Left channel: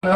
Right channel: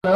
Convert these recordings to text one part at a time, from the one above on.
We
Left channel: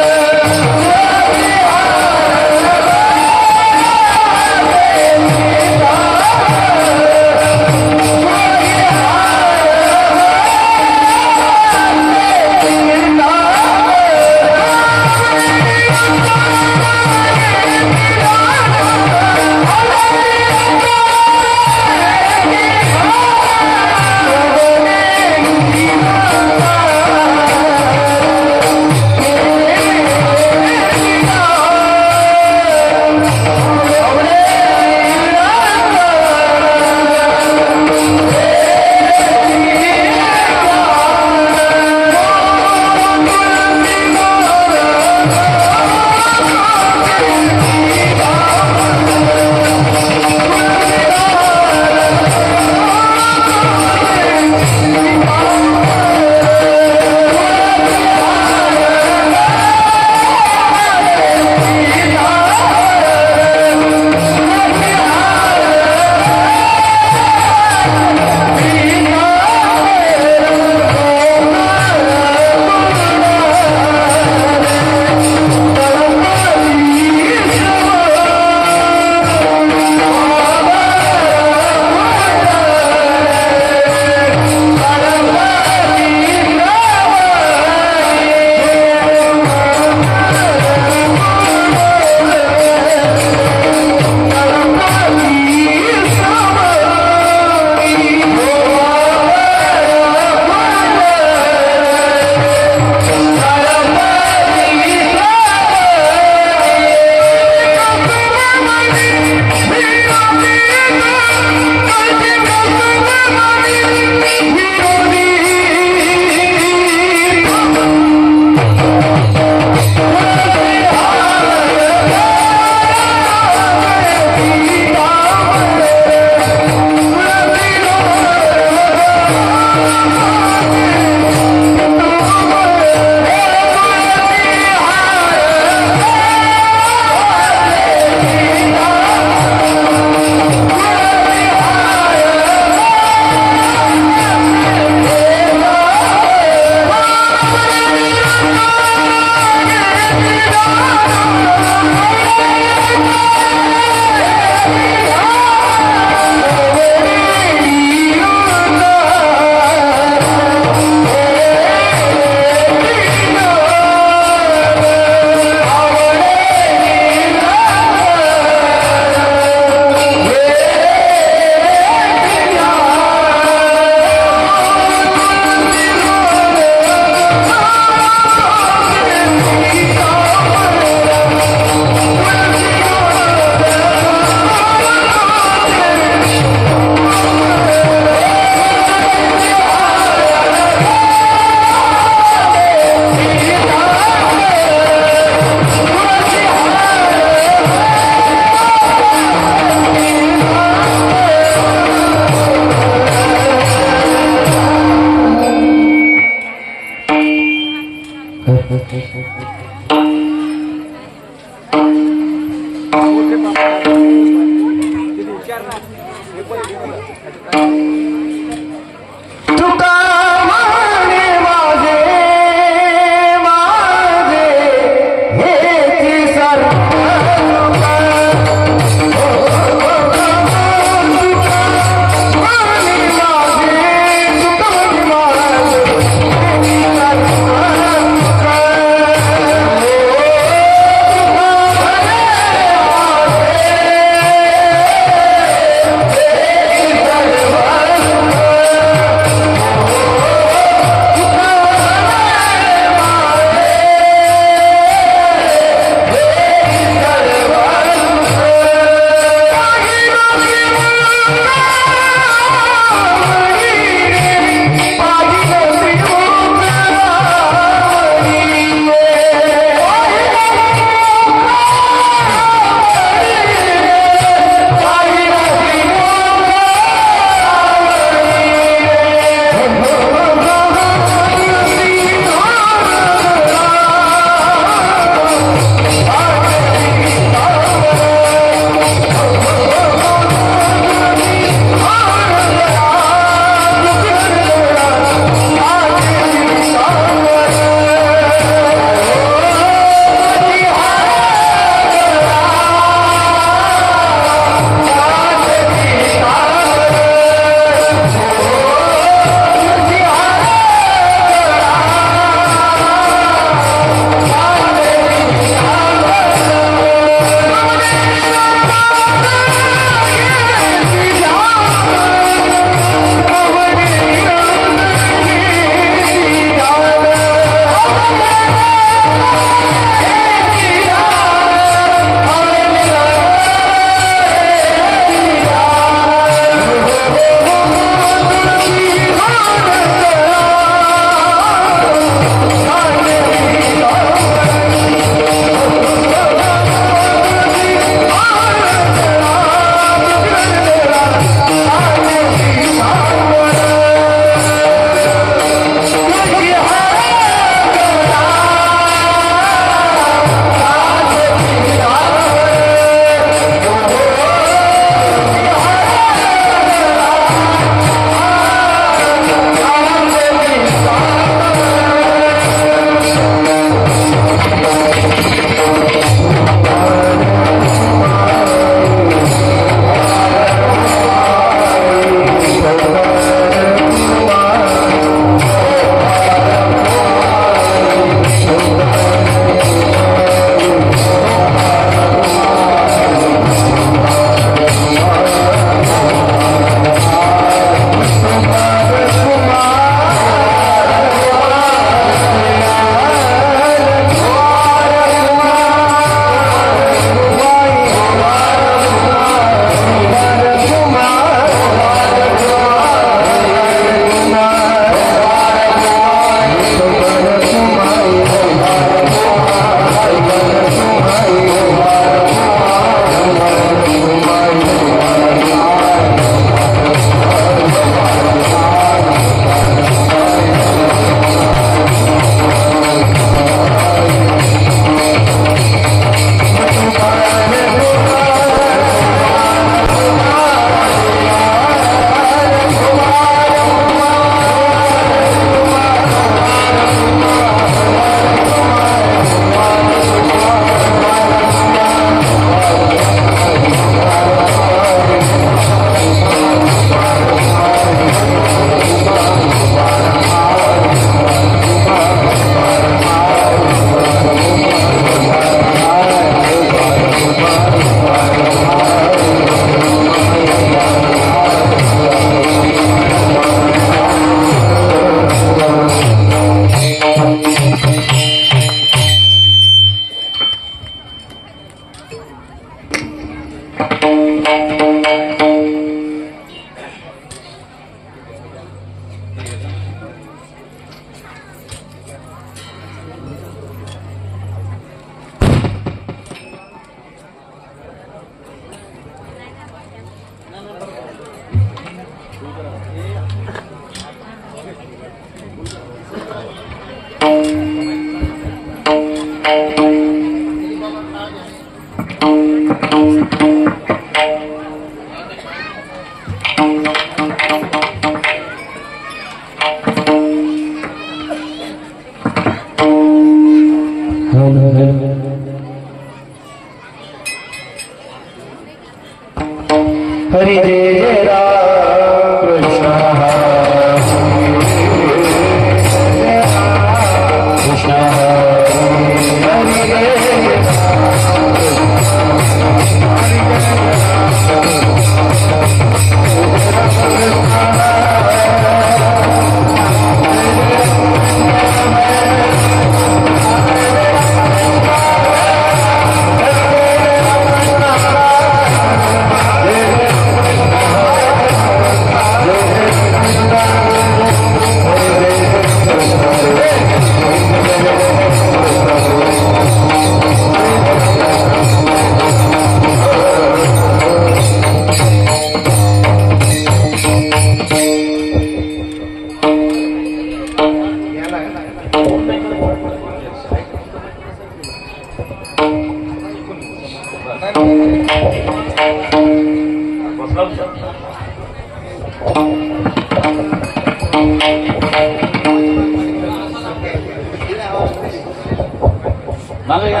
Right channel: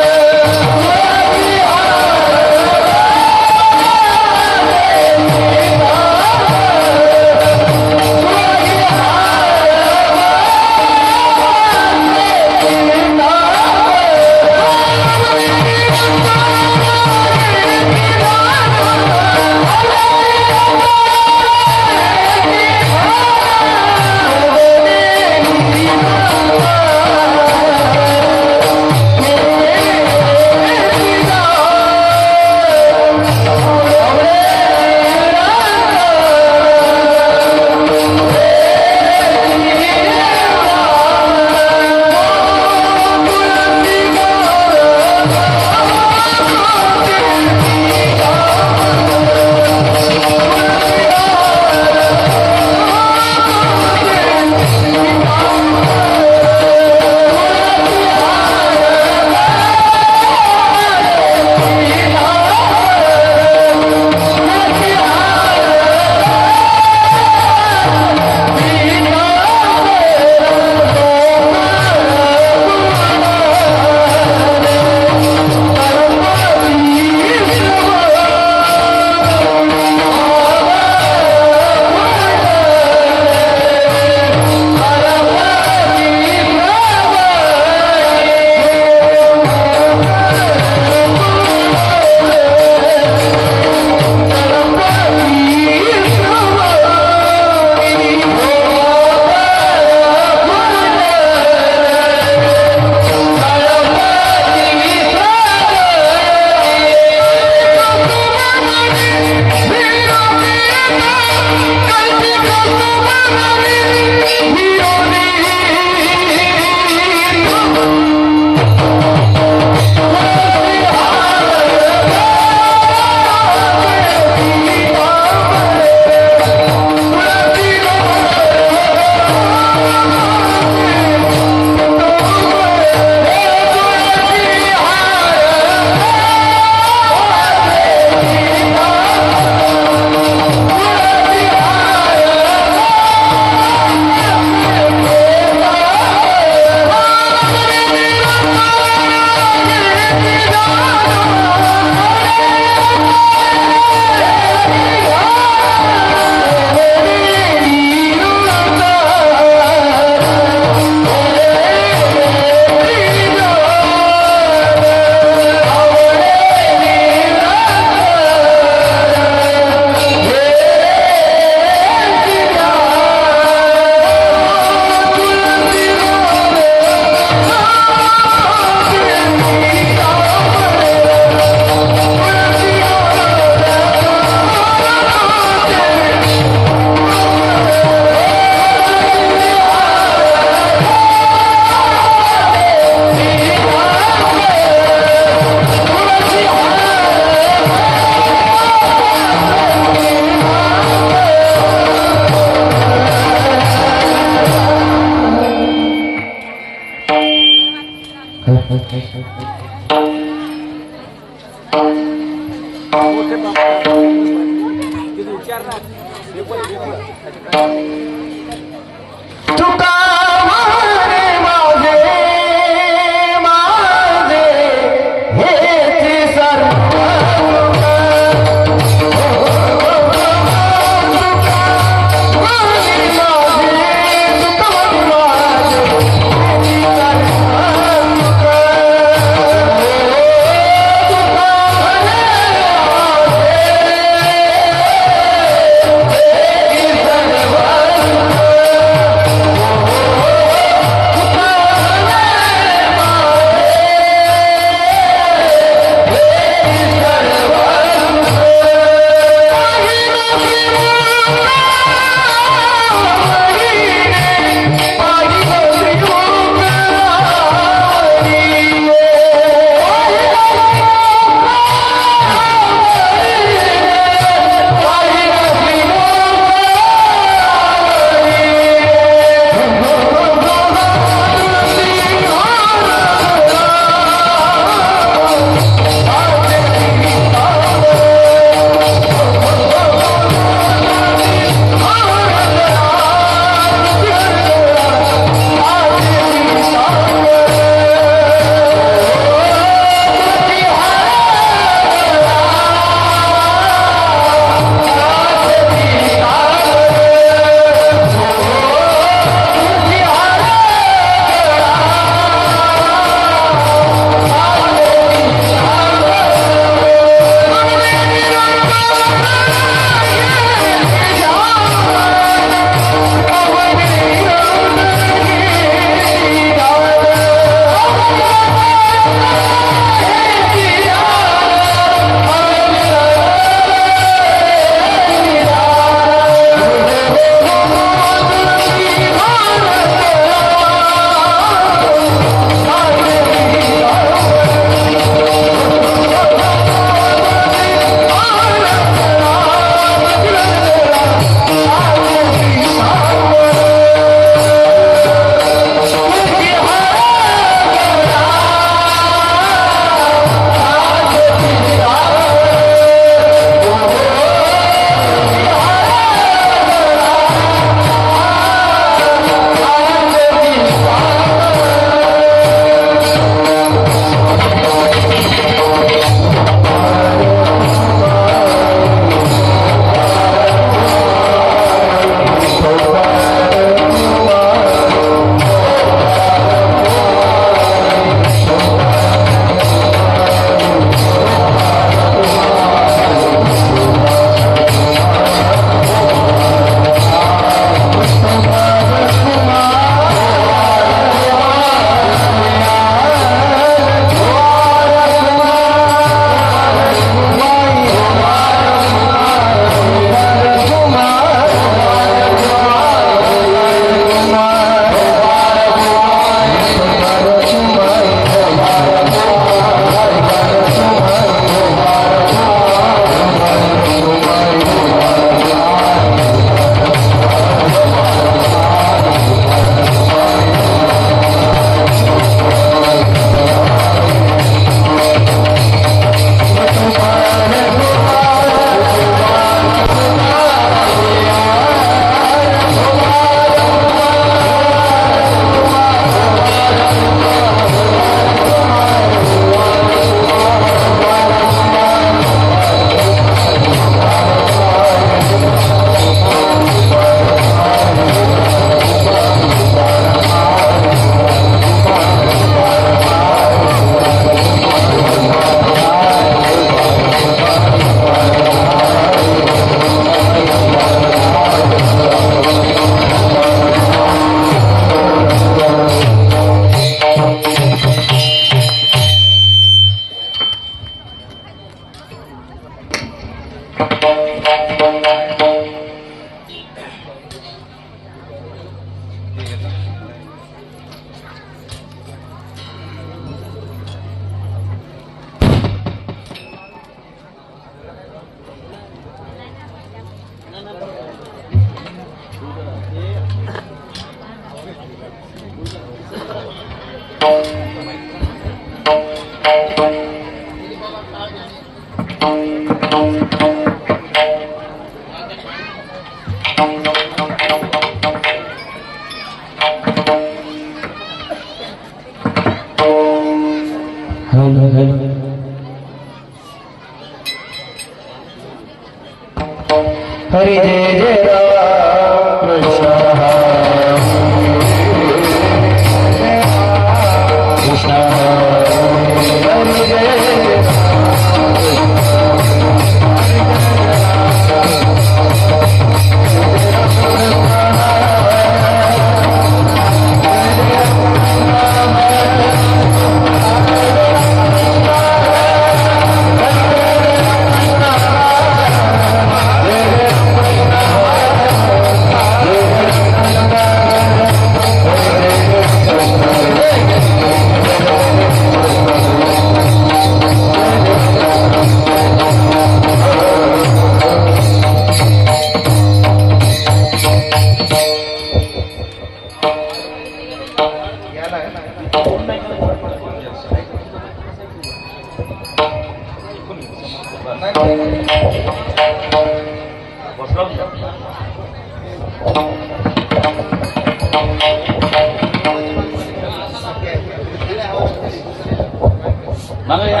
मागे या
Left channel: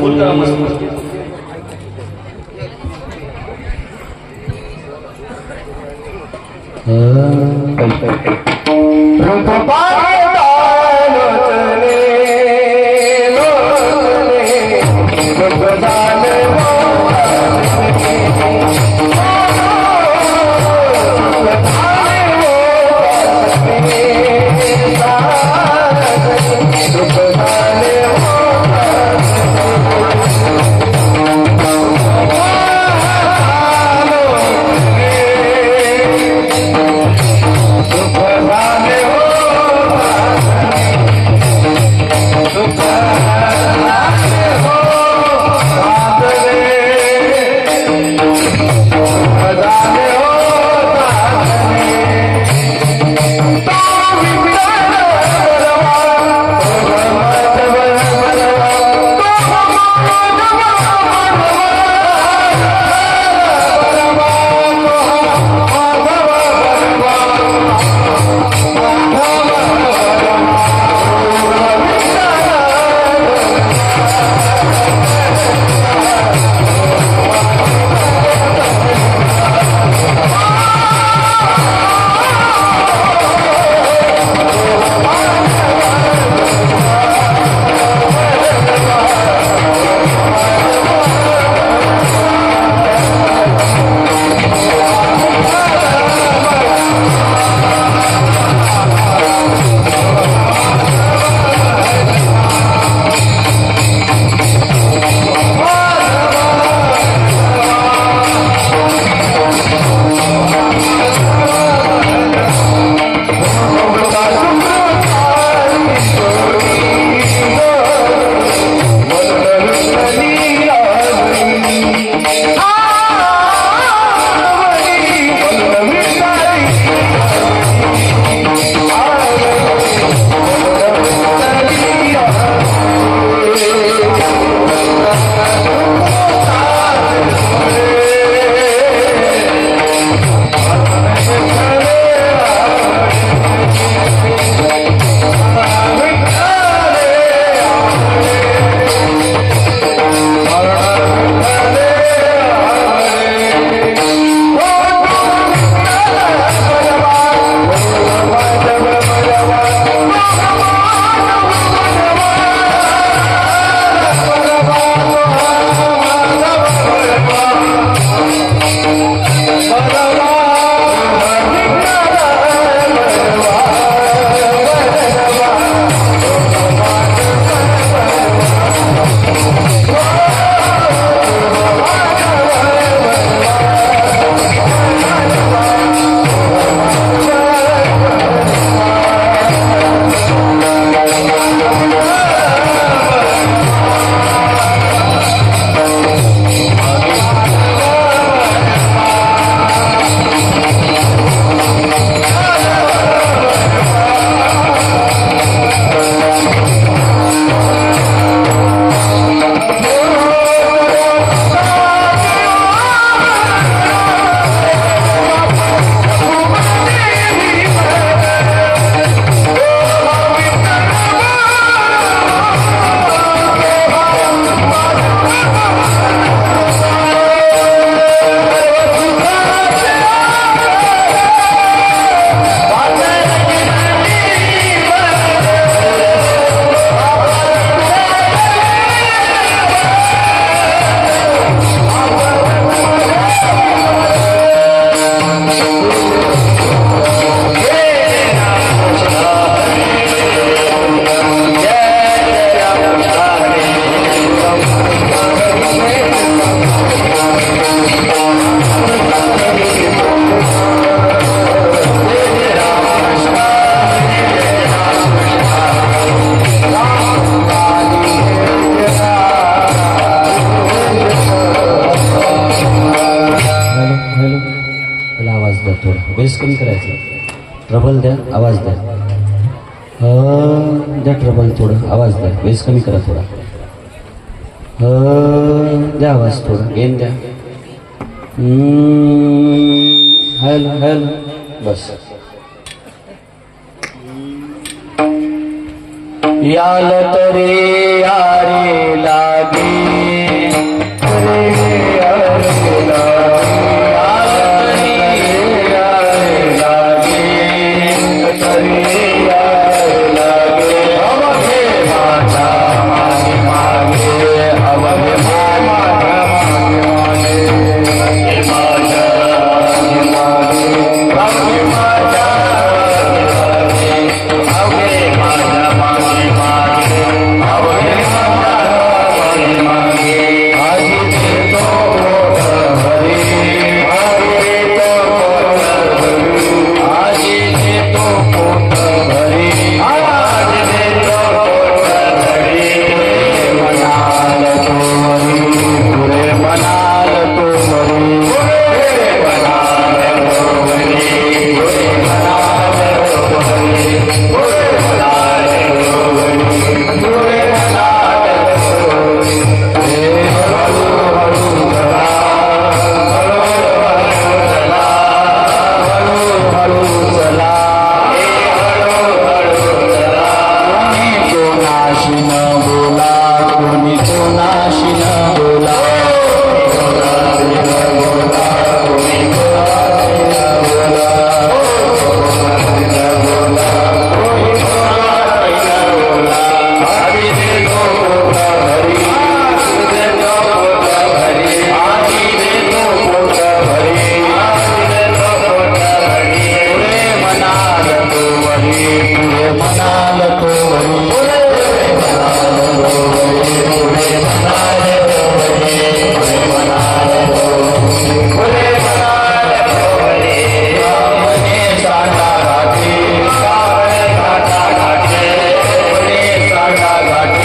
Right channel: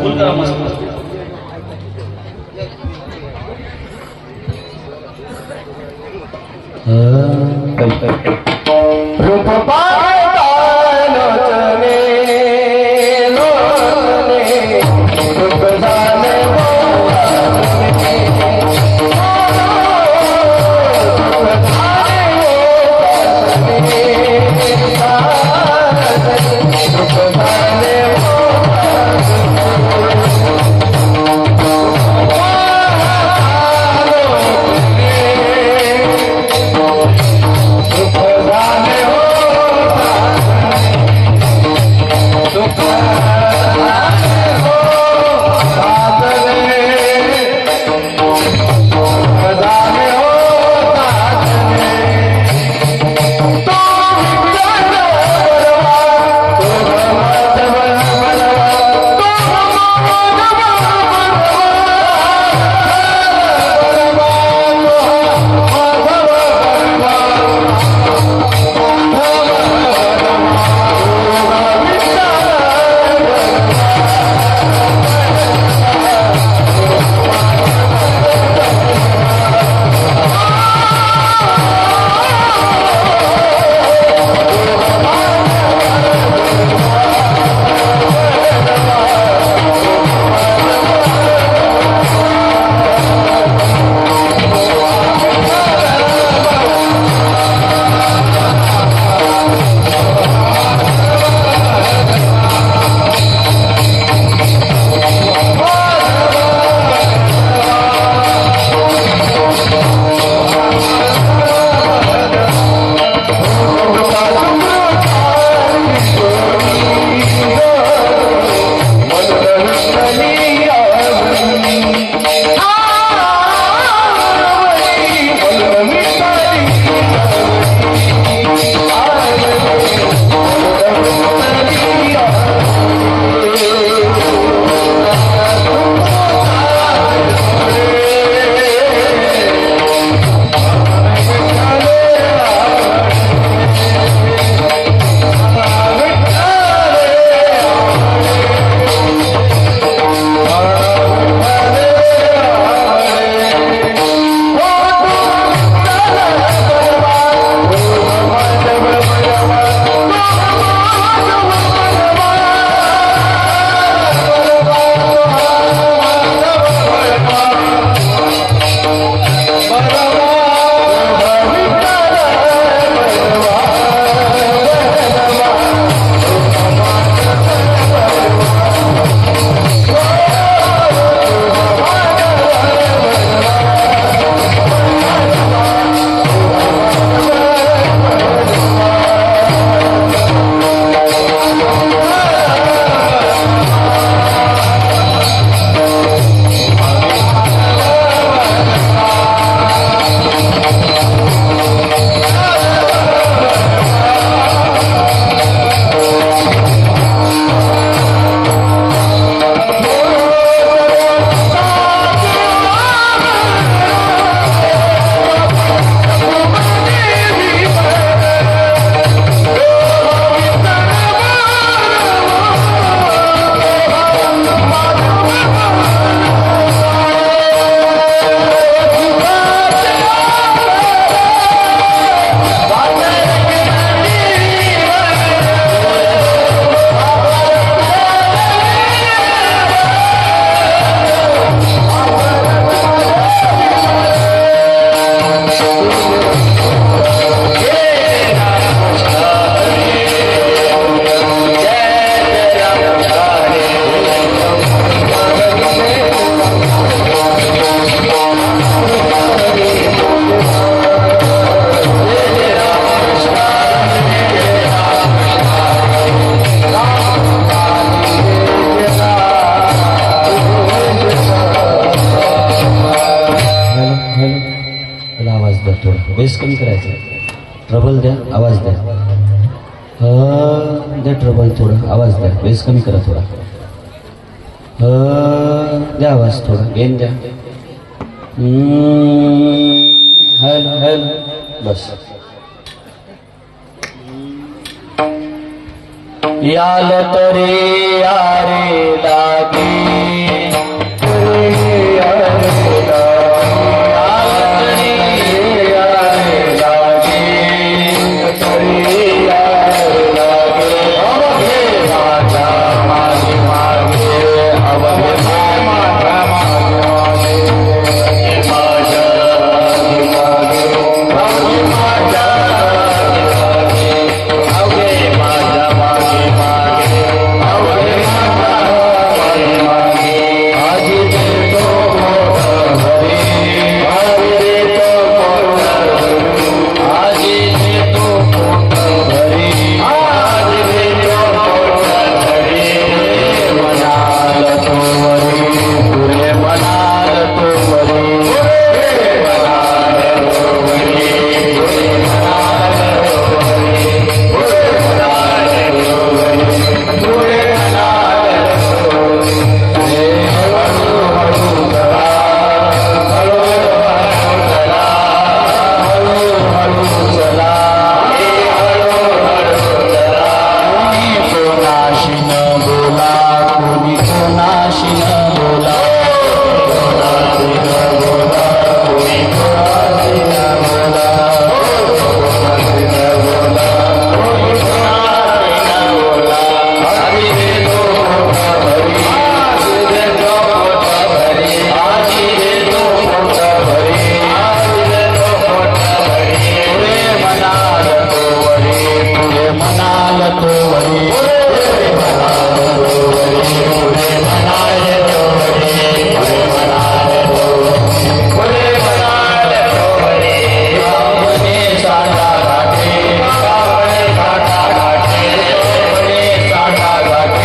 फुल करा मस्त बेस कमी करायचा, ट्रबल द्या, आवाज द्या, द्या ट्रबल थोडं, आवाज द्या, बेस कमी करा थोडा, द्या आवाज थोडा, गेन द्या, हॅलो हॅलो बस. याल तरी यारे लागे रे यार तुला. याल तरी यारे लागे तरी यार लागे. अवघे माझ्या मागे मागे अवघे माझ्या मागे मागे माझ्या मागे अवघे माझ्या अवघे माझ्या मागे मागे अवघे माझ्या मागे आजी देतो मोठं घरी आजी देतो मोठं घरी आजी देतो मोठं घरी आजी देतो मोठं घरी. म्हणाल तू मरी पुरे म्हणाल तू मरी पुरे म्हणाल तू मरी पुरे म्हणाल तू मरी पुरे म्हणाल तू मरी पुरे म्हणाल तू मरी. हे हळू हळू चला हळू हळू चला हळू हळू चला हळू हळू चला. कोणाशी न बोला कोणी कोणाशी न बोला कोणाशी न बोला कोणी कोणाशी न बोला कोणाशी न बोला कोणी कोणाशी न बोला. आजी देतो मोठं घरी आजी देतो मोठं घरी आजी देतो मोठं घरी आजी देतो मोठं घरी. पुढे म्हणाल तो वरी पुढे म्हणाल तो वरी पुढे म्हणाल तो वरी पुढे म्हणाल तो वरी पुढे म्हणाल तो वरी पुढे म्हणाल तो वरी. रामने साठा घाटे रामने साठा घाटे रामने साठा घाटे.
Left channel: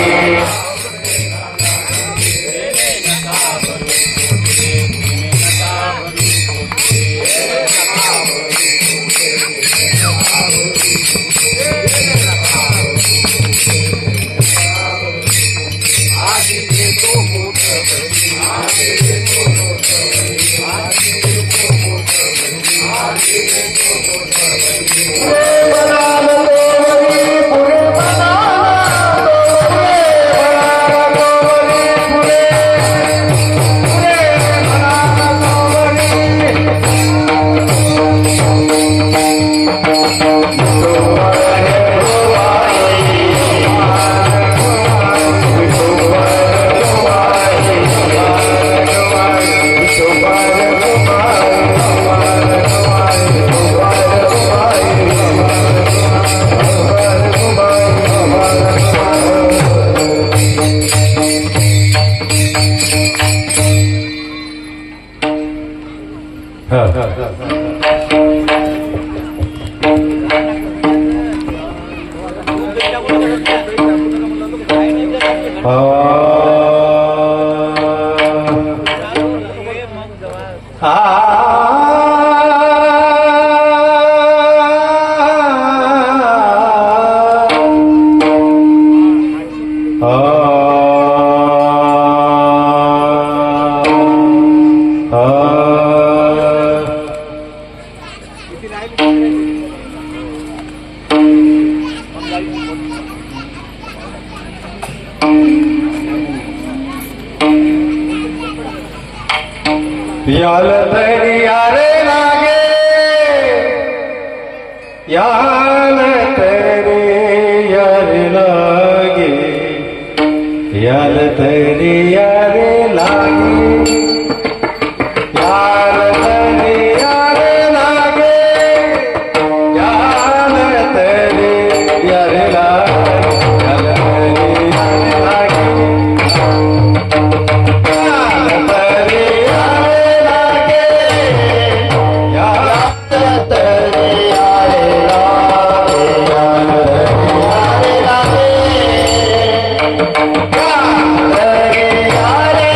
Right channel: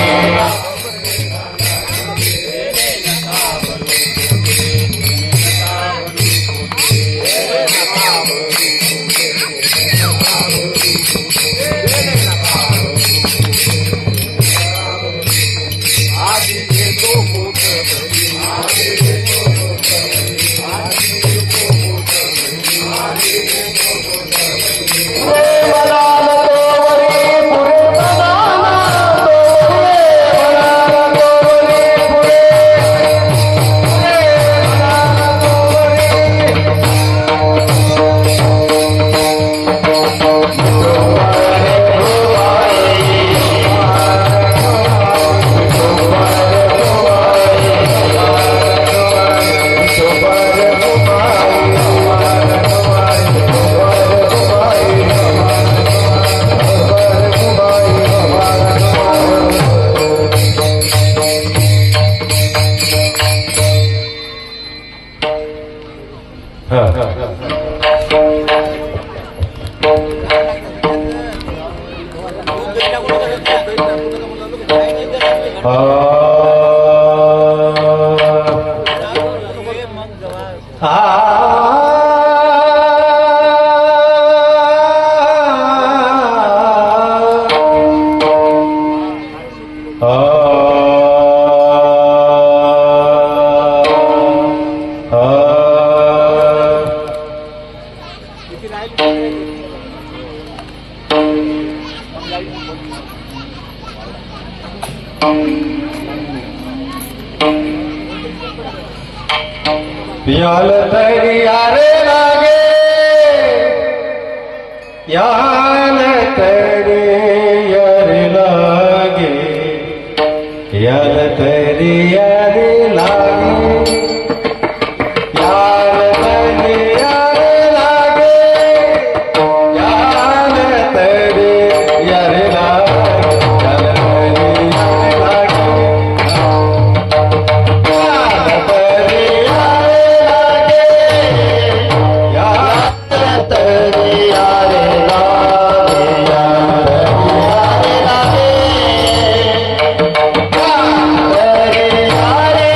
याल तरी यारे लागे याल तरी यारे लागे याल तरी यारे लागे याल तरी यारे लागे याल तरी यारे लागे याल तरी यारे लागे याल तरी यारे लागे याल तरी यारे लागे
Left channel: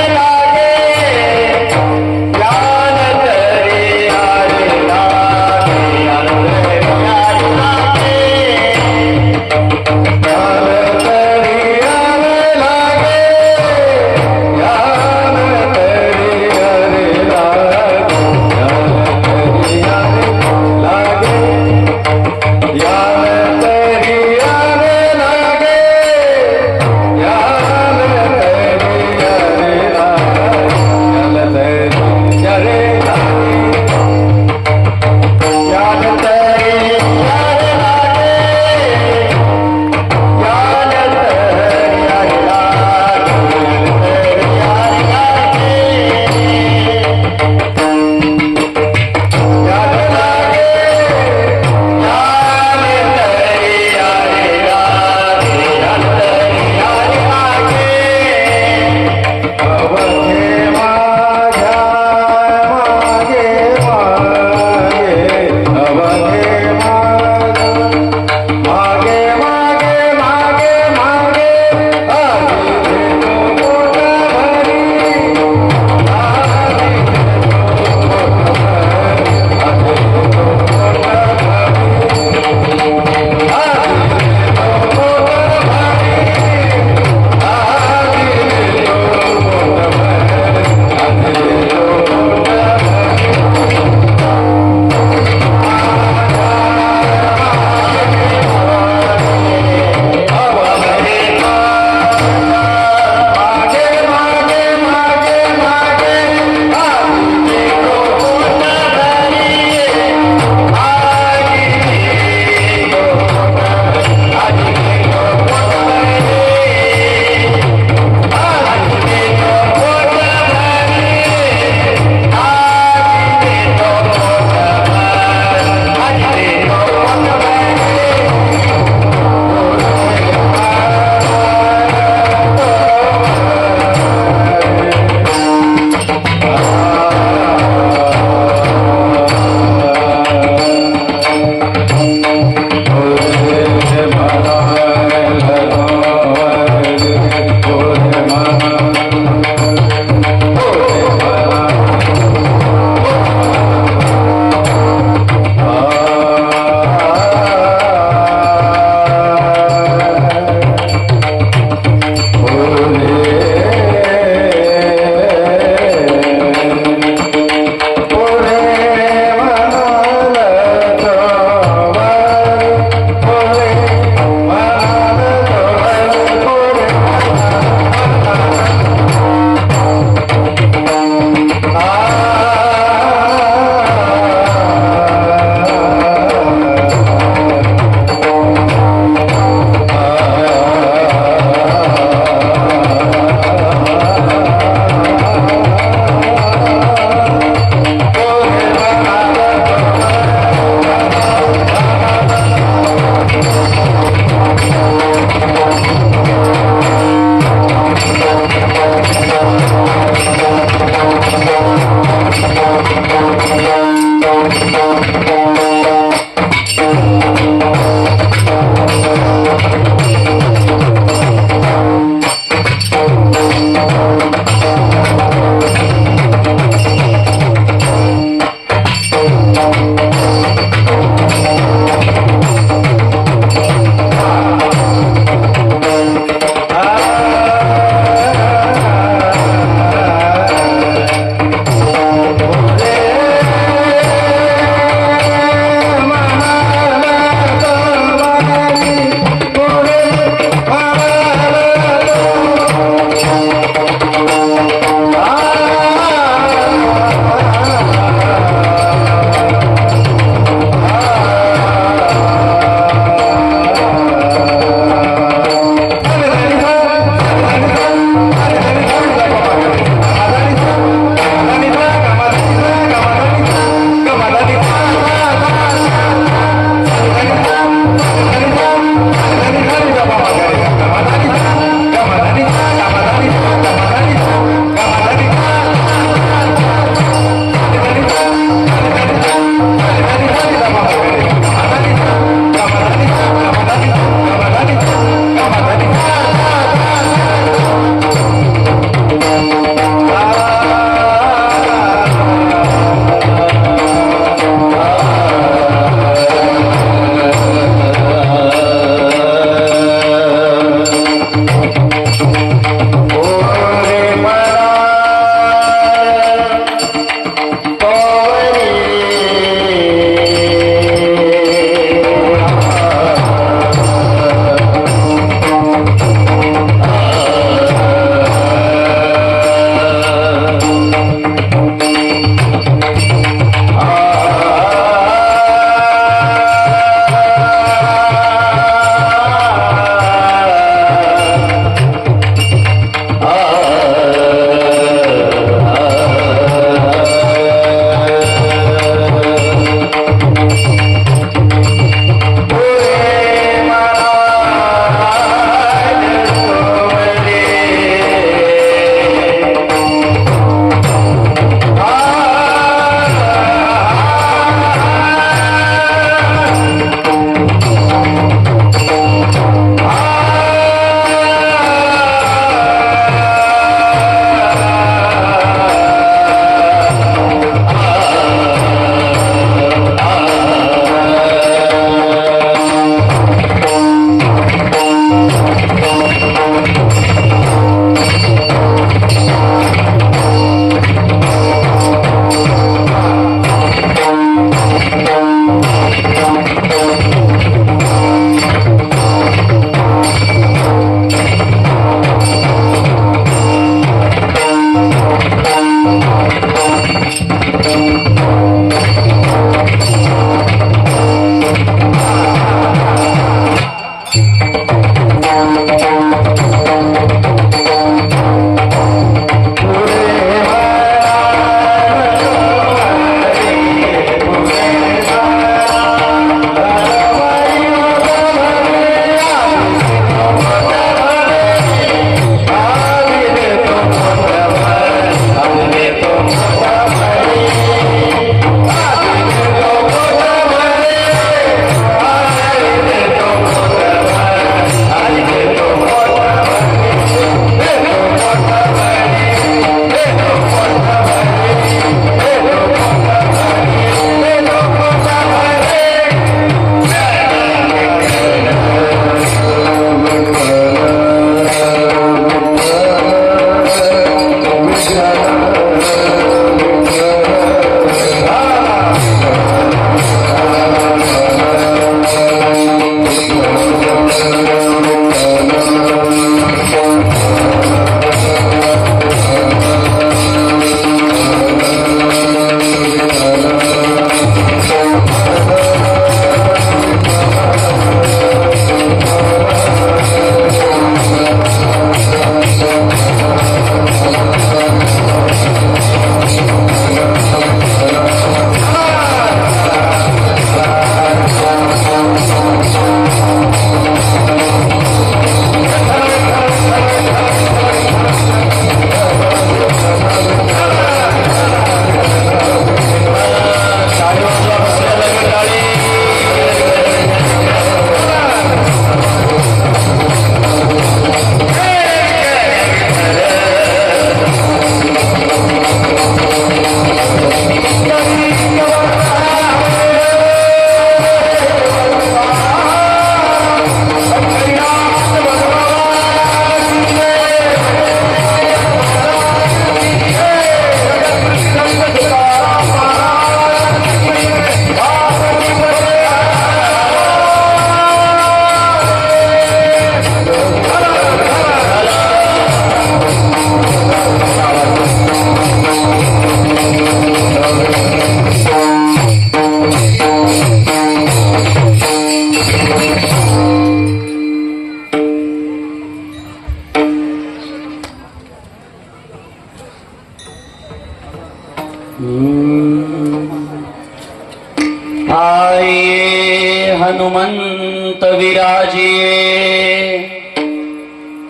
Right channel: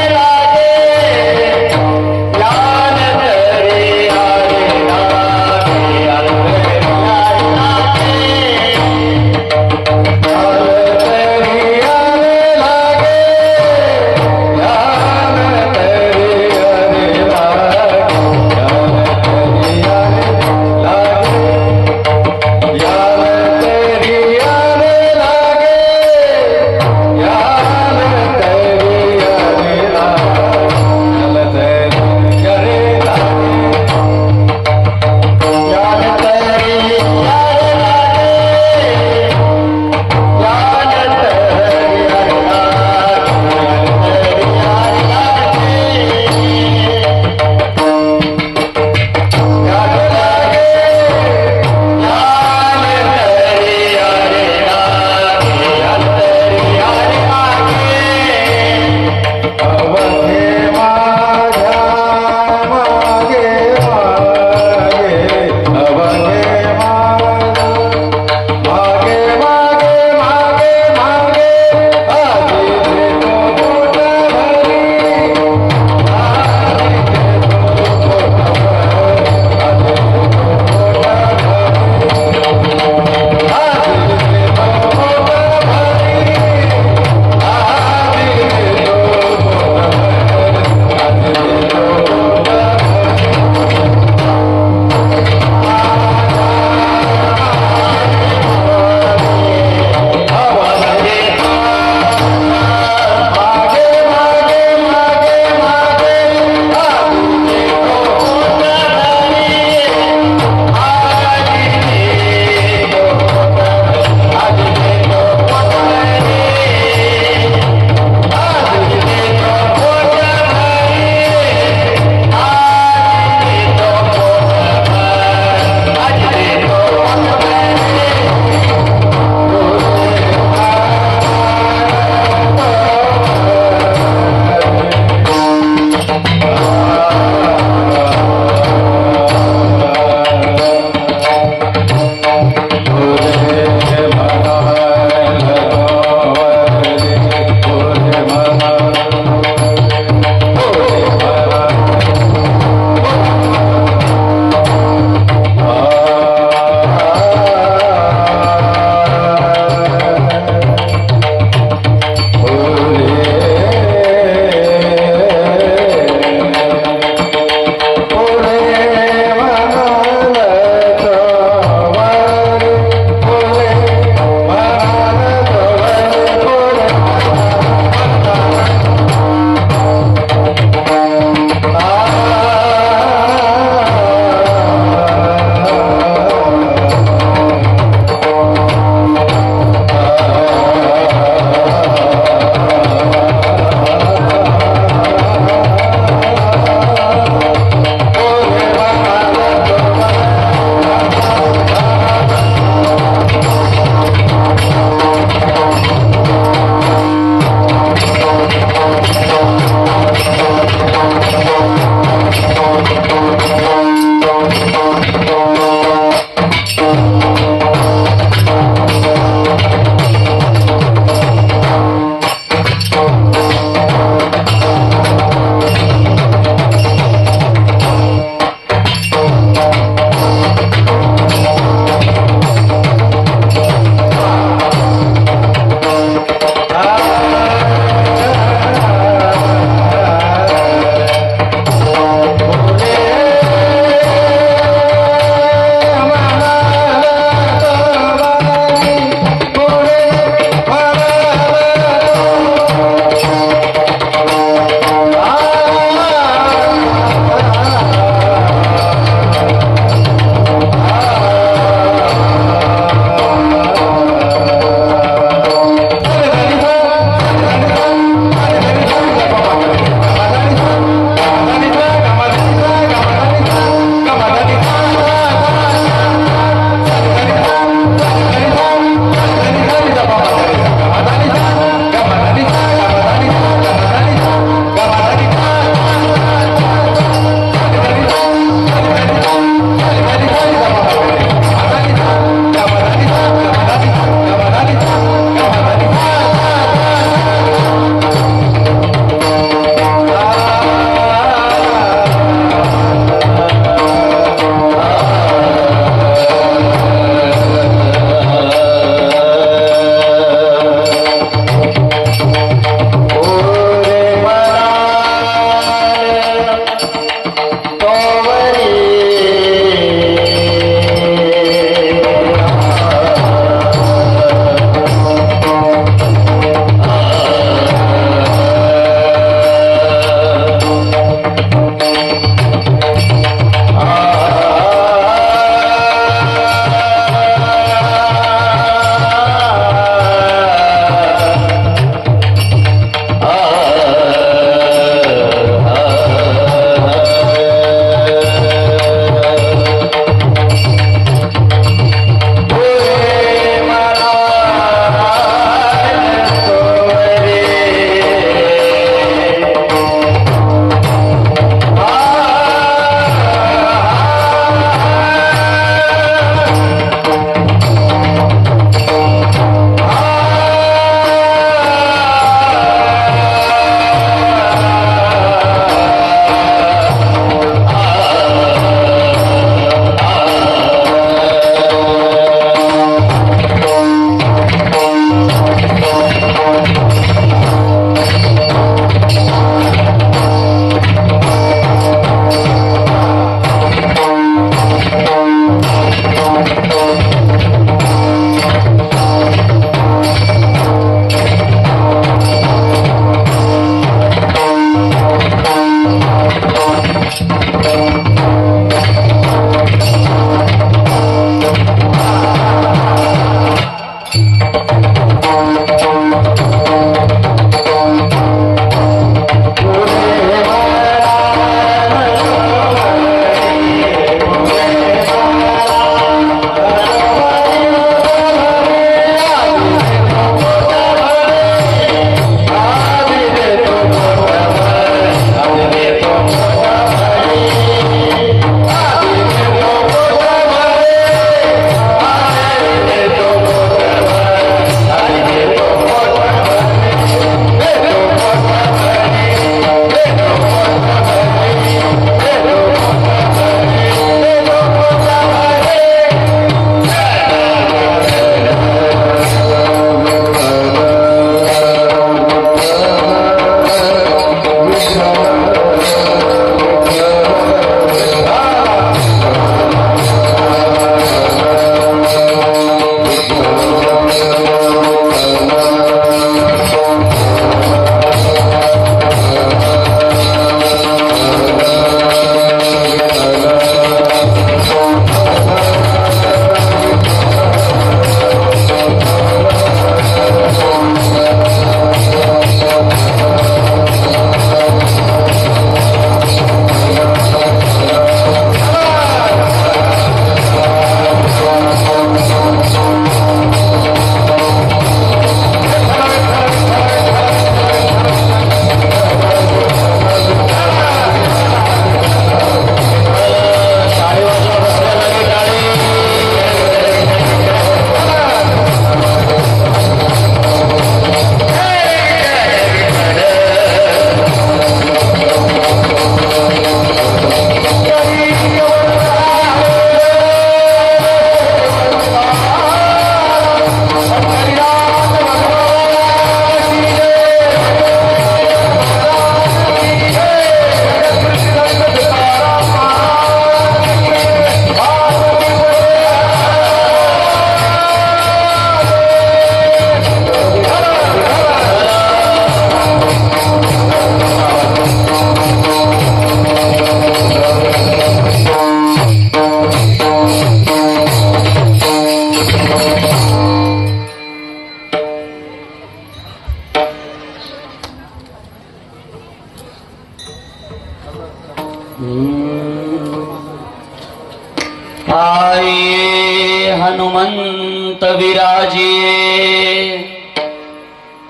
आइए हनुमंत विराजिए,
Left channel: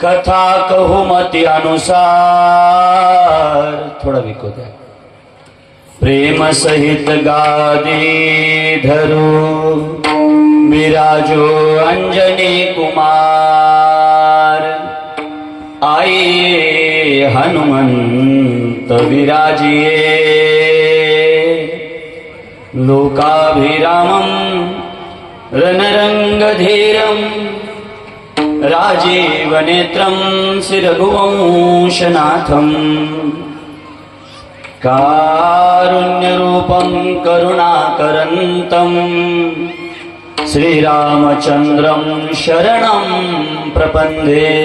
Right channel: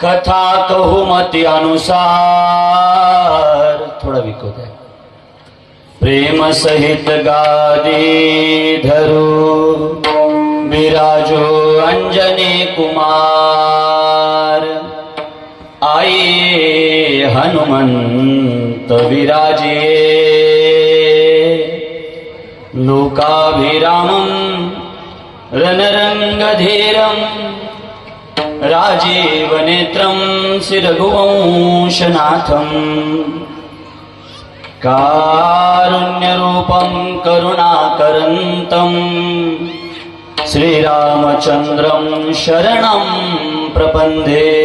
कथा कहू मति अनुसार। थोड़ा विको दे। प्रेम सहित गादी धरो, विराजो अंजनी कुमार। आइए हनुमंत विराजिए, लोकाभिरामं रणरंगधीरं, राजीवनेत्रं श्रीरघुवंशनाथं। कारुण्यरूपं करुणाकरन्तं, श्रीरामचन्द्रं शरणं प्रपन्थे।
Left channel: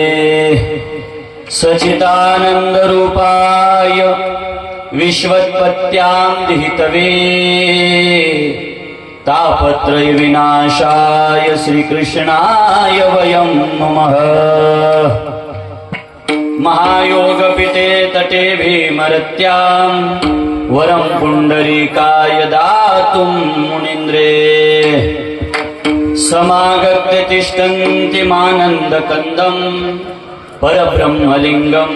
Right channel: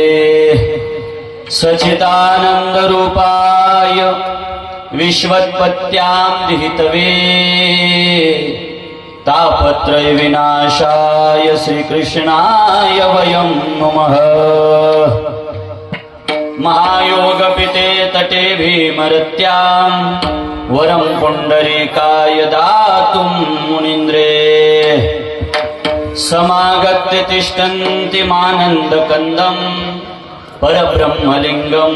सच्चिदानन्दरूपाय विश्वोत्पत्त्यां विहितवे, तापत्रय विनाशाय श्रीकृष्णाय वयं नमः। महायोगपिते तटे भीमरत्यां, वरं पुण्डरीकाय दातुं मुनीन्द्रे। समागत्य तिष्ठन्ति मानन्दकन्दं, परब्रह्मलिंगं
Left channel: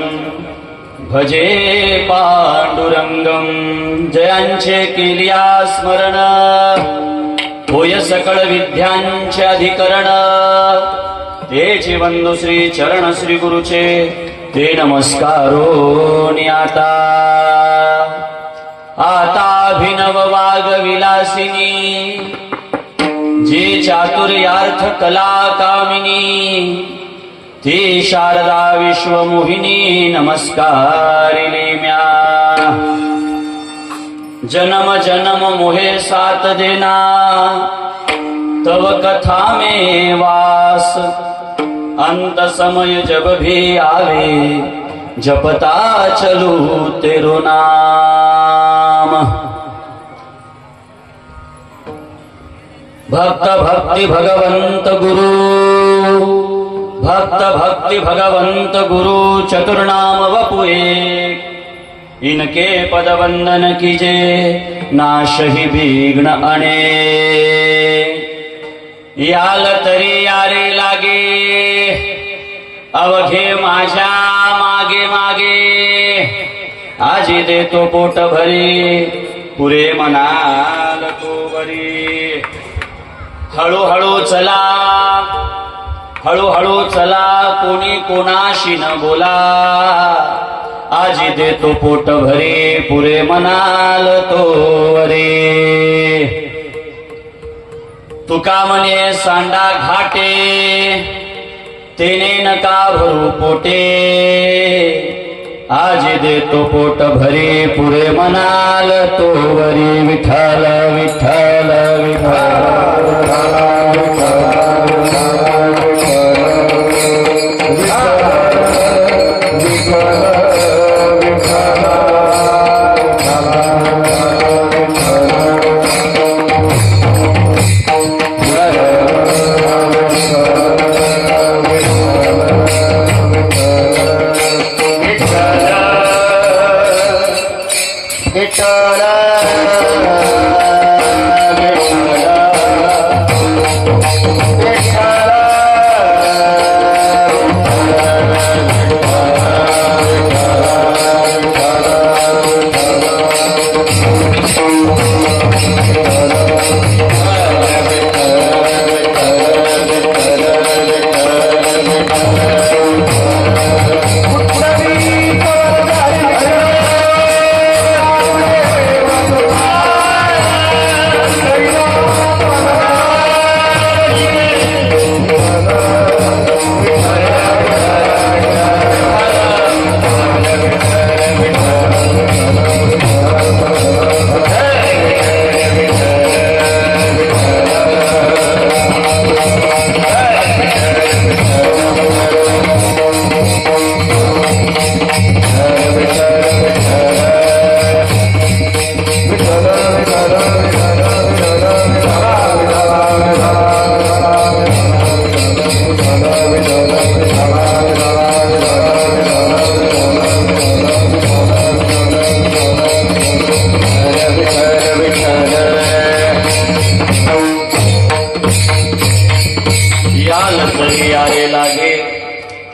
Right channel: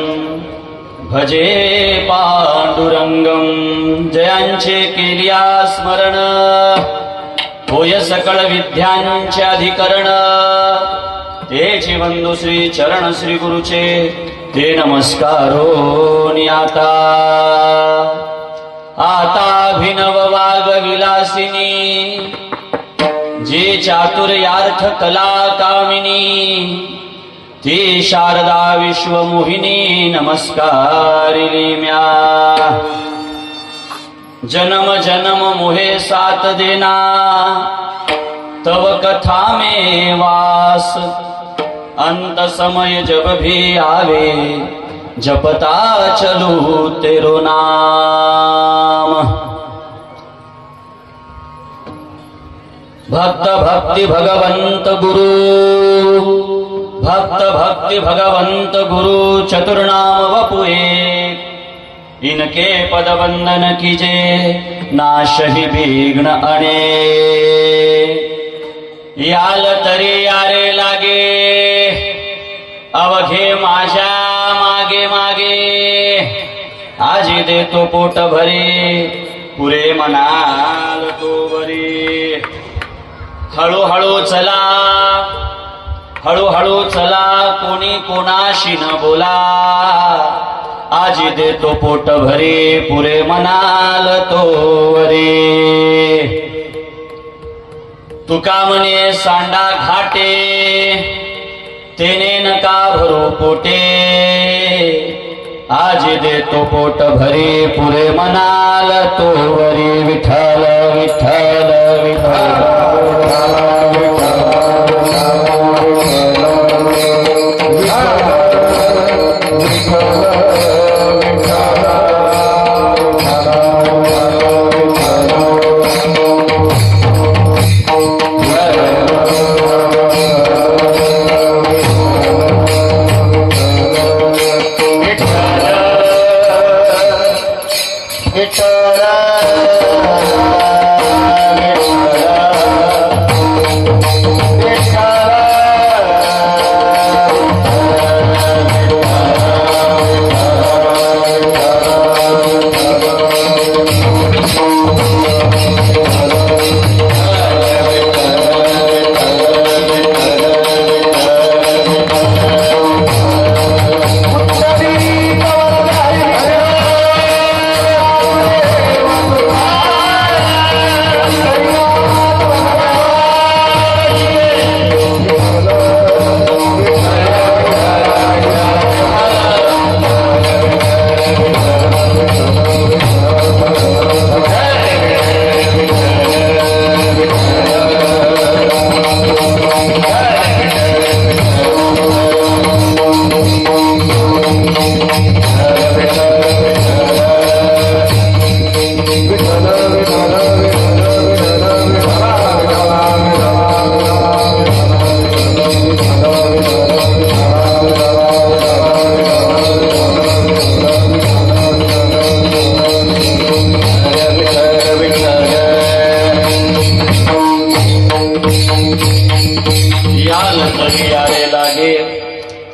भजे पांडुरंगं। जयांचे केलिया स्मरण, होय सकळ विद्यांचे अधिकरण। तेचे बंधु श्री चरण श्री गुरुचे, ते नमस्कारो नियाता। आता अभिनव वाग विलासिनी, जे चातुर्यार्थ कला कामिनी। ती शारदा विश्वमोहिनी, नमस्कारिले म्या। जन्म जन्म मोहे साथ देना, तव कथा में वास, अंत समय जब भी आवे, जपता चलू तेरो नाम। भक्त भक्ति भगवंत गुरु, भक्त भक्ति भगवंत गुरु, चतुर्नाम वपुए, इनके पद वंदन कीजे, नाश ही विघ्न अने। याल तरी यारे लागे, अवघे माझ्या मागे मागे, आजी देतो पोट भरे, पुरे मनाल तो बरे। हळूहळू चला, हळूहळू चला, कोणी कोणाशी न बोला, आजी देतो पोट भरे, पुरे मनाल तो रे। तुका म्हणे सांडा घाटे, तेने नका भरू पोटे, आजी देतो पोट भरे, पुरे मनाल तो वरी। विठ्ठल विठ्ठल विठ्ठल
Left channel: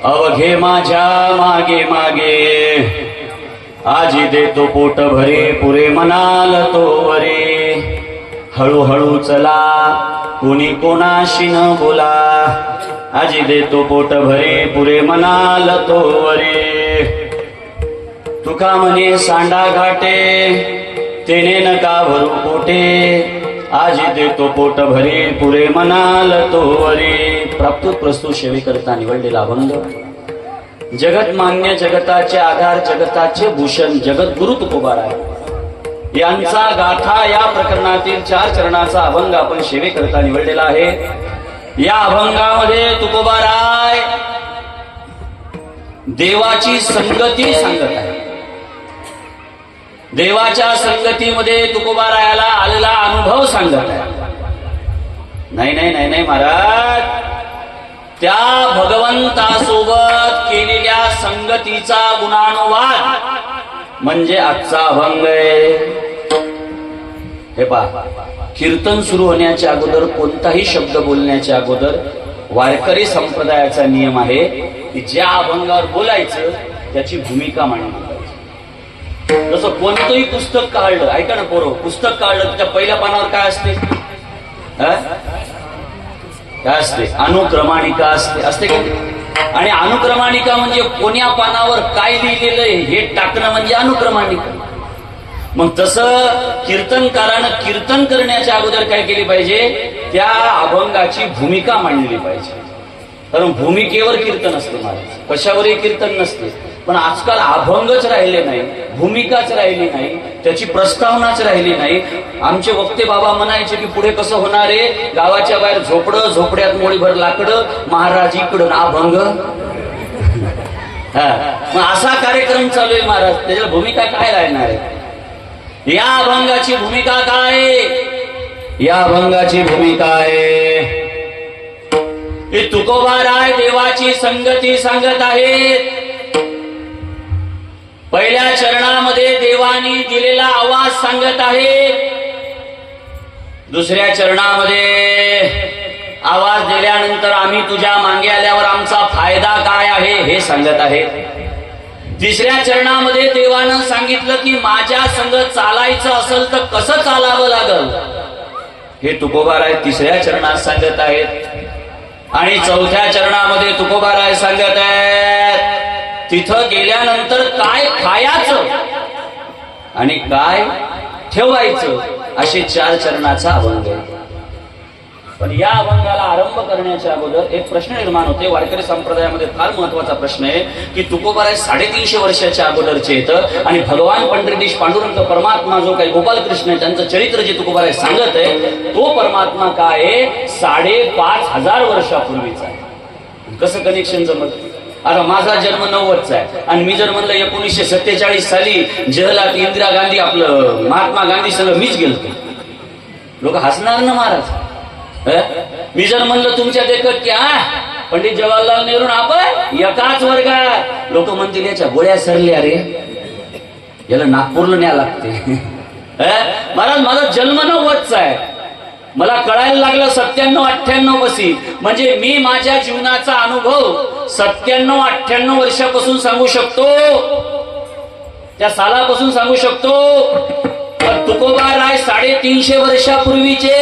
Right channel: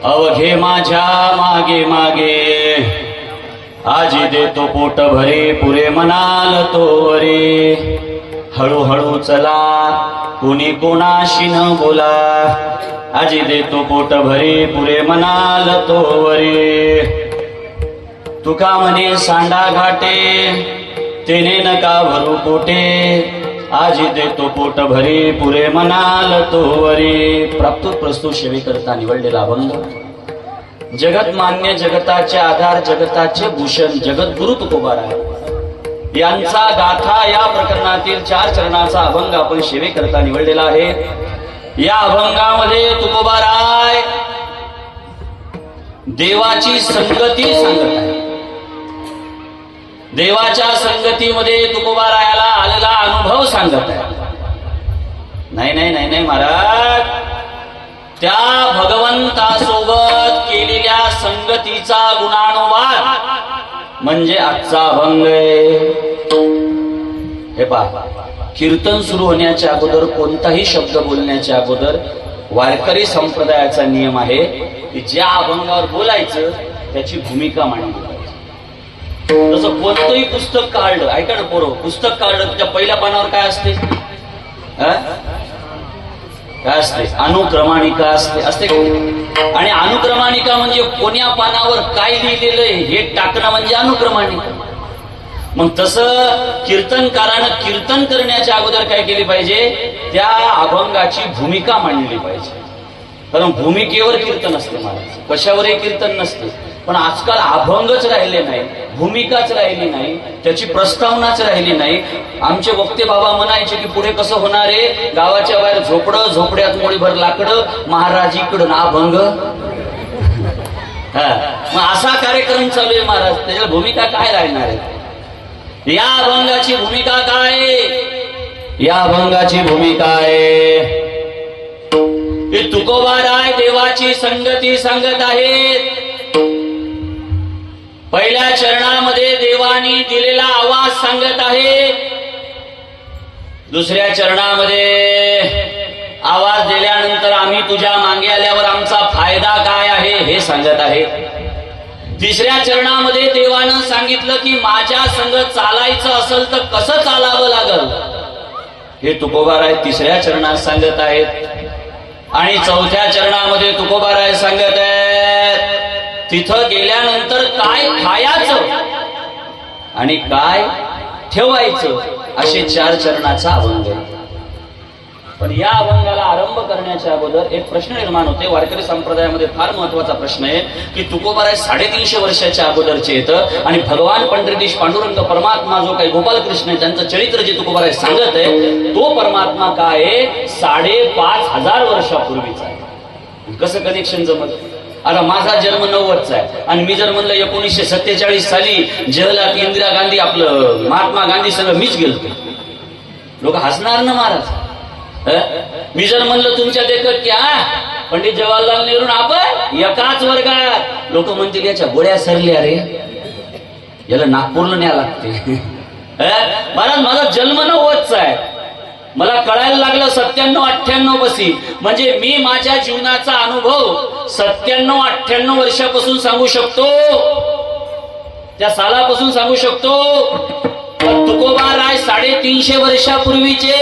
अवघे माझ्या मागे मागे, आजी देतो पोट भरे, पुरे मनाल तो वरे। हळूहळू चला, कोणी कोणाशी न बोला, आजी देतो पोट भरे, पुरे मनाल तो वरे। तुका म्हणे सांडा घाटे, तेने नका भरू पोटे, आजी देतो पोट भरे, पुरे मनाल तो वरे। प्राप्त प्रस्तुत सेवेकरता निवडलेला अभंग, जगत मान्य जगताचे आधार, जगताचे भूषण, जगद्गुरु तुकोबाराय यांचा गाथा या प्रकरणातील 4 चरणाचा अभंग आपण सेवेकरता निवडलेला आहे। या अभंगामध्ये तुकोबाराय देवाची संगती सांगत आहे। देवाच्या संगतीमध्ये तुकोबारायाला आलेला अनुभव सांगत आहे। नाही नाही नाही नाही महाराज, त्या भगवंतासोबत केलेल्या संगतीचा गुणानुवाद म्हणजे आजचा अभंग आहे। हे पहा, कीर्तन सुरू होण्याच्या अगोदर कोणताही शब्द बोलण्याच्या अगोदर वारकरी संप्रदायाचा नियम आहे की ज्या अभंगावर बोलायचं त्याची भूमिका मांडली पाहिजे। जसं कोणतंही पुस्तक काढलं, ऐका ना पोरं, पुस्तक काढलं त्या पहिल्या पानावर काय असते? काय असते? अनुक्रमाणिका असते, असते का? आणि अनुक्रमाणिका म्हणजे कोण्या पानावर काय लिहिलेलं आहे हे टाकणं म्हणजे अनुक्रमाणिका। मग तसं कीर्तनकारानं कीर्तन करण्याच्या अगोदर काय केली पाहिजे? त्या अभंगाची भूमिका मांडली पाहिजे। कारण भूमिकेवर कीर्तन असते महाराज, कशावरही कीर्तन नसते. पण आजकाल अभंगच राहिले नाही, भूमिकाच राहिली नाही, त्याची प्रस्तावनाच राहिली नाही. आमचे वक्ते बाबा म्हणायचे की पुढे कसं होणार आहे, गावाच्या बाहेर झोपडं, झोपड्यात मोळीभर लाकडं, महाराज इकडं ना अभंग. मग असा कार्यक्रम चालू आहे महाराज, त्याच्याला भूमिका काय राहणार आहे? या अभंगाची भूमिका काय? या अभंगाची भूमिका आहे तुकोबाराय देवाची संगती सांगत आहेत. पहिल्या चरणामध्ये देवानी दिलेला आवाज सांगत आहे. दुसऱ्या चरणामध्ये आवाज दिल्यानंतर आम्ही तुझ्या मागे आल्यावर आमचा फायदा काय आहे हे सांगत आहे. तिसऱ्या चरणामध्ये देवानं सांगितलं की माझ्या संग चालायचं असेल तर कसं चालावं लागल हे तुकोबाराय तिसऱ्या चरणात सांगत आहेत. आणि चौथ्या चरणामध्ये तुकोबाराय सांगत आहेत तिथं गेल्यानंतर काय खायचं आणि काय ठेवायचं असे 4 चरणाचा अभंग आहे. पण या अभंगाला आरंभ करण्याच्या अगोदर एक प्रश्न निर्माण होते. वारकरी संप्रदायामध्ये फार महत्वाचा प्रश्न आहे की तुकोबाराय 350 वर्षाच्या अगोदरचे येतं आणि भगवान पंढरीश पांडुरंग परमात्मा जो काही गोपालकृष्ण आहे त्यांचं चरित्र जे तुकोबाराय सांगत आहे तो परमात्मा काय आहे 5,500 वर्षापूर्वीचा आहे. कसं कनेक्शन जमत? आता माझा जन्म 90चा आहे आणि मी जर म्हणलं 1947 साली जगलात इंदिरा गांधी आपलं महात्मा गांधी संग मीच गेलतो, लोक हसणार ना महाराज. मी जर म्हणलं तुमच्या देखत क्या पंडित जवाहरलाल नेहरू आपण एकाच वर्गात, लोक म्हणतील याच्या गोळ्या सरल्या रे, याला नागपूरला न्याय लागते. महाराज माझा जन्म 90चा आहे, मला कळायला लागलं 97-98 पाशी, म्हणजे मी माझ्या जीवनाचा अनुभव 97-98 वर्षापासून सांगू शकतो, त्या सालापासून सांगू शकतो. तुकोबाराय 350 वर्षापूर्वीचे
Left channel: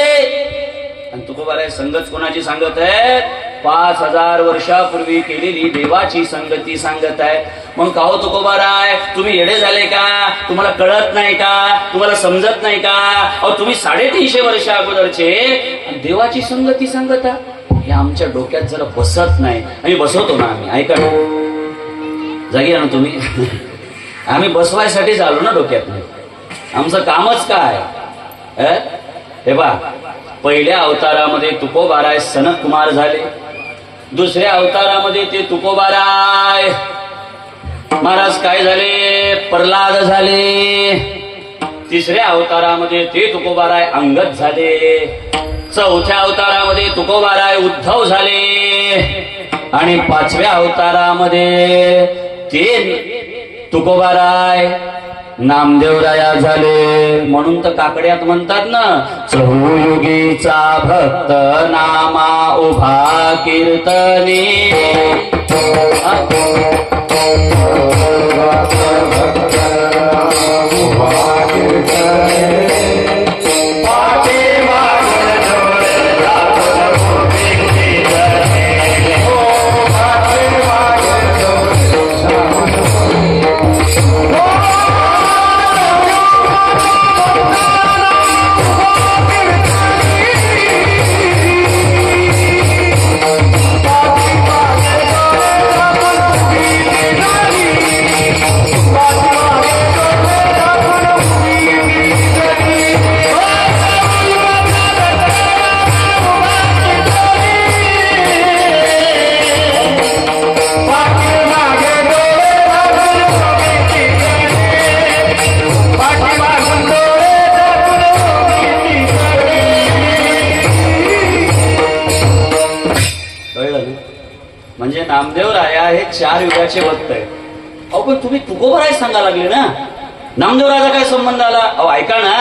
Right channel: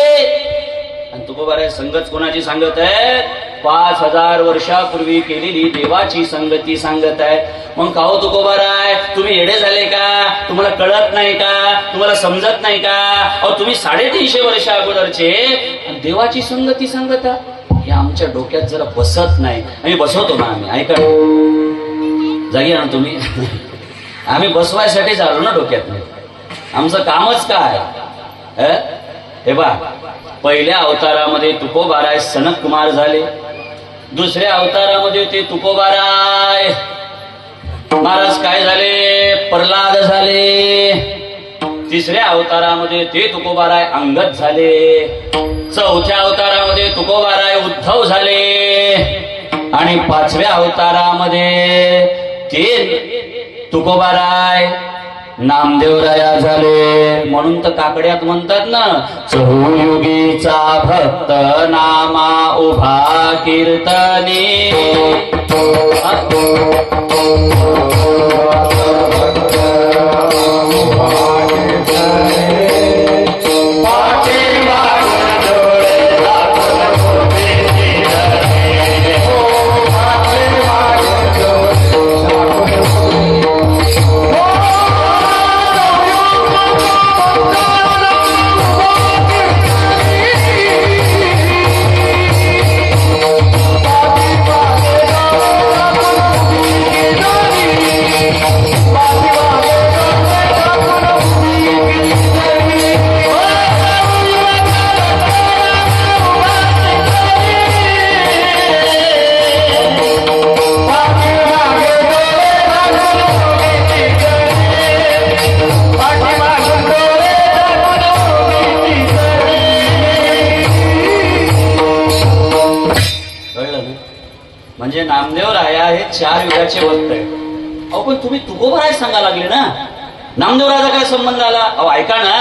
आणि तुकोबाराय संगत कोणाची सांगत आहे 5,000 वर्षापूर्वी केलेली देवाची संगती सांगत आहे. मग का हो तुकोबाराय तुम्ही येडे झाले का? तुम्हाला कळत नाही का? तुम्हाला समजत नाही का? अहो तुम्ही 350 वर्षा अगोदरचे देवाची संगती सांगत हे आमच्या डोक्यात जरा बसत नाही. आम्ही बसवतो ना, आम्ही ऐका ना, जागी ना तुम्ही. आम्ही बसवायसाठीच आलो ना डोक्यात. आमचं कामच काय? हे बा, पहिल्या अवतारामध्ये तुकोबाराय सनत कुमार झाले, दुसऱ्या अवतारामध्ये ते तुकोबाराय महाराज काय झाले प्रल्हाद झाले, तिसऱ्या अवतारामध्ये ते तुकोबाराय अंगद झाले, चौथ्या अवतारामध्ये तुकोबाराय उद्धव झाले आणि 5व्या अवतारामध्ये ते तुकोबाराय नामदेवराया झाले. म्हणून तर काकड्यात म्हणतात ना चहुयुगीचा भक्त नामा उभा कीर्तने. म्हणजे नामदेवराया हे 4 युगाचे भक्त आहेत. अहो पण तुम्ही तुकोबाराय सांगा लागले ना, नामदेवरायाचा काय संबंध आला? अहो ऐका ना,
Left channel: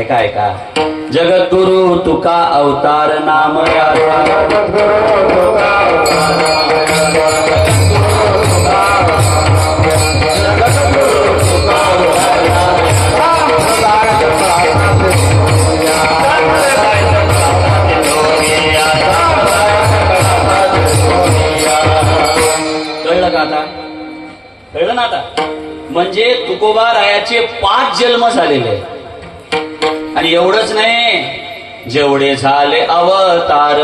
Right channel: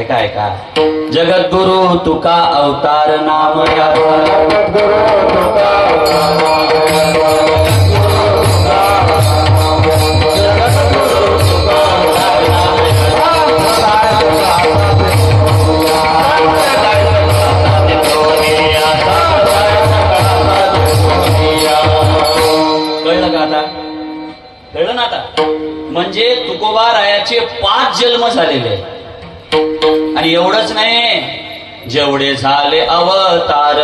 ऐका ऐका. जगद्गुरु तुका अवतार नाम कळलं ना आता. म्हणजे तुकोबारायाचे 5 जन्म झालेले आणि एवढंच नाही, जेवढे झाले अवतार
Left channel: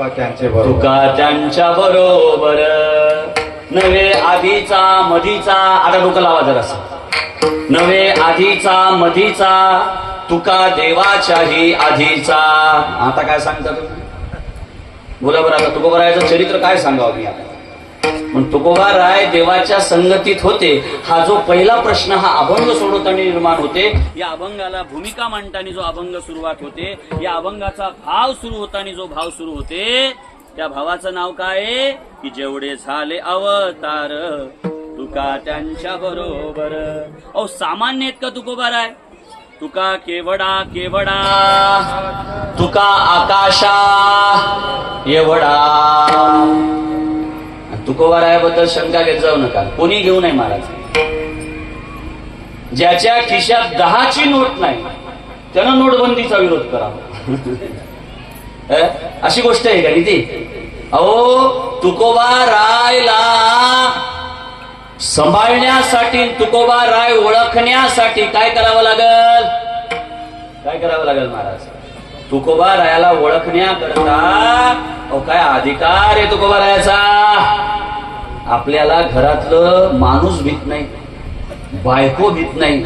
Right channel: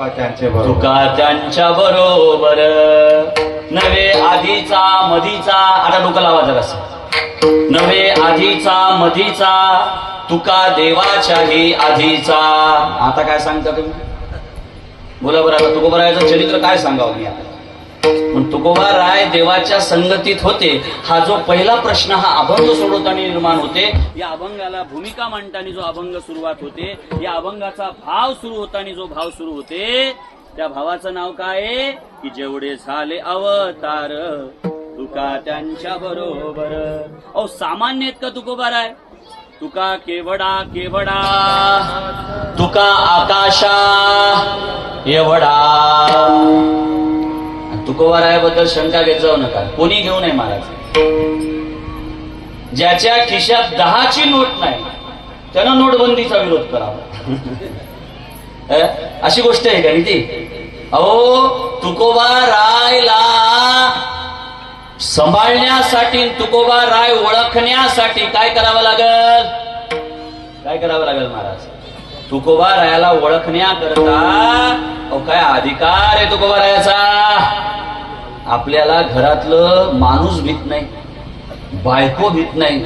तुका त्यांचे बरोबर तुका त्यांच्या बरोबर नवे आधीचा मधीचा. आता डोकं लावा जरासं. नवे आधीचा मधीचा तुका देवाच्याही आधीचा. आता काय सांगता तुम्ही? बोला बरं. आता तुकोबारायाचं चरित्र काय सांगावं मी आता? पण तुकोबाराय देवाच्या संगतीत होते हा जो पहिला प्रश्न हा अभंग सोडवताना निर्माण होते. या अभंगाला भूमिका मांडताना जो अभंग सुरुवात होते, या अभंगाचा भाव सुरू होताना जो भाव सुरू होते, त्या भावाचं नाव काय आहे की जेवढे झाले अवतार तुका त्यांच्या बरोबर. अहो सामान्य आहेत का तुकोबाराय? तुका केवडा केवडा तुका आकाशा एवढा. तुकोबारायाबद्दल शंका घेत जाऊ नका, कोणी घेऊ नये महाराज. ज्याच्या खिशात 10ची नोट नाही त्यानं नोटबंदीचा विरोध करावा. अशी गोष्ट आहे का ती? अहो तुकोबारायला सांभाळण्यासाठी, तुकोबाराय ओळखण्यासाठी काय करावं लागल? काय करावं लागेल महाराज? तुकोबारायाला ओळखण्याकरता काय अधिकार आहे तुकोबारायाचा? आपल्याला घरातलं माणूस भीत नाही, बायको भीत नाही.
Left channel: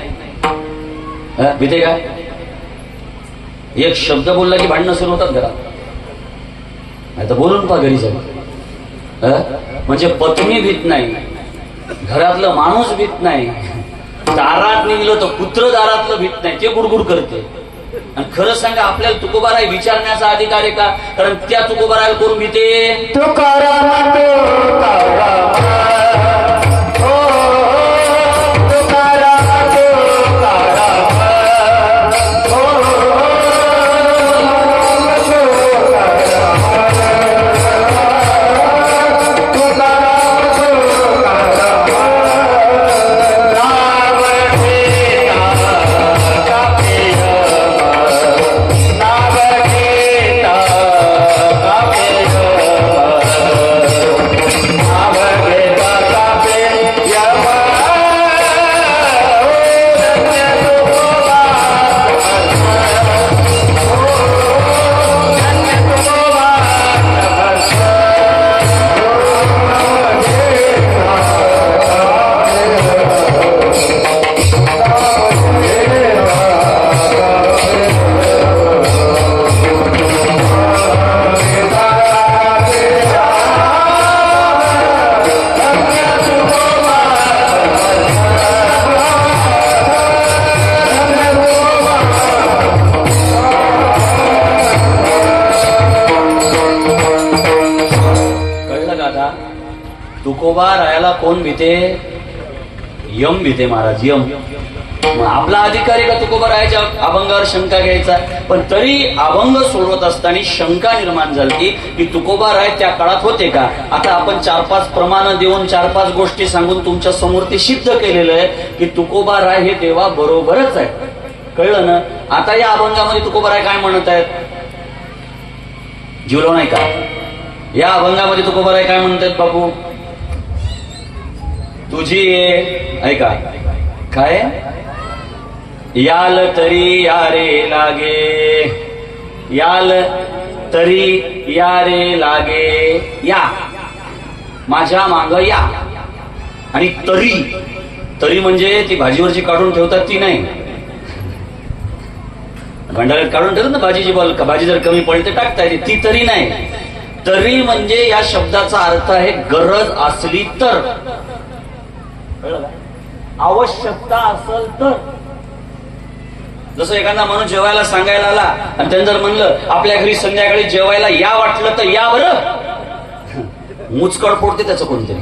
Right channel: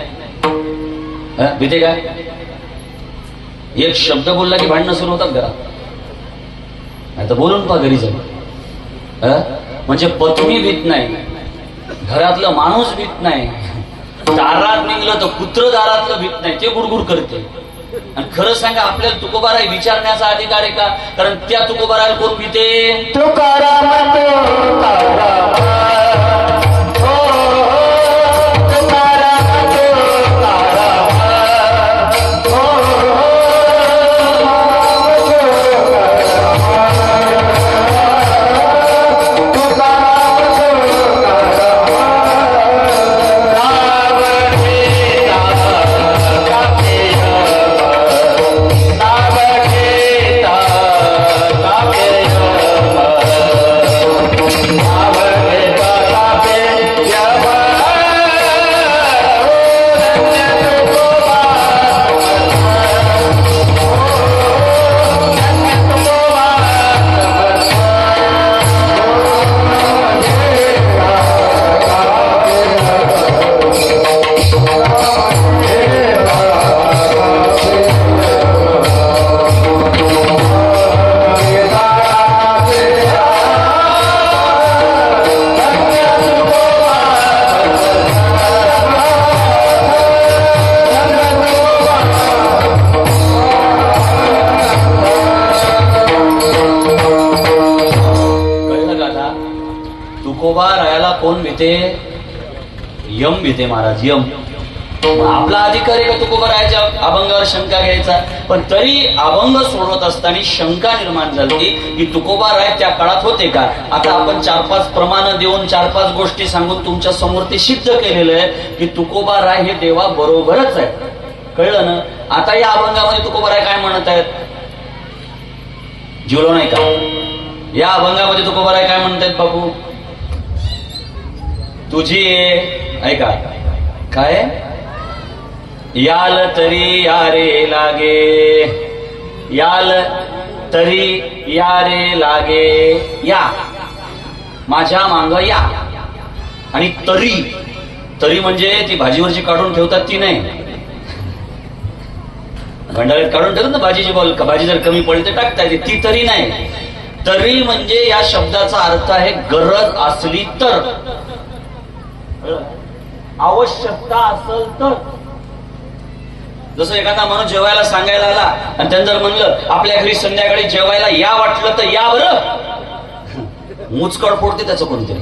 भीते का? एक शब्द बोलला की भांडणं सुरू होतात घरात. नाही तर बोलून पहा घरी जाऊन. म्हणजे पत्नी भीत नाही, घरातलं माणूस भीत नाही, दारात निघलं तर कुत्र दारातलं भीत नाही, ते गुडगुड करते. आणि खरं सांगा आपल्याला तुकोबाराय विचारण्याचा अधिकार आहे का? कारण त्या तुकोबारायला कोण भीते? तुकोबारायाला कोण भीते? यम भीते महाराज, यम. आपला अधिकार आहे का तुकोबारायाच्या अभंगावर शंका घ्यायचा? पण तरी अभंग सोडवत असताना शंका निर्माण झाली की तुकोबाराय त्या काळात होते का? आता आपण 4-5 प्रमाण देऊन 4-5 गोष्टी सांगून तुमच्या समोर ते सिद्ध केलेलं आहे की तुकोबाराय हे देवा बरोबरच आहे. कळलं ना? आता या अभंगामध्ये तुकोबाराय काय म्हणत आहेत? जिवलो नाही का? या अभंगामध्ये तुकोबाराय काय म्हणत आहेत बापू? तुझी ऐका काय? याल तरी यारे लागे, याल तरी यारे लागे, या माझ्या मांग या. आणि तरी, तरी म्हणजे ती भाजीवरची काढून ठेवतात ती नाही, भंडाऱ्यात काढून ठेवतात ना भाजीची बॉल. भाजी जर कमी पडली तर टाकता येते, ती तरी नाही. तरी म्हणजे या शब्दाचा अर्थ आहे गरज असली तर, आवश्यकता असेल तर. जसं एखादा माणूस जेवायला सांगायला आला आणि त्यानं जर म्हणलं आपल्या घरी संध्याकाळी जेवायला या वाटलं तर या बरं, मुचकड फोडते त्याचं कोणतरी.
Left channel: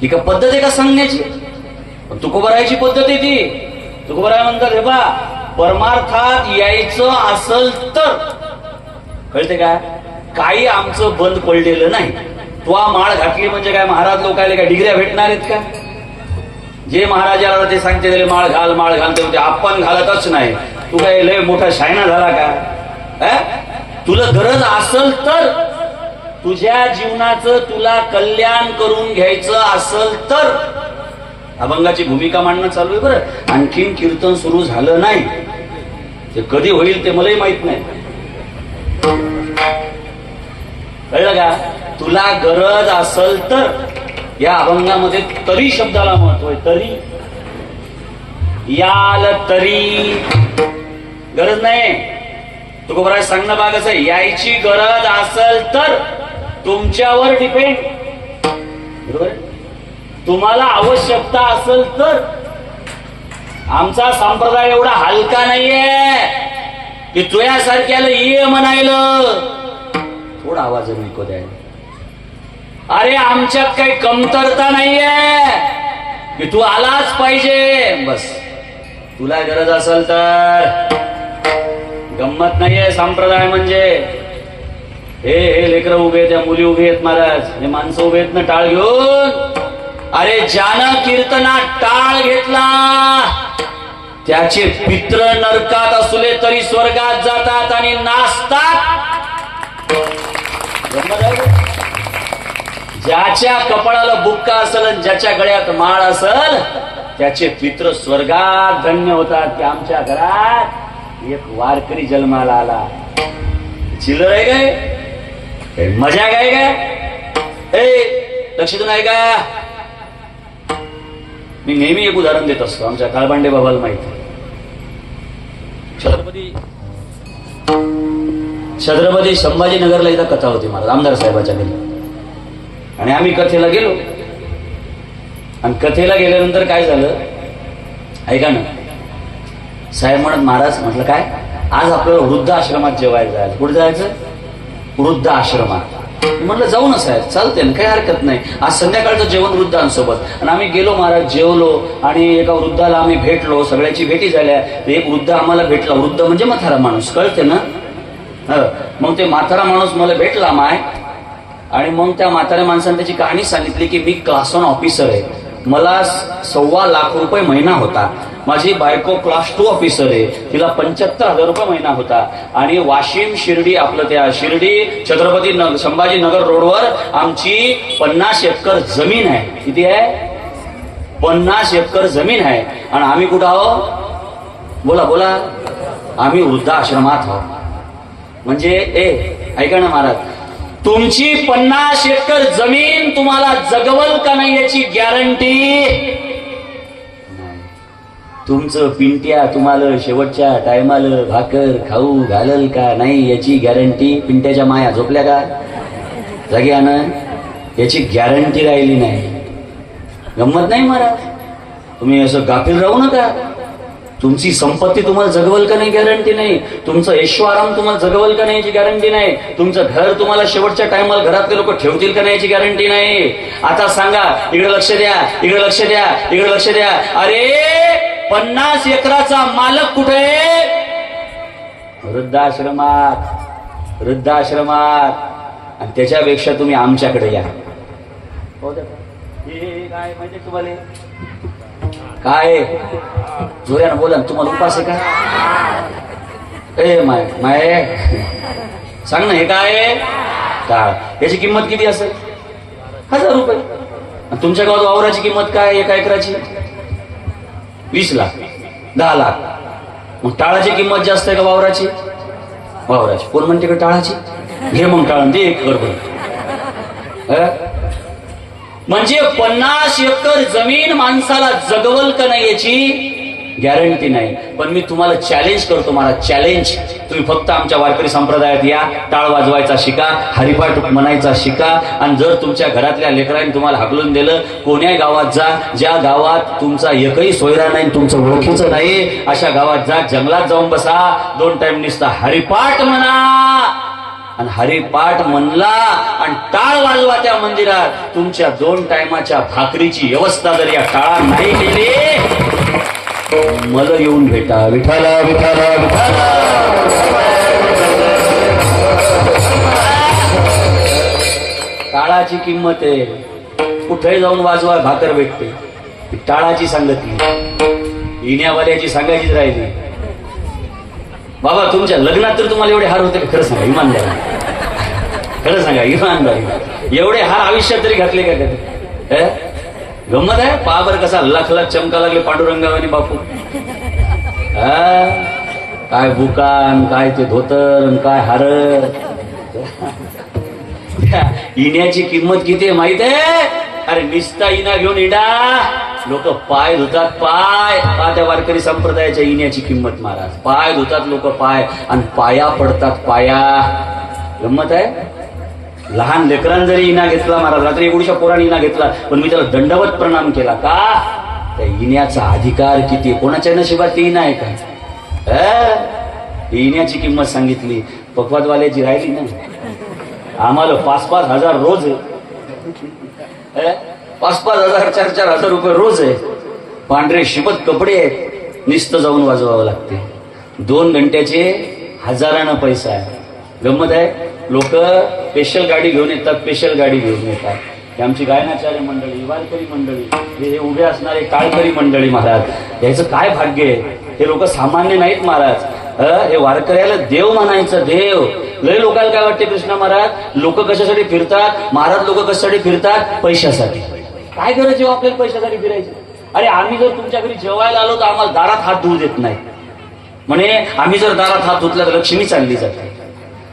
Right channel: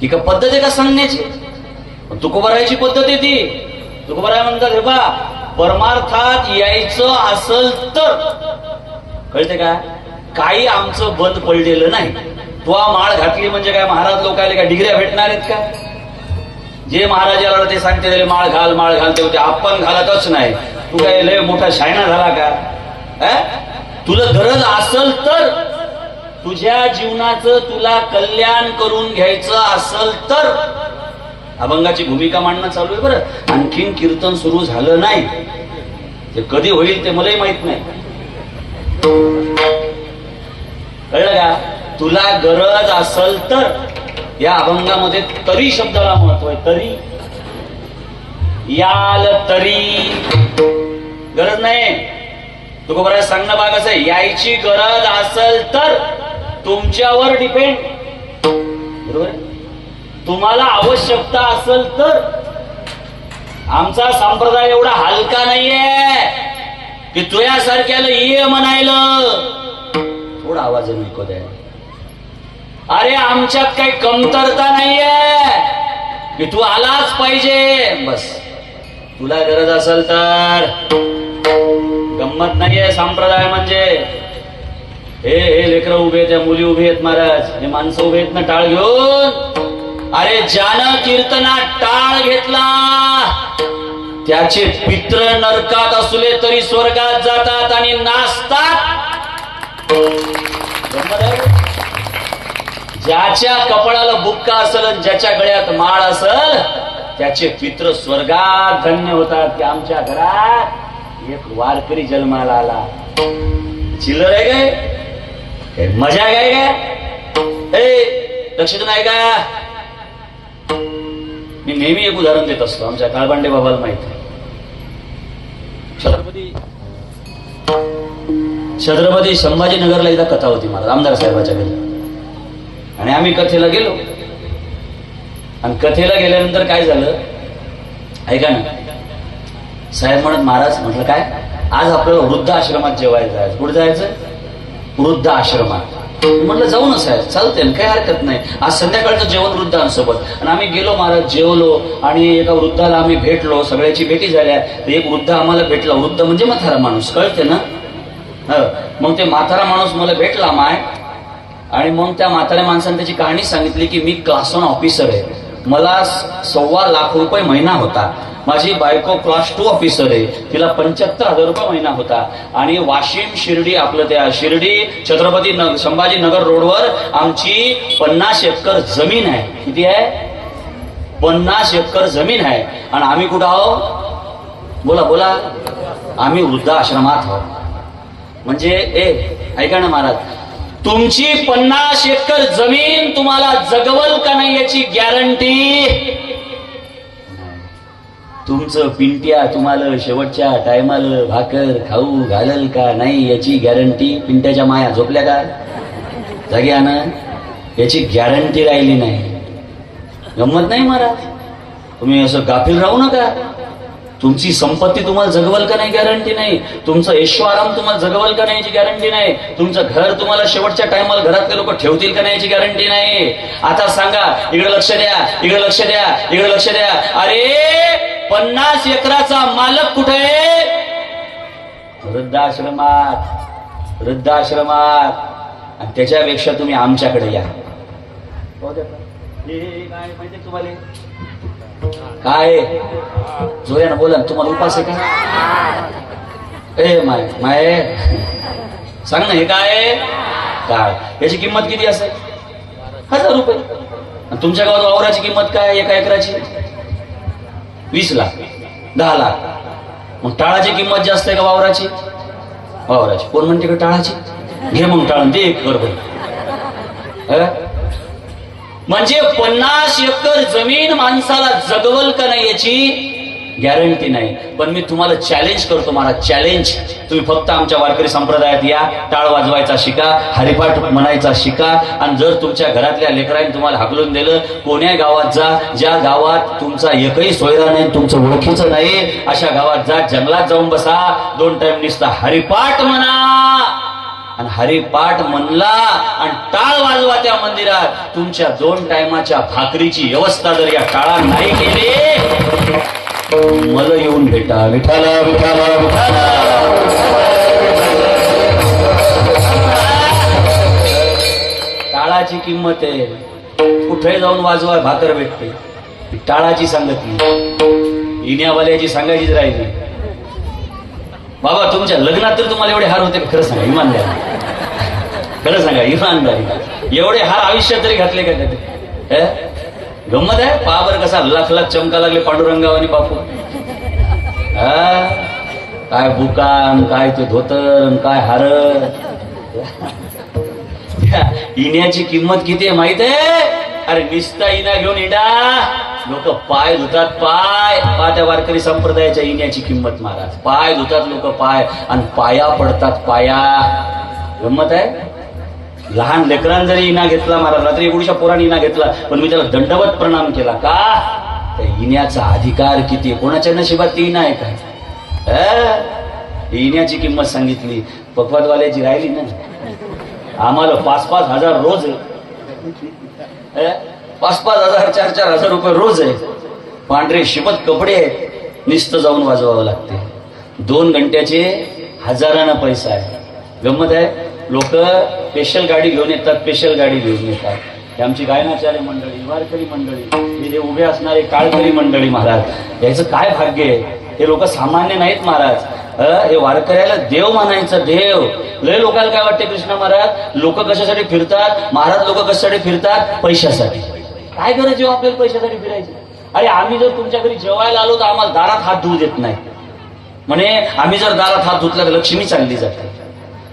ही का पद्धत आहे का सांगण्याची? तुकोबारायची पद्धत आहे ती. तुकोबाराय म्हणतात हे बा, परमार्थात यायचं असल तर, कळते का? काही आमचं बंद पडलेलं नाही. तू माळ घातली म्हणजे काय महाराज लोकायला काय डिग्र्या भेटणार आहेत का? जे महाराजाला ते सांगते त्याला माळ घाल माळ घालते होते, आपण घालतच नाही. तू काय लय मोठा शायना झाला का? तुला गरज असल तर, तुझ्या जीवनाचं तुला कल्याण करून घ्यायचं असल तर. अभंगाची भूमिका मांडणं चालू आहे बरं. आणखीन कीर्तन सुरू झालं नाही, ते कधी होईल ते मलाही माहित नाही. तुला गरज असल तर, या अभंगामध्ये तरी शब्दाला महत्व आहे. तरी, याल तरी गरज नाही. तुकोबरा सांगणं भाग असं आहे, यायची गरज असल तर तुमच्यावर डिपेंड. बरोबर, तुम्हाला आवश्यकता असेल तर. आमचा संप्रदाय एवढा हलका नाहीये की तुझ्यासारख्याला ये म्हणायलं. थोडा आवाज नको द्यायला. अरे आमच्यात काही कमतरता नाहीये की तू आलाच पाहिजे बस. तुला गरज असेल तर. गंमत नाहीये संप्रदाय म्हणजे. हे लेकरं उभे आहेत, त्या मुली उभे आहेत महाराज, हे माणसं उभे आहेत ना टाळ घेऊन. अरे ज्यानं कीर्तनात टाळ घेतला त्याचे पित्र नरकात असले तरी स्वर्गात जातात आणि नाचतात. ज्याच्या कपाळाला बुक्का असेल आणि ज्याच्या गळ्यात माळ असेल त्याचे पित्र स्वर्गात धन्य होतात. की आमच्या घरात एक वारकरी जन्माला आला. चिल्लर आहे काय? मजा काय का? लक्षात नाही का? मी नेहमी एक उदाहरण देत असतो. आमच्या काळबांडे बाबाला माहित आहे. छत्रपती संभाजीनगरला एकदा कथा होती मला आमदार साहेबाच्या घरी. आणि आम्ही कथेला गेलो. आणि कथेला गेल्यानंतर काय झालं ऐका ना. साहेब म्हणत महाराज, म्हटलं काय, आज आपल्याला वृद्धाश्रमात जेवायला जायचं. कुठे जायचं? वृद्धाश्रमात. म्हटलं जाऊ ना साहेब, चालते ना, काही हरकत नाही. आज संध्याकाळचं जेवण वृद्धांसोबत. आणि आम्ही गेलो महाराज, जेवलो आणि एका वृद्धाला आम्ही भेटलो. सगळ्याची भेटी झाल्या. एक वृद्ध आम्हाला भेटला. वृद्ध म्हणजे म्हातारा माणूस, कळते ना. मग ते म्हातारा माणूस मला भेटला माय. आणि मग त्या म्हाताऱ्या माणसाने त्याची कहाणी सांगितली की मी क्लास 1 ऑफिसर आहे. मला ₹1.25 महिना होता. माझी बायको क्लास 2 ऑफिसर आहे. तिला ₹75,000 महिना होता. आणि वाशिम शिर्डी, आपलं त्या शिर्डी छत्रपती संभाजीनगर रोडवर आमची 50 एकर जमीन आहे. किती आहे? 50 एकर जमीन आहे. आणि आम्ही कुठं आहोत? बोला बोला. आम्ही वृद्धाश्रमात आहोत. म्हणजे ऐका ना महाराज, तुमची 50 एकर जमीन तुम्हाला जगवल का नाही याची गॅरंटी. तुमचं पिंट्या तुम्हाला शेवटच्या टायमाला भाकर खाऊ घालल का नाही याची गॅरंटी. पिंट्याच्या माया झोपल्या का जाग्यानं? याची गॅरंटी राहिली नाही. गंमत नाही महाराज. तुम्ही असं गाफील राहू नका. तुमची संपत्ती तुम्हाला जगवल का नाही गॅरंटी नाही. तुमचं ऐश्वराम तुम्हाला जगवल का नाही याची गॅरंटी नाही. तुमचं घर तुम्हाला शेवटच्या टायमाला घरातले लोक ठेवतील का नाही याची गॅरंटी नाही. आता सांगा, इकडे लक्ष द्या, इकडे लक्ष द्या, इकडे लक्ष द्या. अरे 50 एकराचा मालक कुठे आहे? वृद्धाश्रमात. वृद्धाश्रमात. आणि त्याच्यापेक्षा तुम्ही आमच्याकडे या. काय माहिती तुम्हाला? काय जोऱ्यानं बोला. तुम्हाला उपास आहे का? माय सांग ना, हे काय टाळ? याची किंमत किती असेल? ₹1000. तुमच्या गावात वावराची किंमत काय? 1 एकराची 20 लाख, 10 लाख. मग टाळाची किंमत जास्त आहे का वावराची? वावराची. कोण म्हणते का टाळाची? घे मग टाळून दे 1 एकर. म्हणजे 50 एकर जमीन माणसाला जगवल का नाही याची गॅरंटी नाही. पण मी तुम्हाला चॅलेंज करतो महाराज, चॅलेंज. तुम्ही फक्त आमच्या वारकरी संप्रदायात या, टाळ वाजवायचा शिका, हरिपाठ म्हणायचा शिका. आणि जर तुमच्या घरातल्या लेकरांनी तुम्हाला हाकलून दिलं, कोण्या गावात जा, ज्या गावात तुमचा एकही सोयरा नाही, तुमचं ओळखीचं नाही, अशा गावात जा. जंगलात जाऊन बसा. 2 टाइम निसता हरिपाठ म्हणा. आणि हरिपाठ म्हणला आणि टाळ वाजवा त्या मंदिरात. तुमच्या 2 टायमाच्या भाकरीची व्यवस्था जर या टाळात नाही केली, मला येऊन भेटा. विठाला विठाला विठाला. टाळाची किंमत आहे. कुठे जाऊन वाजवा भाकर भेटते. टाळाची सांगतली, इण्यावाल्याची सांगायचीच राहिली. बाबा तुमच्या लग्नात तर तुम्हाला एवढे हार होते? खरं सांगा इमानदारी, खरं सांगा इमानदारी. एवढे हार आयुष्यात तरी घातले का कधी? गंमत आहे. पाबर कसा लाख लाख चमका लागले पांडुरंगावानी बापू. काय बुकान, काय ते धोतर, काय हार. त्या इण्याची किंमत किती आहे माहित आहे? अरे निस्ता इना घेऊन इडा लोक पाय धुतात, पाय त्या वारकरी संप्रदायाच्या इण्याची किंमत महाराज. पाय धुतात लोक, पाय, आणि पाया पडतात, पाया. गंमत आहे. लहान लेकरांनी जरी इना घेतला महाराज, रात्री एवढीशा पोराने इना घेतला, पण मी त्याला दंडवत प्रणाम केला. का? त्या इण्याचा अधिकार किती? कोणाच्या नशिबात ती इना आहे का? इण्याची किंमत सांगितली. पकवादवाल्याची राहिली ना. आम्हाला 5-5 हजार रोज आहे. 5-5 हजार, 4-4 हजार रुपये रोज आहे. पांढरे शिबत कपडे आहेत, नुसतं जाऊन वाजवावं लागते. 2 घंट्याचे हजारानं पैसा आहे. गंमत आहे. लोक स्पेशल गाडी घेऊन येतात, स्पेशल गाडी घेऊन येतात. हे आमची गायनाचार्य मंडळी, वारकरी मंडळी, हे उभे असणारे काळकरी मंडळी महाराज, याचं काय भाग्य आहे. हे लोक सामान्य नाहीत महाराज. हे वारकऱ्याला देव म्हणायचं, देव. लय लोकांना काय वाटते कृष्ण महाराज, लोक कशासाठी फिरतात महाराज? लोक कशासाठी फिरतात? पैशासाठी. काय गरज जेव्हा आपल्याला पैशासाठी फिरायची? अरे आम्ही जर तुमच्या घरी जेवायला आलो तर आम्हाला दारात हात धुवू देत नाही. म्हणे आम्ही जर दारात हात धुतला तर लक्ष्मी चालली जाते.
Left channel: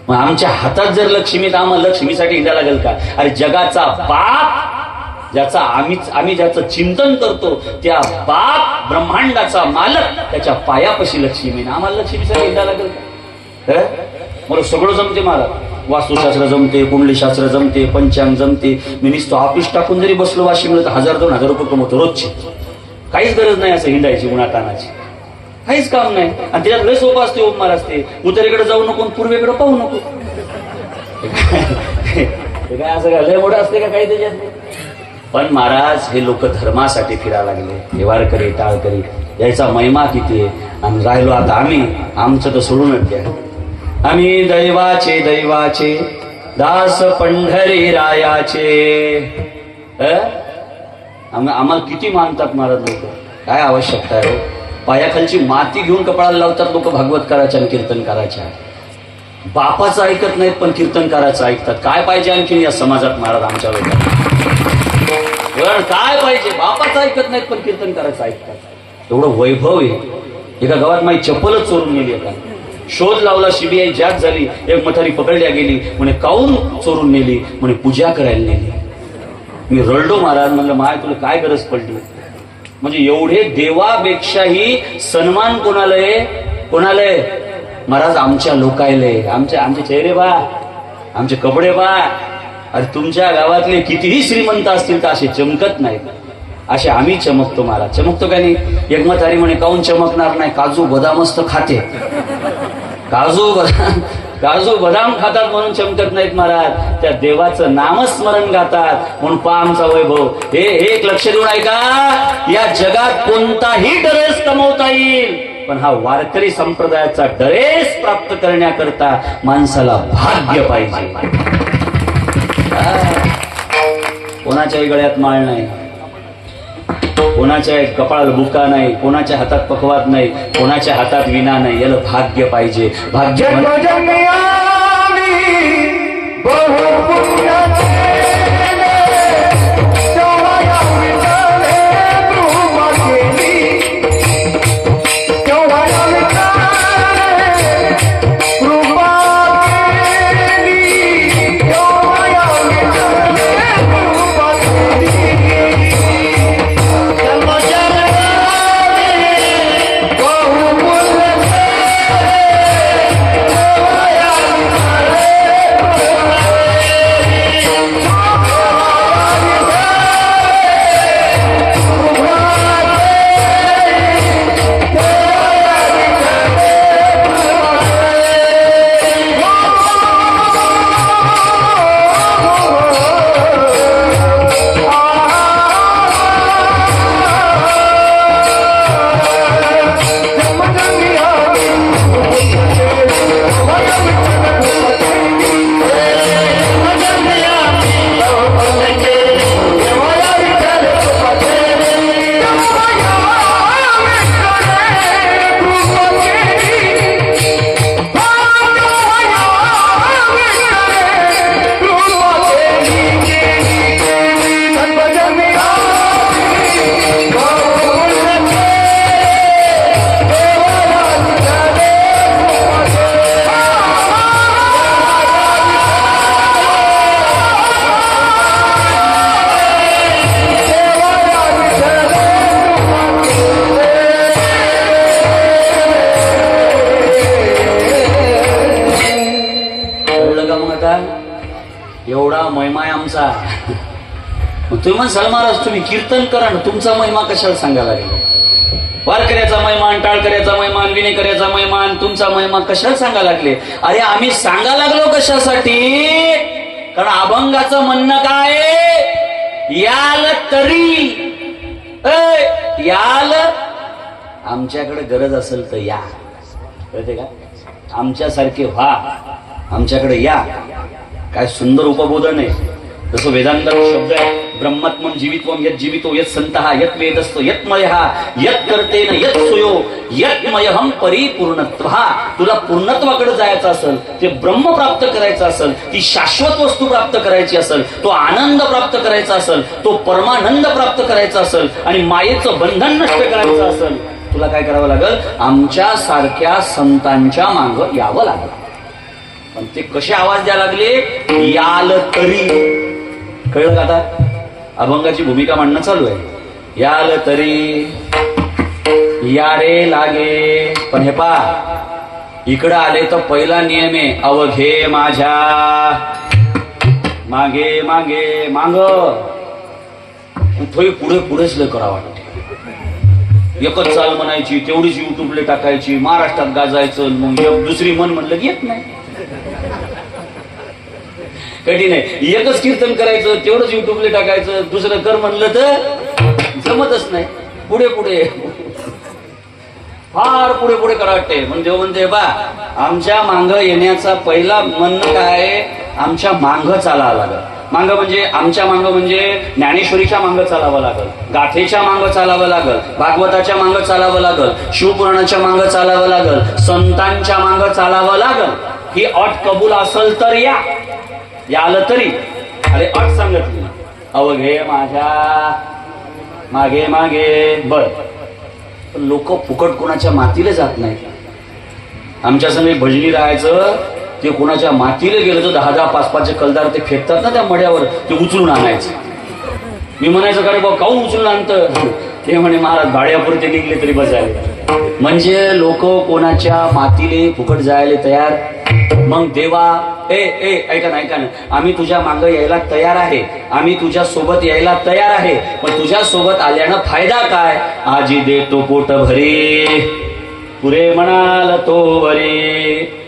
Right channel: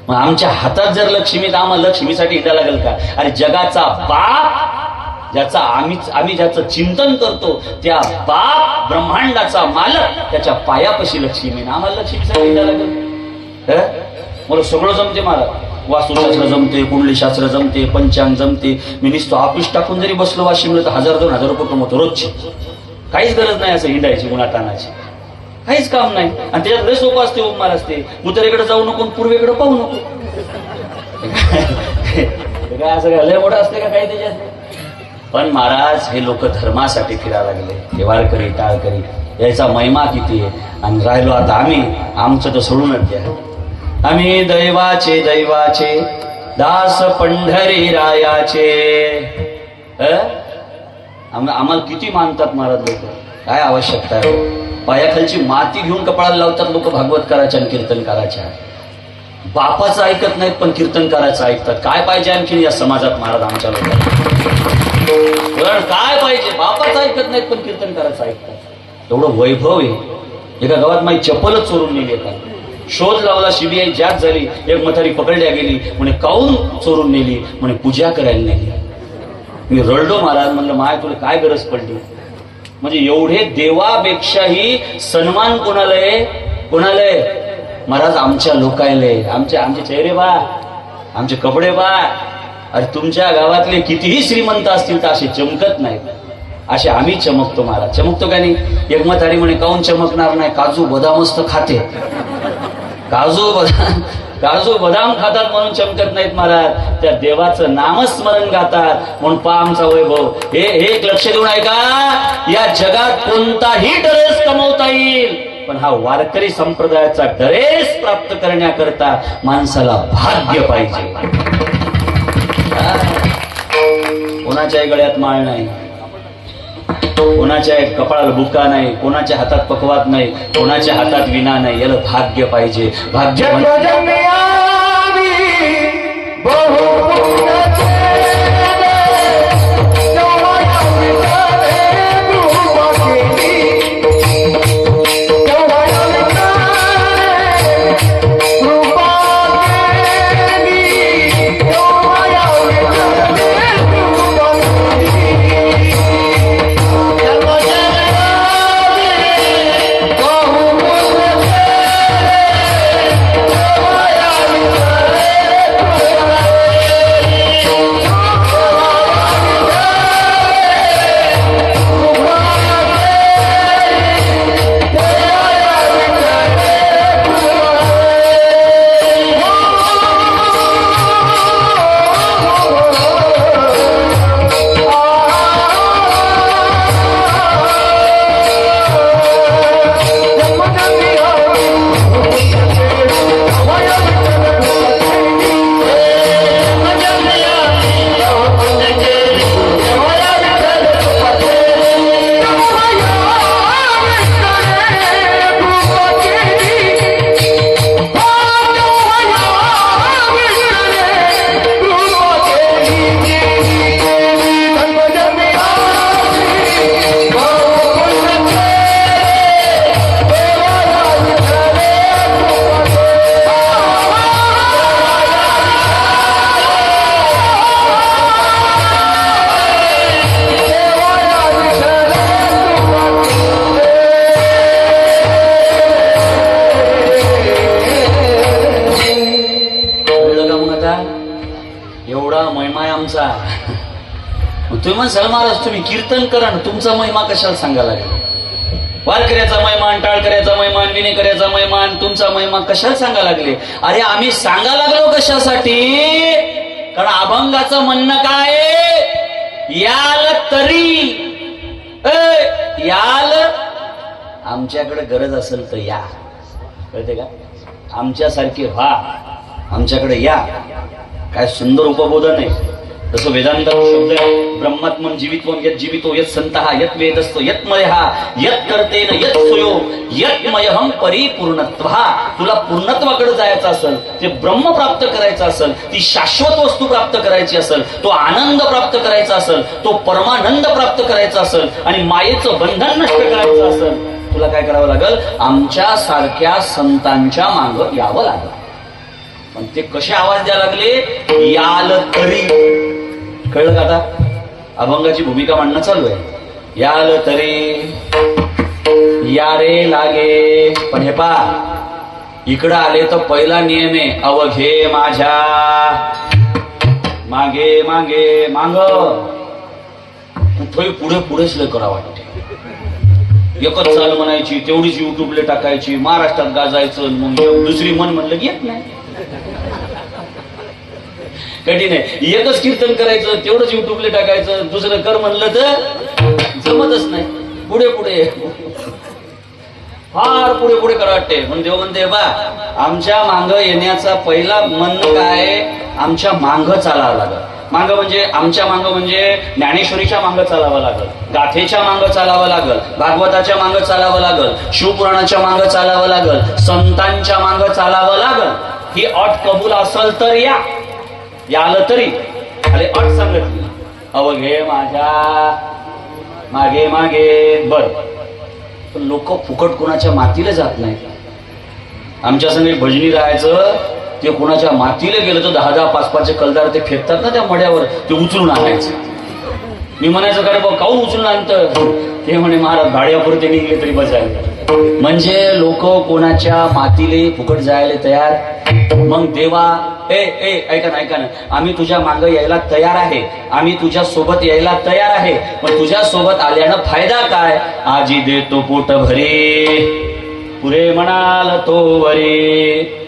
मग आमच्या हातात जर लक्ष्मी, तर आम्हाला लक्ष्मीसाठी हिंडा लागेल का? अरे जगाचा बाप, ज्याचा आम्ही ज्याचं चिंतन करतो, त्या बाप ब्रह्मांडाचा मालक, त्याच्या पायापाशी लक्ष्मी ना, आम्हाला लक्ष्मीसाठी हिंडा लागेल. मला सगळं जमते महाराज. वास्तुशास्त्र जमते, कुंडलीशास्त्र जमते, पंचांग जमते. मी नुसतं ऑफिस टाकून जरी बसलो वाशिमला तर 1000-2000 रुपये कमवतो रोजचे. काहीच गरज नाही असं हिंडायची, गुणातानाची काहीच काम नाही. आणि त्याच्यात लय सोपं असते, उपमार असते. उत्तरेकडे जाऊ नको, पूर्वेकडे पाहू नको. काय असं काय लय मोठं असते का काही त्याच्यात? पण महाराज हे लोक धर्मासाठी फिरायला लागले. हे वारकरी, टाळकरी, याचा महिमा किती आहे. आणि राहिलो आता आम्ही, आमचं तर सोडूनच द्या. आम्ही दैवाचे दास पंढरी रायाचे. आम्हाला किती मानतात महाराज लोक. काय आवश्यकता आहे? पायाखालची माती घेऊन कपाळाला लावतात लोक भागवतकाराच्या आणि कीर्तनकाराच्या. बापाचं ऐकत नाहीत पण कीर्तनकाराचं ऐकतात. काय पाहिजे आणखी या समाजात महाराज आमच्या लोकांना? काय पाहिजे? बापाचं ऐकत नाहीत पण कीर्तनकाराचं ऐकतात. एवढं वैभव आहे. एका गावात माझी चप्पलच चोरून नेली होता. शोध लावला, सीबीआय जाग झाली. एक म्हातारी पकडल्या गेली. म्हणे काऊन चोरून नेली? म्हणे पूजा करायला नेली. मी रडलो महाराज. म्हणलं माय तुला काय गरज पडली? म्हणजे एवढे देवापेक्षाही सन्मान कोणाला आहे महाराज? आमच्या लोकायले. आमचे चेहरे बा, आमचे कपडे बा. अरे तुमच्या गावातले कितीही श्रीमंत असतील तर असे चमकत नाहीत. असे आम्ही चमकतो महाराज. चमकतो का नाही? एक म्हातारी म्हणे काऊन चमकणार नाही? काजू बदामच तर खाते. काजू बदाम खातात म्हणून चमकत नाहीत महाराज. त्या देवाचं नामस्मरण गातात म्हणून पा आमचा वैभव. हे एक लक्ष देऊन आहे का? या जगात कोणताही ड्रेस कमवता येईल, पण हा वारकरी संप्रदायाचा ड्रेस प्राप्त करण्याकरता माणसाला भाग्य पाहिजे. कोणाच्याही गळ्यात माळ नाही, कोणाच्या कपाळाला बुका नाही, कोणाच्या हातात पकवात नाही, कोणाच्या हातात विना नाही. याला भाग्य पाहिजे. भाग्य का? एवढा महिमा आहे आमचा. तुम्ही म्हणसाल महाराज तुम्ही कीर्तन करा ना, तुमचा महिमा कशाला सांगायला लागेल? वारकऱ्याचा महिमान, टाळकऱ्याचा महिमान, विनेकऱ्याचा महिमान, तुमचा महिमा कशाला सांगायला लागले? अरे आम्ही सांगायला लागलो कशासाठी? कारण अभंगाचं म्हणणं काय? याल तरी याल, आमच्याकडे गरज असेल तर या. कळते का? आमच्यासारखे व्हा, आमच्याकडे या. काय सुंदर उपबोधन आहे. जसं वेदांत शब्द आहे, ब्रह्मात्मम जीवित्वम यत जीवितो यत संतः यत वेदस्त यत मयहा यत कर्तेन यत सुयो यत मयहम परिपूर्णत्वः. तुला पूर्णत्वाकडे जायचं असेल, ते ब्रह्म प्राप्त करायचं असेल, ती शाश्वत वस्तू प्राप्त करायची असेल, तो आनंद प्राप्त करायचा असेल, तो परमानंद प्राप्त करायचा असेल आणि मायेचं बंधन नष्ट करायचं असेल, तुला काय करावं लागेल? आमच्या सारख्या संतांच्या मागं यावं लागेल. पण ते कसे आवाज द्यायला लागले? याल तरी. कळलं का आता? अभंगाची भूमिका मांडणं चालू आहे. याल तरी, या रे लागे. पण हे पा, इकडं आले तर पहिला नियम आहे, अवघे माझ्या मागे मागे माग. कुठेही पुढे पुढेच लय करा वाटते. एकच चाल म्हणायची, तेवढीच युट्यूबला टाकायची, महाराष्ट्रात गाजायचं, मग दुसरी मन म्हणलं की येत नाही. कठीण आहे. एकच कीर्तन करायचं, तेवढंच युट्यूबला टाकायचं, दुसरं कर म्हणलं तर जमतच नाही. पुढे पुढे फार पुढे पुढे करा वाटते. मग देव म्हणते बा, आमच्या मांग येण्याचा पहिला म्हणणं काय? आमच्या मांग चालावं लागल. मांग म्हणजे आमच्या मांग म्हणजे ज्ञानेश्वरीच्या मांग चालावं लागल, गाथेच्या मांग चालावं लागल, भागवताच्या मांग चालावं लागल, शिवपुराणाच्या मांग चालावं लागल, संतांच्या मांग चालावं लागल. ही अट कबूल असेल तर या. याल तरी. अरे अट सांगितली, अवघे माझ्या मागे मागे. बर, लोक फुकट कोणाच्या मातीला जात नाही. आमच्या संगे भजनी राहायचं, ते कोणाच्या मातीला गेलं तर 10-10, 5-5 कलदार ते फेकतात ना त्या मड्यावर, ते उचलून आणायचं. मी म्हणायचं काय बाबा, काऊन उचलून आणतं? ते म्हणे महाराज भाड्यापुरते निघले तरी बजायला. म्हणजे लोक कोणाच्या मातीले फुकट जायला तयार. मग देवा ऐका ना, आम्ही तुझ्या मागं यायला तयार आहे, आम्ही तुझ्या सोबत यायला तयार आहे, पण तुझ्या सोबत आल्यानं फायदा काय? आजी देतो पोट भरे, पुरे म्हणाल तो वरे.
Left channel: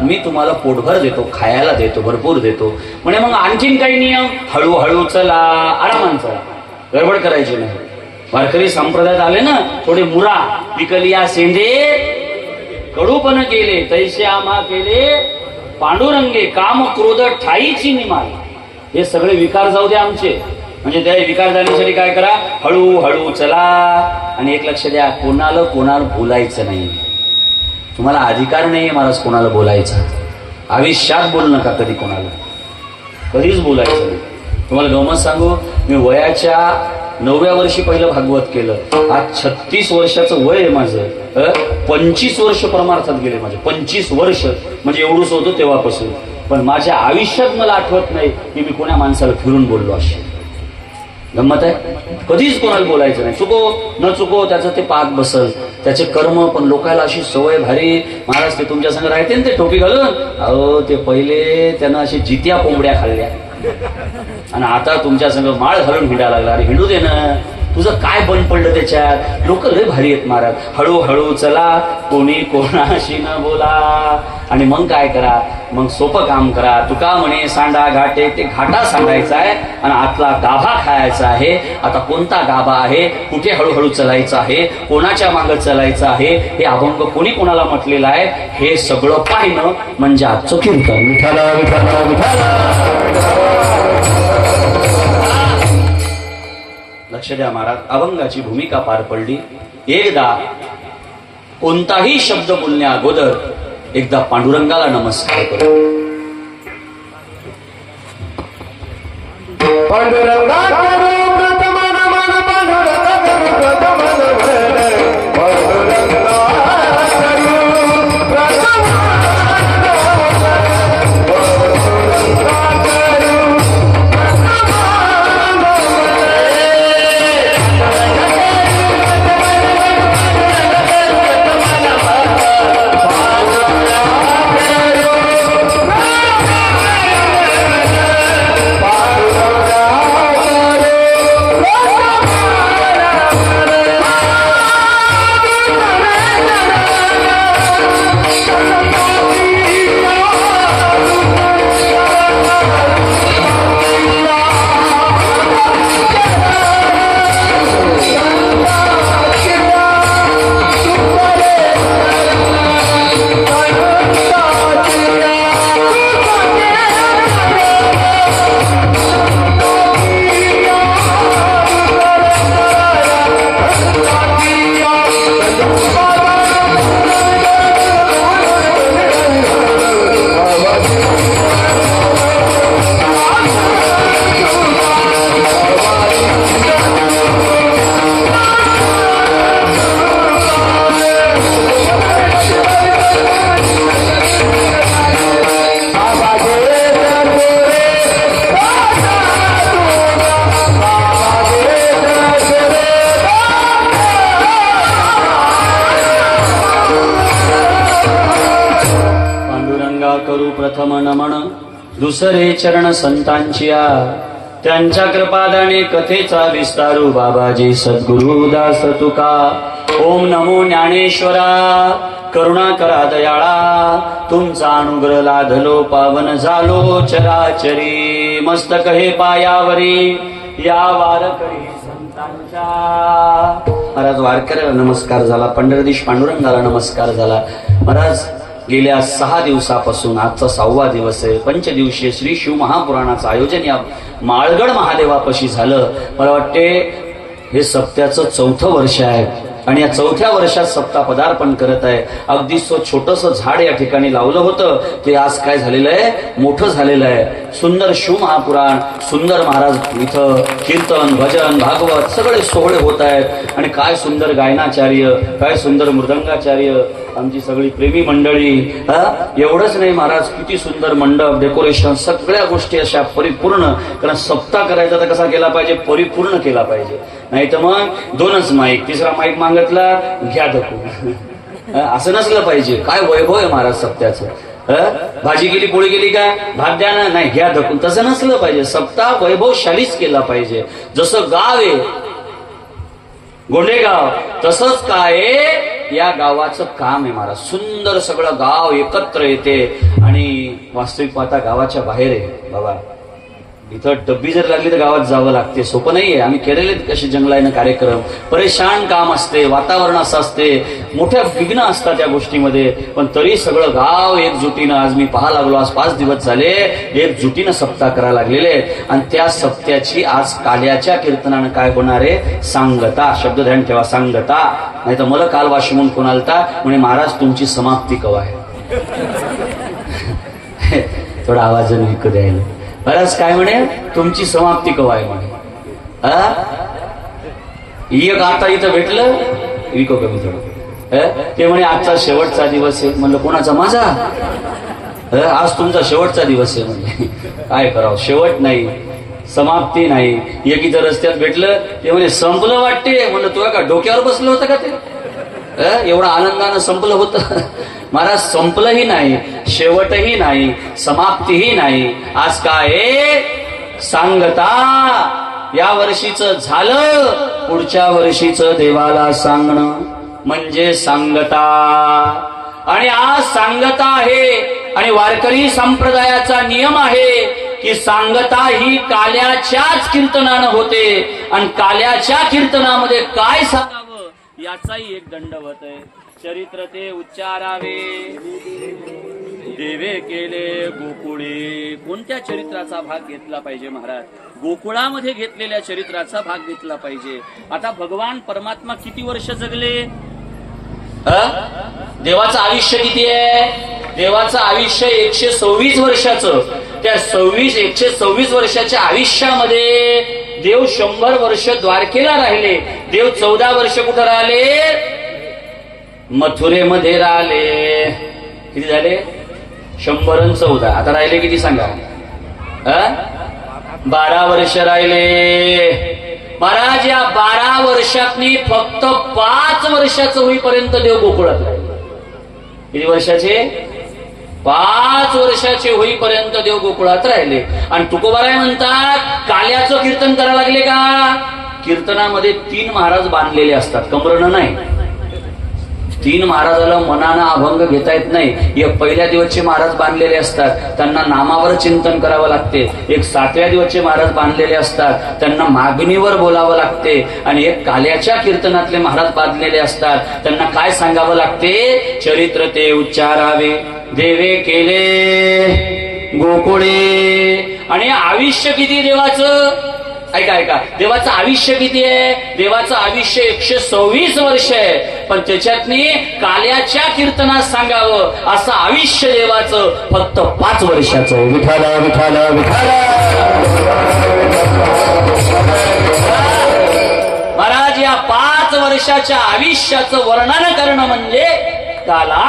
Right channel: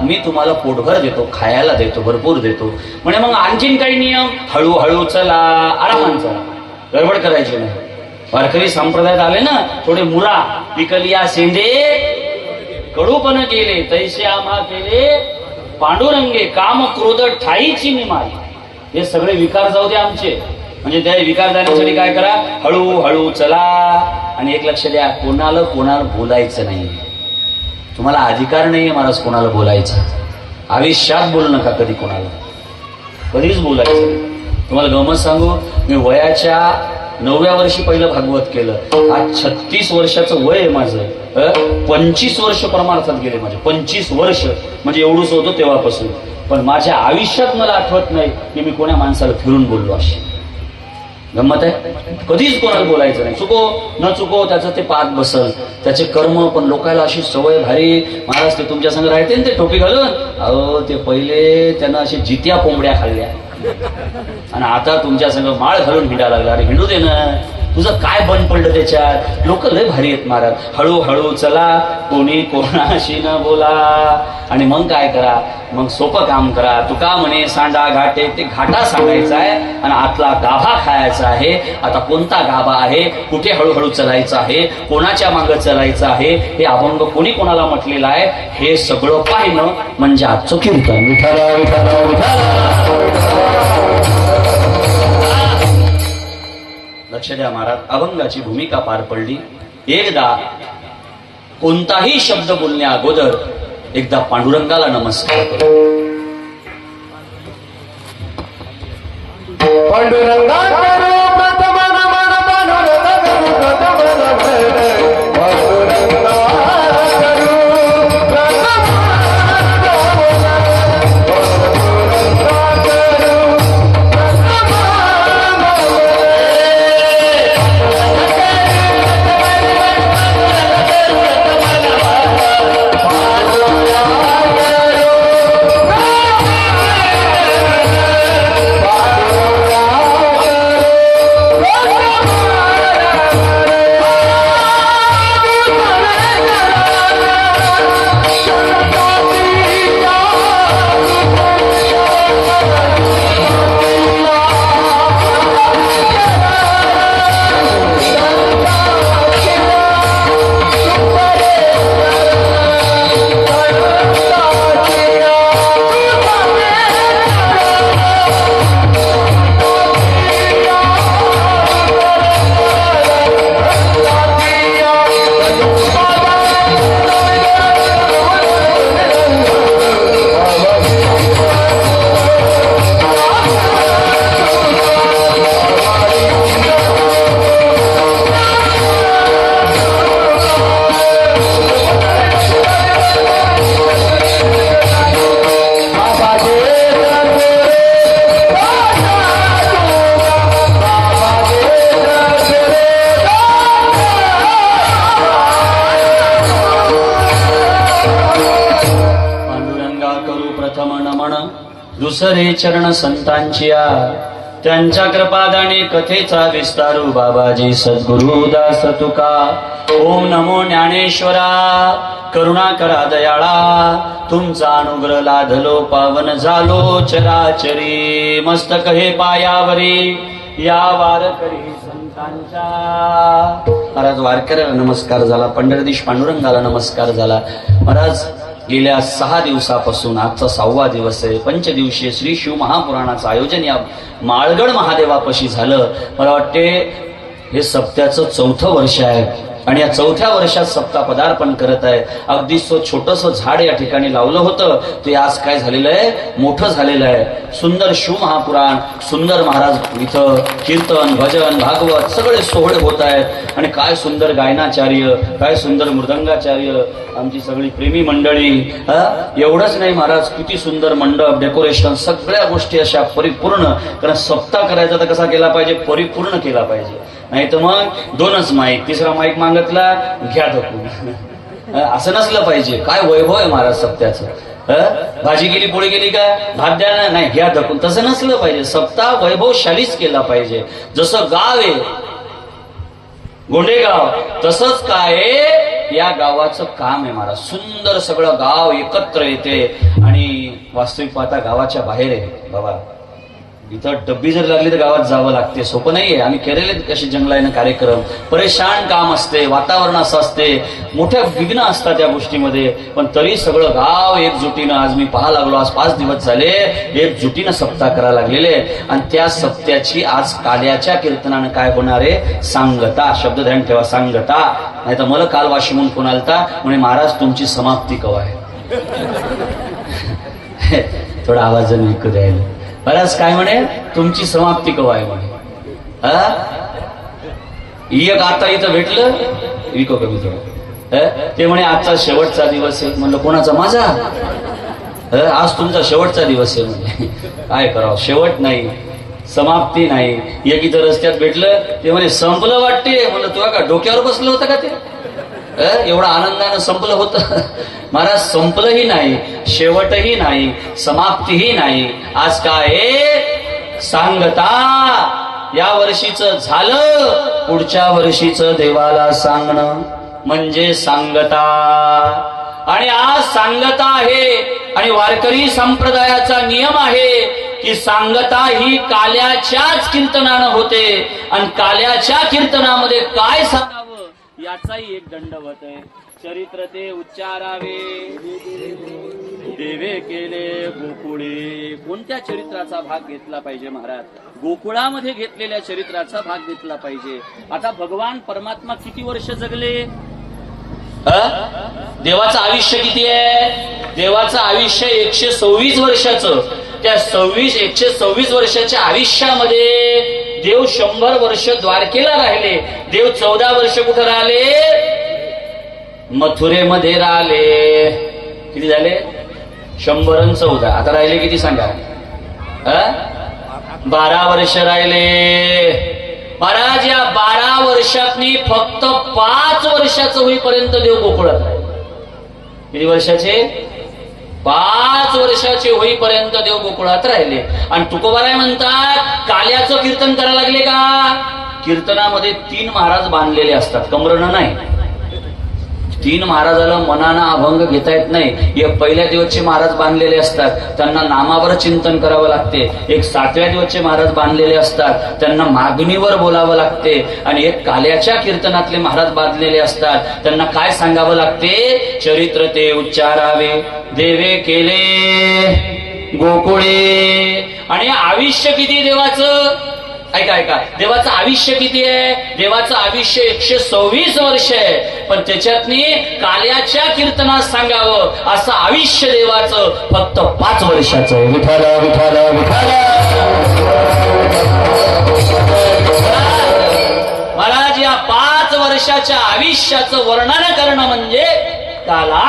मी तुम्हाला पोटभर देतो, खायला देतो, भरपूर देतो. म्हणजे मग आणखीन काही नियम? हळूहळू चला, आरामान चला, गडबड करायची नाही. वारकरी संप्रदायात आले ना, थोडे मुळा पिकलिया सेंदे कडूपण केले, तैसे आम्हा केले पांडुरंगे, काम क्रोध ठाईची निमाल. हे सगळे विकार जाऊ द्या आमचे. म्हणजे त्या विकार जाण्यासाठी काय करा? हळूहळू चला. आणि एक लक्ष द्या, कोणाला बोलायचं नाही. तुम्हाला अधिकार नाहीये महाराज कोणाला बोलायचा. आयुष्यात बोलू नका कधी कोणाला, कधीच बोलायचं नाही. तुम्हाला गमत सांगू, मी वयाच्या 9व्या वर्षी पहिलं भागवत केलं. आज 36 वर्षाचं वय आहे माझं. 25 वर्ष परमार्थात गेले माझे. 25 वर्ष म्हणजे एवढंच होतं तेव्हापासून. पण माझ्या आयुष्यात मला आठवत नाही की मी कोणा माणसाला फिरून बोललो अशी. गंमत आहे. कधीच कोणाला बोलायचं नाही. चुको न चुको त्याचं ते पाक बसल, त्याचे कर्म. पण लोकांना अशी सवय भारी, महाराज ते तुमच्या संग राहते ना ते टोपी घालून. अहो ते पहिले त्यांना अशी जित्या कोंबड्या खाल्ल्या आणि आता तुमच्या संग माळ घालून हिंडायला लागला. अरे हिंडू दे ना, तुझं काय बंद पडलं त्याच्यात? लोक लय भारी आहेत महाराज. हळूहळू चला, कोणी कोणाशी न बोला. आणि मग काय करा? मग सोपं काम करा. तुका म्हणे सांडा घाटे, ते घाटा सांडायचा आहे आणि आतला गाभा खायचा आहे. आता कोणता गाभा आहे, कुठे हळूहळू चलायचं आहे, कोणाच्या मागं चालायचं आहे, हे अभंग कोणी कोणाला म्हटलेलं आहे, हे सगळं पाहिलं म्हणजे आजचं कीर्तन. विठाला विठाला विठाला. लक्ष द्या महाराज, अभंगाची भूमिका पार पडली. एकदा कोणताही शब्द बोलण्या अगोदर एकदा पांडुरंगाला नमस्कार करा. दुसरे चरण संतांचिया त्यांच्या कृपादाने कथेचा विस्तारू बाबाजी सद्गुरु दास तुका. ओम नमो ज्ञानेश्वरा करुणा करा दयाळा तुमचा अनुग्रह लाधलो पावन झालो चराचरी. मस्तक हे पायावरी या वारकरी संतांच्या. महाराज वारकऱ्याला नमस्कार झाला, पंढरदीश पांडुरंगाला नमस्कार झाला. महाराज गेल्या 6 दिवसापासून आजचा 6वा दिवस आहे. पंचदिवसीय श्री शिव महापुराणाचं आयोजन या माळगड महादेवापाशी झालं. मला वाटते हे सप्त्याचं 4थं वर्ष आहे आणि या 4थ्या वर्षात सप्ताह पदार्पण करत आहे. अगदी छोटस झाड या ठिकाणी लावलं होतं ते आज काय झालेलं आहे, मोठं झालेलं आहे. सुंदर शिव महापुराण, सुंदर महाराज इथं कीर्तन भजन भागवत सगळे सोहळे होत आहेत. आणि काय सुंदर गायनाचार्य, काय सुंदर मृदंगाचार्य, आमची सगळी प्रेमी मंडळी. एवढंच नाही महाराज, किती सुंदर मंडप, डेकोरेशन, सगळ्या गोष्टी अशा परिपूर्ण. कारण सप्ताह करायचा तर कसा केला पाहिजे, परिपूर्ण केला पाहिजे. नाही तर मग 2च माईक, 3रा माईक मागतला घ्या धकून, असं नसलं पाहिजे. काय वैभव आहे महाराज सप्त्याचं. भाजी गेली पोळी गेली का भात द्या ना, नाही घ्या धकून, तसं नसलं पाहिजे. सप्ताह वैभवशालीच केला पाहिजे. जसं गाव आहे गोंडेगाव, तसंच काय या गावाचं काम आहे महाराज. सुंदर सगळं गाव एकत्र येते आणि वास्तविक पाहता गावाच्या बाहेर आहे बाबा. इथं डब्बी जर लागली तर गावात जावं लागते, सोपं नाहीये. आम्ही केलेले कसे जंगलाने कार्यक्रम, परेशान काम असते, वातावरण असं असते, मोठ्या विघ्न असतात त्या गोष्टीमध्ये. पण तरी सगळं गाव एकजुटीनं, आज मी पाहा लागलो, आज 5 दिवस झाले एकजुटीनं सप्ताह करायला लागलेले. आणि त्या सप्त्याची आज काल्याच्या कीर्तनानं काय होणार आहे, सांगता. शब्द ध्यान ठेवा, सांगता. नाही तर मला काल वाशिमून फोन आलता, म्हणे महाराज तुमची समाप्ती कवा आहे. थोडा आवाजाने विकू द्यायला. बराच काय म्हणे, तुमची समाप्ती कवा आहे म्हणे. एक आता इथं भेटलं विको कमी थोडं. ते म्हणे आजचा शेवटचा दिवस आहे. म्हणलं कोणाचा, माझा. आज तुमचा शेवटचा दिवस आहे म्हणे. काय करावं, शेवट नाही, समाप्ती नाही. एक इथं रस्त्यात भेटलं, ते म्हणे संपलं वाटते. म्हणलं तुला का डोक्यावर बसलं होतं का ते, एवढं आनंदानं संपलं होतं. महाराज संपलंही नाही, शेवटही नाही, समाप्तीही नाही. आज काय सांगता. या वर्षीचं झालं, पुढच्या वर्षीचं देवाला सांगणं म्हणजे सांगता. आणि आज सांगता आहे. आणि वारकरी संप्रदायाचा नियम आहे की सांगता ही काल्याच्याच कीर्तनानं होते. आणि काल्याच्या कीर्तनामध्ये काय सांगावं याचाही एक दंडवत आहे. चरित्र ते उच्चारावे देवे केले गोकुळे. कोणत्या चरित्राचा भाग घेतला पाहिजे महाराज, गोकुळामध्ये घेतलेल्या चरित्राचा भाग घेतला पाहिजे. आता भगवान परमात्मा किती वर्ष जगले, देवाचं आयुष्य किती आहे, देवाचं आयुष्य 126 वर्षाचं. त्या 126 वर्षाच्या आयुष्यामध्ये देव 100 वर्ष द्वारकेला राहिले. देव 14 वर्ष कुठं राहिले, मथुरेमध्ये राहिले. किती झाले, 100 आणि 14. आता राहिले किती सांगा, 12 वर्ष राहिले. महाराज या 12 वर्षातनी फक्त 5 वर्षाचं होईपर्यंत देव गोकुळात राहिले. किती वर्षाचे, 5 वर्षाचे होईपर्यंत देव गोकुळात राहिले. आणि तुकोबाराय म्हणतात काल्याचं कीर्तन करायला लागले का, कीर्तनामध्ये 3 महाराज बांधलेले असतात, कमरनं नाही. 3 महाराजाला मनानं अभंग घेता येत नाही. एक पहिल्या दिवसचे महाराज बांधलेले असतात, त्यांना नामावर चिंतन करावं लागते. एक 7व्या दिवसचे महाराज बांधलेले असतात, त्यांना मागणीवर बोलावं लागते. आणि एक काल्याच्या कीर्तनातले महाराज बांधलेले असतात, त्यांना काय सांगावं लागते, चरित्र ते उच्चारावे देवे केले गोकुळे. आणि आयुष्य किती देवाचं, ऐका ऐका, देवाचं आयुष्य किती आहे, देवाचं आयुष्य 126 वर्ष आहे. पण त्याच्यातनी काल्याच्या कीर्तनात सांगावं असं आयुष्य देवाचं फक्त 5 वर्षाचं आहे. विठाला विठाला विठाला. महाराज या 5 वर्षाच्या आयुष्याचं वर्णन करणं म्हणजे काला.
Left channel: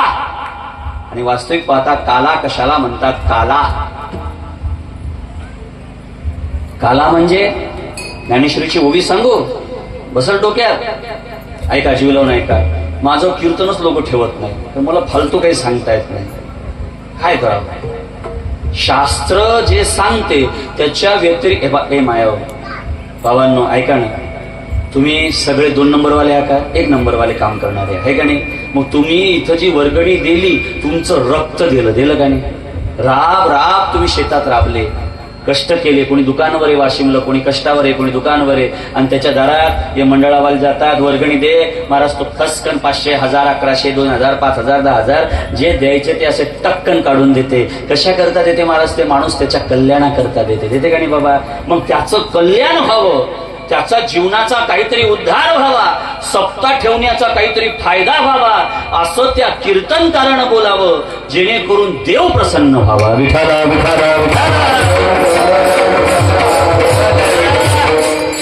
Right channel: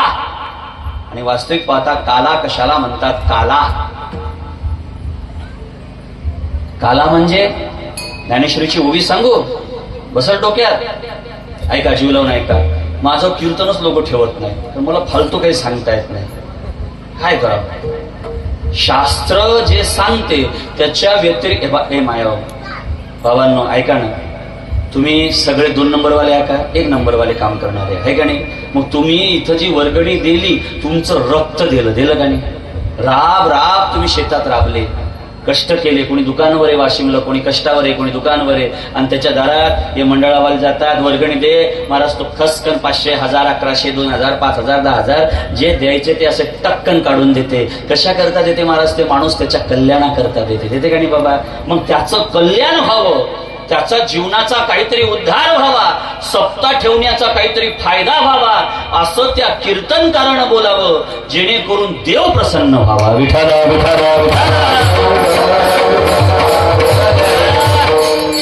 आणि वास्तविक पाहता काला कशाला म्हणतात, काला, काला म्हणजे ज्ञानेश्वरीची उभी सांगू, बसल डोक्यात. ऐका, जीव लावून ऐका. माझं कीर्तनच लोक ठेवत नाही, तर मला फालतू काही सांगता येत नाही. काय करावं, शास्त्र जे सांगते त्याच्या व्यतिरिक्त हे मायावर बाबांनो ऐका ना, तुम्ही सगळे 2 नंबरवाले आहे का 1 नंबरवाले काम करणारे आहे का नाही? मग तुम्ही इथं जी वर्गणी दिली तुमचं रक्त दिलं का नाही? राब राब तुम्ही शेतात राबले, कष्ट केले, कोणी दुकानावर आहे वाशिमला, कोणी कष्टावर आहे, कोणी दुकानावर आहे, आणि त्याच्या दारात हे मंडळावाले जातात, वर्गणी दे महाराज, तो खसकन 500 1000 1100 2000 5000 10000 जे द्यायचे ते असे टक्कन काढून देते. कशा करता देते महाराज? ते माणूस त्याच्या कल्याणाकरता देते का नाही बाबा? मग त्याचं कल्याण व्हावं, त्याचा जीवनाचा काहीतरी उद्धार व्हावा, सप्ताह ठेवण्याचा काहीतरी फायदा व्हावा असं त्या कीर्तनकारानं बोलावं, जेणेकरून देव प्रसन्न व्हावा. विठाला विठाला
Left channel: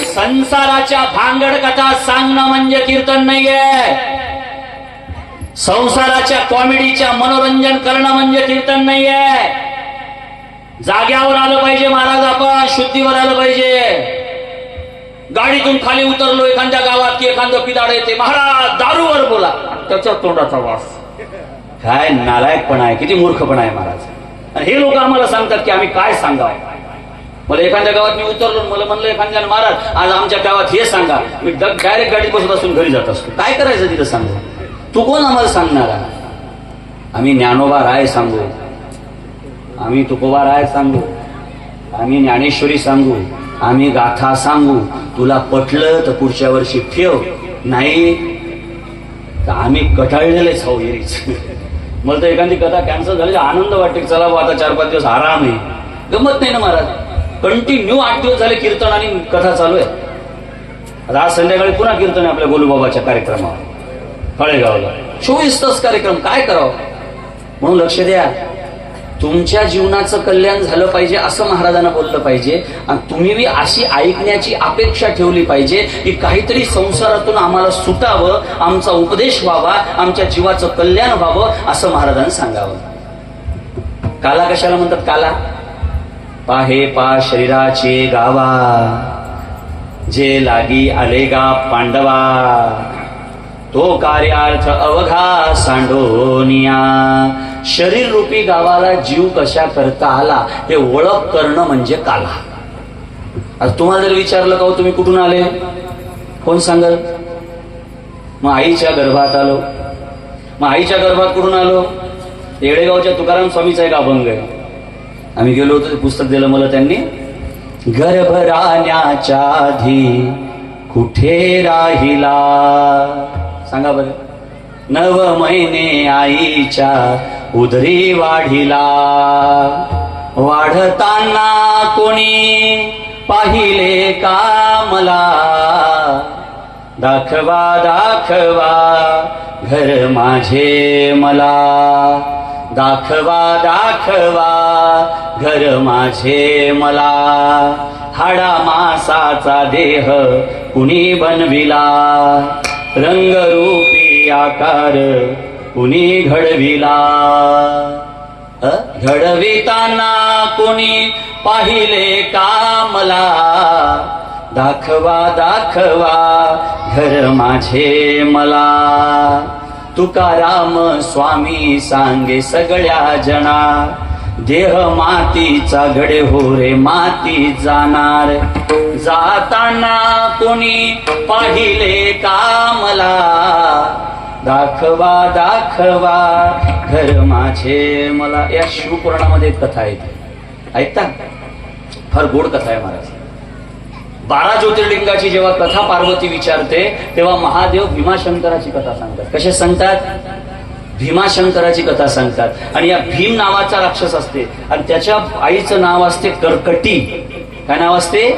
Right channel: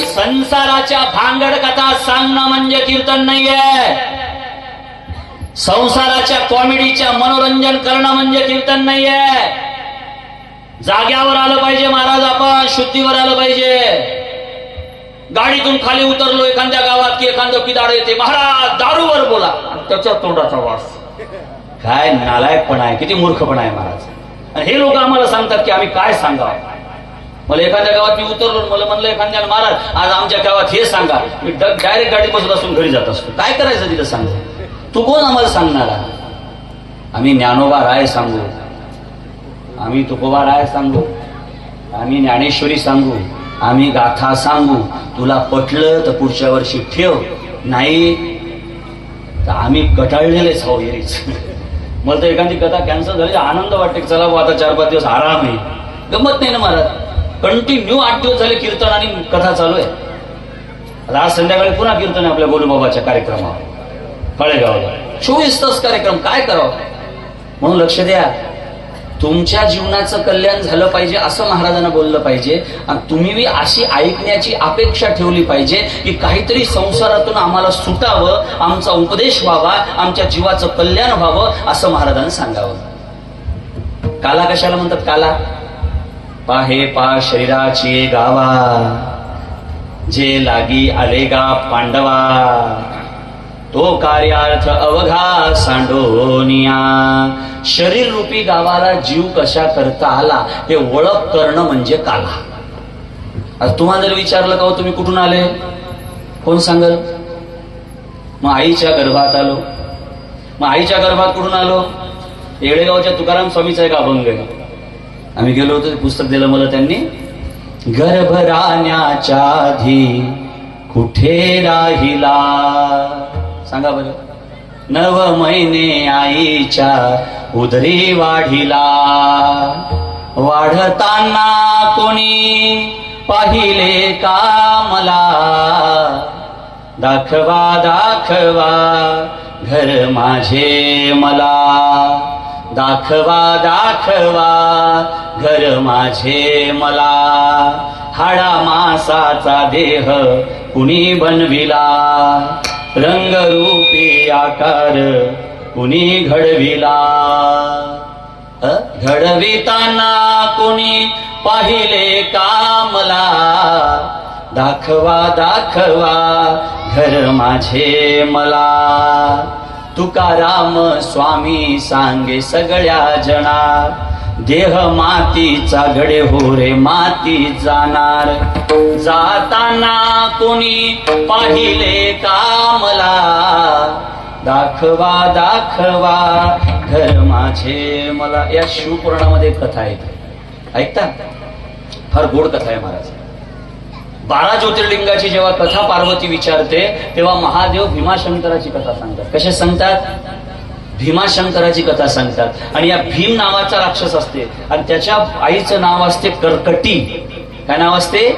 संसाराच्या भांगड कथा सांगणं म्हणजे कीर्तन नाहीये. संसाराच्या कॉमेडीच्या मनोरंजन करणं म्हणजे कीर्तन नाहीये. जाग्यावर आलं पाहिजे महाराज, आपण शुद्धीवर आलं पाहिजे. गाडीतून खाली उतरलो एखाद्या गावात की एखादं पिदाड येते, महाराज दारूवर बोला, त्याच्या तोंडाचा वास. काय नालायकपणा आहे, किती मूर्खपणा आहे महाराज. आणि हे लोक आम्हाला सांगतात की आम्ही काय सांगावं. मला एखाद्या गावात मी उतरलो, मला म्हणलं एखाद्याने महाराज आज आमच्या गावात हे सांगा, मी डायरेक्ट गाडीत बसत असून घरी जात असतो. काय करायचं तिथं सांगा? तू कोण आम्हाला सांगणार? आम्ही ज्ञानोबा राय सांगू, आम्ही तुकोबा राय सांगू, आम्ही ज्ञानेश्वरी सांगू, आम्ही गाथा सांगू. तुला पटलं तर पुढच्या वर्षी ठेव, नाही तर आम्ही कटाळलेलेच हो एरीच. मला तर एखादी कथा कॅन्सल झाली आनंद वाटते, चला बा आता 4-5 दिवस आराम आहे. गमत नाही ना महाराज, कंटिन्यू 8 दिवस झाले कीर्तन आणि कथा चालू आहे. आता आज संध्याकाळी पुन्हा कीर्तन आहे आपल्या गोलूबाबाच्या कार्यक्रमावर फळेगावला, 24 तास कार्यक्रम. काय करावं? म्हणून लक्ष द्या, तुमच्या जीवनाचं कल्याण झालं पाहिजे असं महाराजांना बोललं पाहिजे. आणि तुम्ही बी अशी ऐकण्याची अपेक्षा ठेवली पाहिजे की काहीतरी संसारातून आम्हाला सुटावं, आमचा उपदेश व्हावा, आमच्या जीवाचं कल्याण व्हावं असं महाराजांना सांगावं. काला कशाला म्हणतात? काला पाहे पा शरीराचे गावा, जे लागी आले गा पांडवा, तो कार्यार्थ अवघा सांडोनिया. शरीर रूपी गावाला जीव कशा करता आला हे ओळख करणं म्हणजे काला. आता तुम्हाला जर विचारलं का तुम्ही कुठून आले, कोण सांगल? मग आईच्या गर्भात आलो. मग आईच्या गर्भात कुठून आलो? येडेगावच्या तुकाराम स्वामीचा एक अभंग आहे, आम्ही गेलो होतो, पुस्तक दिलं मला त्यांनी. गर्भ राहण्याच्या आधी कुठे राहिला, सांगा बरं. 9 महिने आईच्या उदरी वाढिला, वाढताना कोणी पाहिले का मला, दाखवा दाखवा घर माझे मला, दाखवा दाखवा घर माझे मला. हाडा मासाचा देह कुणी बनविला, रंगरूपी आकार कुणी घडविला, घडविताना कोणी पाहिले का मला, दाखवा दाखवा घर माझे मला. तुकाराम स्वामी सांगे सगळ्या जना, देह मातीचा घडे हो रे माती जाणार, जाताना कोणी पाहिले का मला, दाखवा दाखवा घर माझे मला. या शिवपुराणामध्ये एक कथा आहे, ऐकता? फार गोड कथा आहे महाराज. 12 ज्योतिर्लिंगाची जेव्हा कथा पार्वती विचारते तेव्हा महादेव भीमाशंकराची कथा सांगतात. कसे सांगतात? भीमाशंकराची कथा सांगतात. आणि या भीम नावाचा राक्षस असते आणि त्याच्या आईचं नाव असते कर्कटी. काय नाव असते?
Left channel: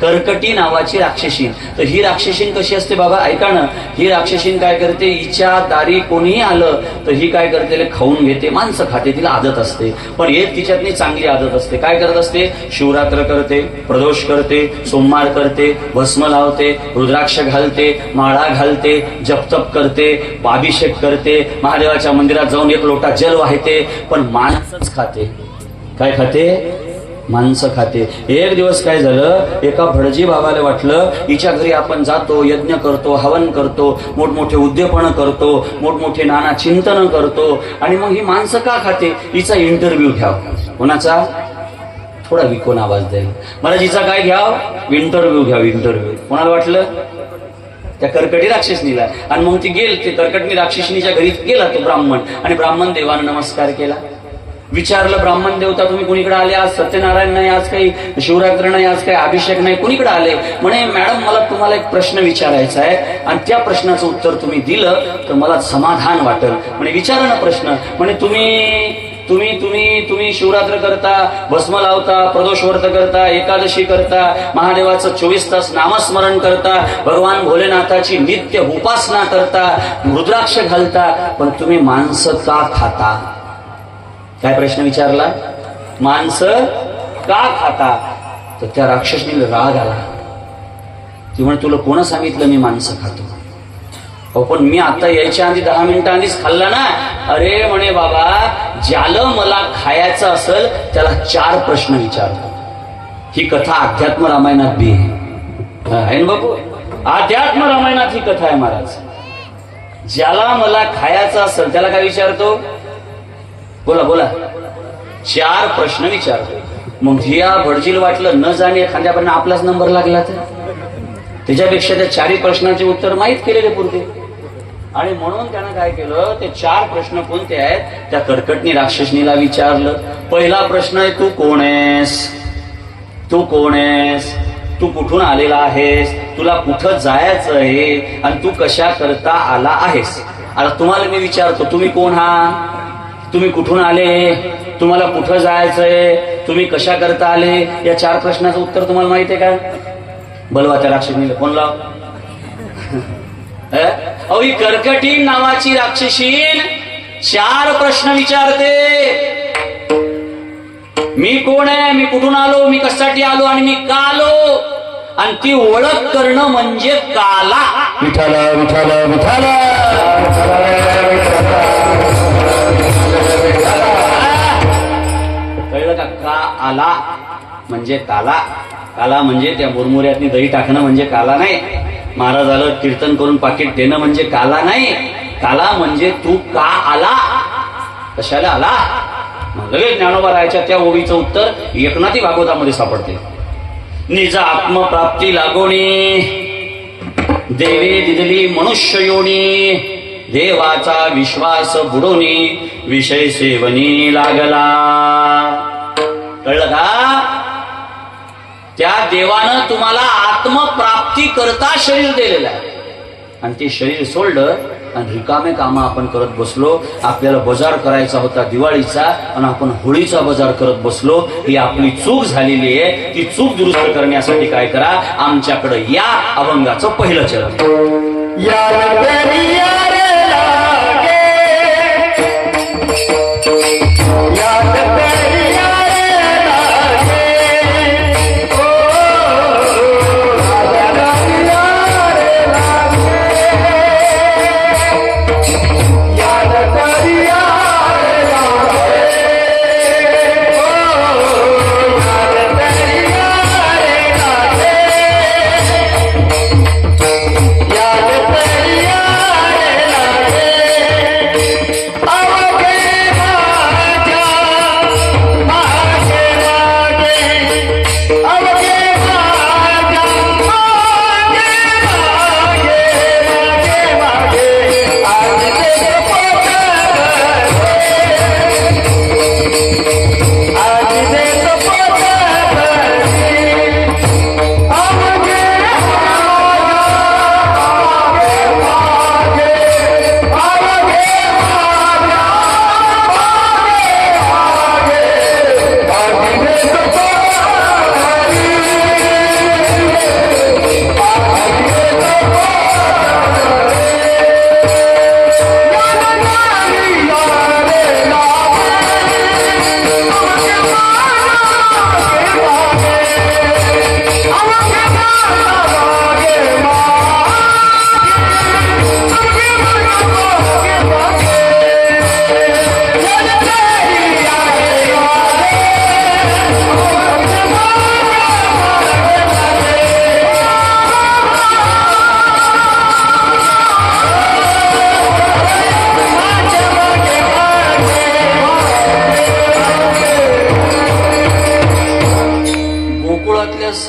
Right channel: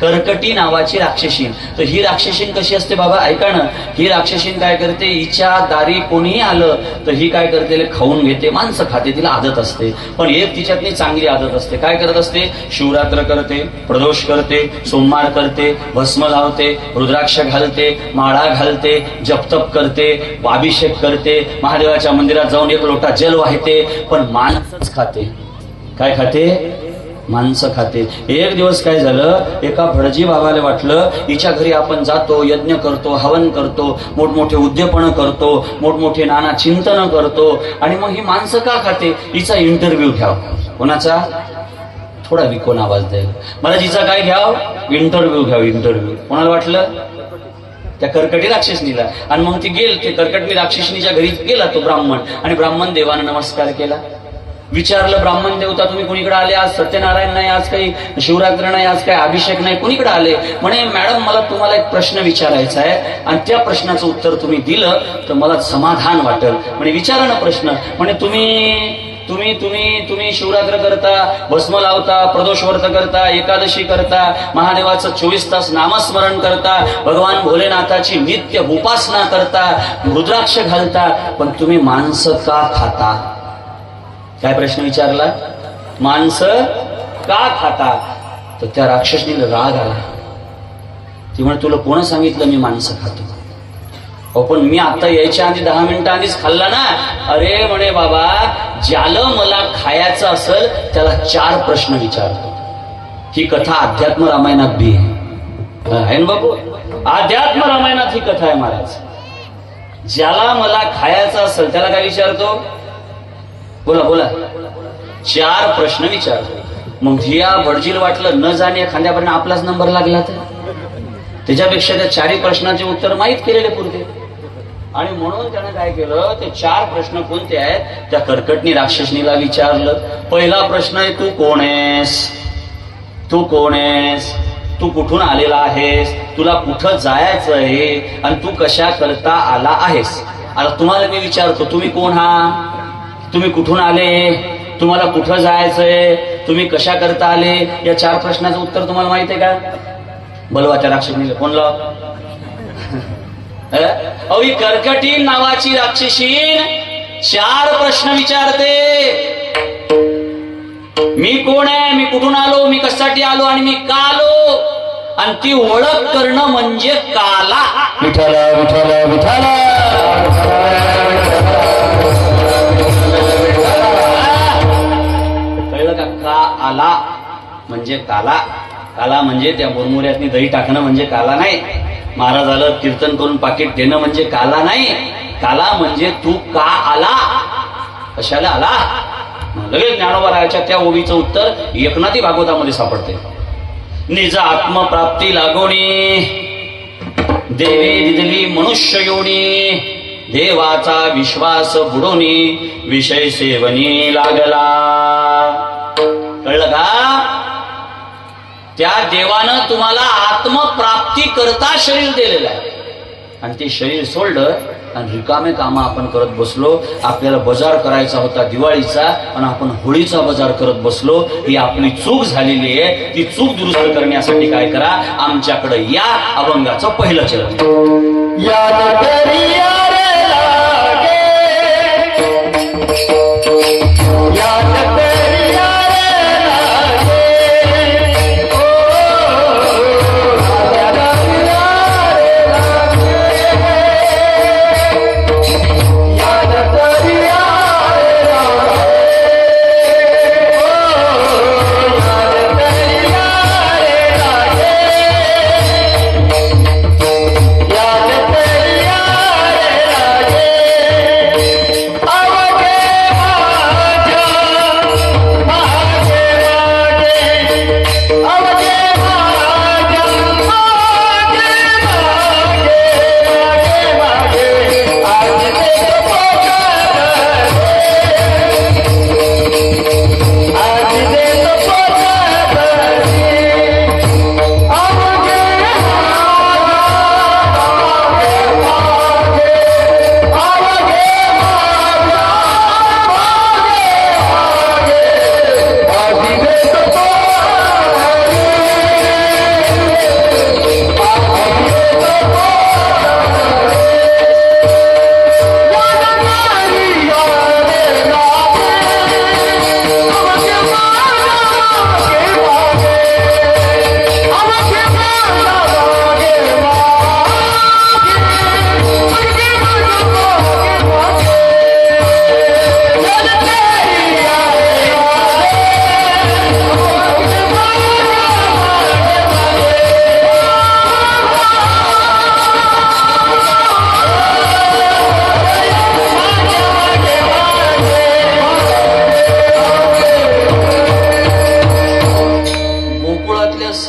कर्कटी नावाची राक्षसीन. तर ही राक्षसीन कशी असते बाबा? ऐका ना, ही राक्षसीन काय करते, हिच्या दारी कोणीही आलं तर ही काय करते, खाऊन घेते, माणसं खाते, तिला आदत असते. पण एक तिच्यातली चांगली आदत असते. काय करत असते? शिवरात्र करते, प्रदोष करते, सोमवार करते, भस्म लावते, रुद्राक्ष घालते, माळा घालते, जपतप करते, अभिषेक करते, महादेवाच्या मंदिरात जाऊन 1 लोटा जल वाहते, पण माणसंच खाते. काय खाते? माणसं खाते. एक दिवस काय झालं, एका भटजी बाबाला वाटलं हिच्या घरी आपण जातो, यज्ञ करतो, हवन करतो, मोठमोठे उद्यापन करतो, मोठमोठे नाना चिंतन करतो, आणि मग ही माणसं का खाते, हिचा इंटरव्ह्यू घ्यावा. कोणाचा? थोडा विकोन आवाज द्याल. मला जिचा काय घ्याव, इंटरव्ह्यू घ्याव, इंटरव्ह्यू. कोणाला वाटलं? त्या कर्कटी राक्षसनीला. आणि मग ती गेल, ते कर्कटी राक्षसनीच्या घरी गेला तो ब्राह्मण, आणि ब्राह्मण देवाने नमस्कार केला. विचारलं, ब्राह्मण देवता तुम्ही कुणीकडे आले? आज सत्यनारायण नाही, आज काही शिवरात्र नाही, आज काही अभिषेक नाही, कुणीकडे आले? म्हणे मॅडम मला तुम्हाला एक प्रश्न विचारायचा आहे, आणि त्या प्रश्नाचं उत्तर तुम्ही दिलं तर मला समाधान वाटेल. म्हणे विचारा ना प्रश्न. म्हणे तुम्ही तुम्ही तुम्ही तुम्ही शिवरात्र करता, भस्म लावता, प्रदोष व्रत करता, एकादशी करता, महादेवाचं 24 तास नामस्मरण करता, भगवान भोलेनाथाची नित्य उपासना करता, रुद्राक्ष घालता, पण तुम्ही मांस का खाता? काय प्रश्न विचारला? मांस का खाता? तर त्या राक्षसनीला राग आला. ती म्हणे तुला कोण सांगितलं मी मांस खातो? हो पण मी आता यायच्या आधी 10 मिनिटं आधीच खाल्ला ना. अरे म्हणे बाबा, ज्याला मला खायचं असेल त्याला 4 प्रश्न विचारतो. ही कथा अध्यात्म रामायणात बी आहे ना बाबू. अध्यात्म रामायणात ही कथा आहे महाराज. ज्याला मला खायचं असेल त्याला काय विचारतो? बोला बोला. 4 प्रश्न विचारतो. मग या भडजील वाटलं न जाणे एखाद्यापर्यंत आपलाच नंबर लागला तर त्याच्यापेक्षा त्या 4 प्रश्नाचे उत्तर माहीत केलेले पुरते. आणि म्हणून त्यानं काय केलं, ते 4 प्रश्न कोणते आहेत त्या कर्कटनी राक्षसनीला विचारलं. पहिला प्रश्न आहे, तू कोण आहेस? तू कोण आहेस? तू कुठून आलेला आहेस? तुला कुठं जायचं आहे? आणि तू कशा करता आला आहेस? आता तुम्हाला मी विचारतो, तुम्ही कोण हा? तुम्ही कुठून आले? तुम्हाला कुठं जायचंय? तुम्ही कशा करता आले? या 4 प्रश्नाचं उत्तर तुम्हाला माहिती आहे का? बलवा त्या राक्षसनीला फोन लाव. अहो, कर्कटी नावाची राक्षसीन 4 प्रश्न विचारते. मी कोण आहे? मी कुठून आलो? मी कशासाठी आलो? आणि मी का आलो? आणि ती ओळख करणं म्हणजे काला. विठाला विठाला विठाला. कळलं का? का आला म्हणजे काला. काला म्हणजे त्या मुरमुऱ्यातनी दही टाकणं म्हणजे काला नाही. महाराजाला कीर्तन करून पाकिट देणं म्हणजे काला नाही. काला म्हणजे तू का आला, कशाला आला. लगेच ज्ञानोबा रायाच्या त्या ओवीचं उत्तर एकनाथी भागवतामध्ये सापडते. निज आत्मप्राप्ती लागोणी देवे दिदली मनुष्य योनी, देवाचा विश्वास बुडोनी विषय सेवनी लागला. कळलं का? त्या देवानं तुम्हाला आत्मप्राप्ती करता शरीर दिलेलं आहे, आणि ते शरीर सोडलं आणि रिकामे कामं आपण करत बसलो. आपल्याला बाजार करायचा होता दिवाळीचा, आणि आपण होळीचा बाजार करत बसलो. ही आपली चूक झालेली आहे. ती चूक दुरुस्त करण्यासाठी काय करा, आमच्याकडे या. अभंगाचं पहिलं चरण.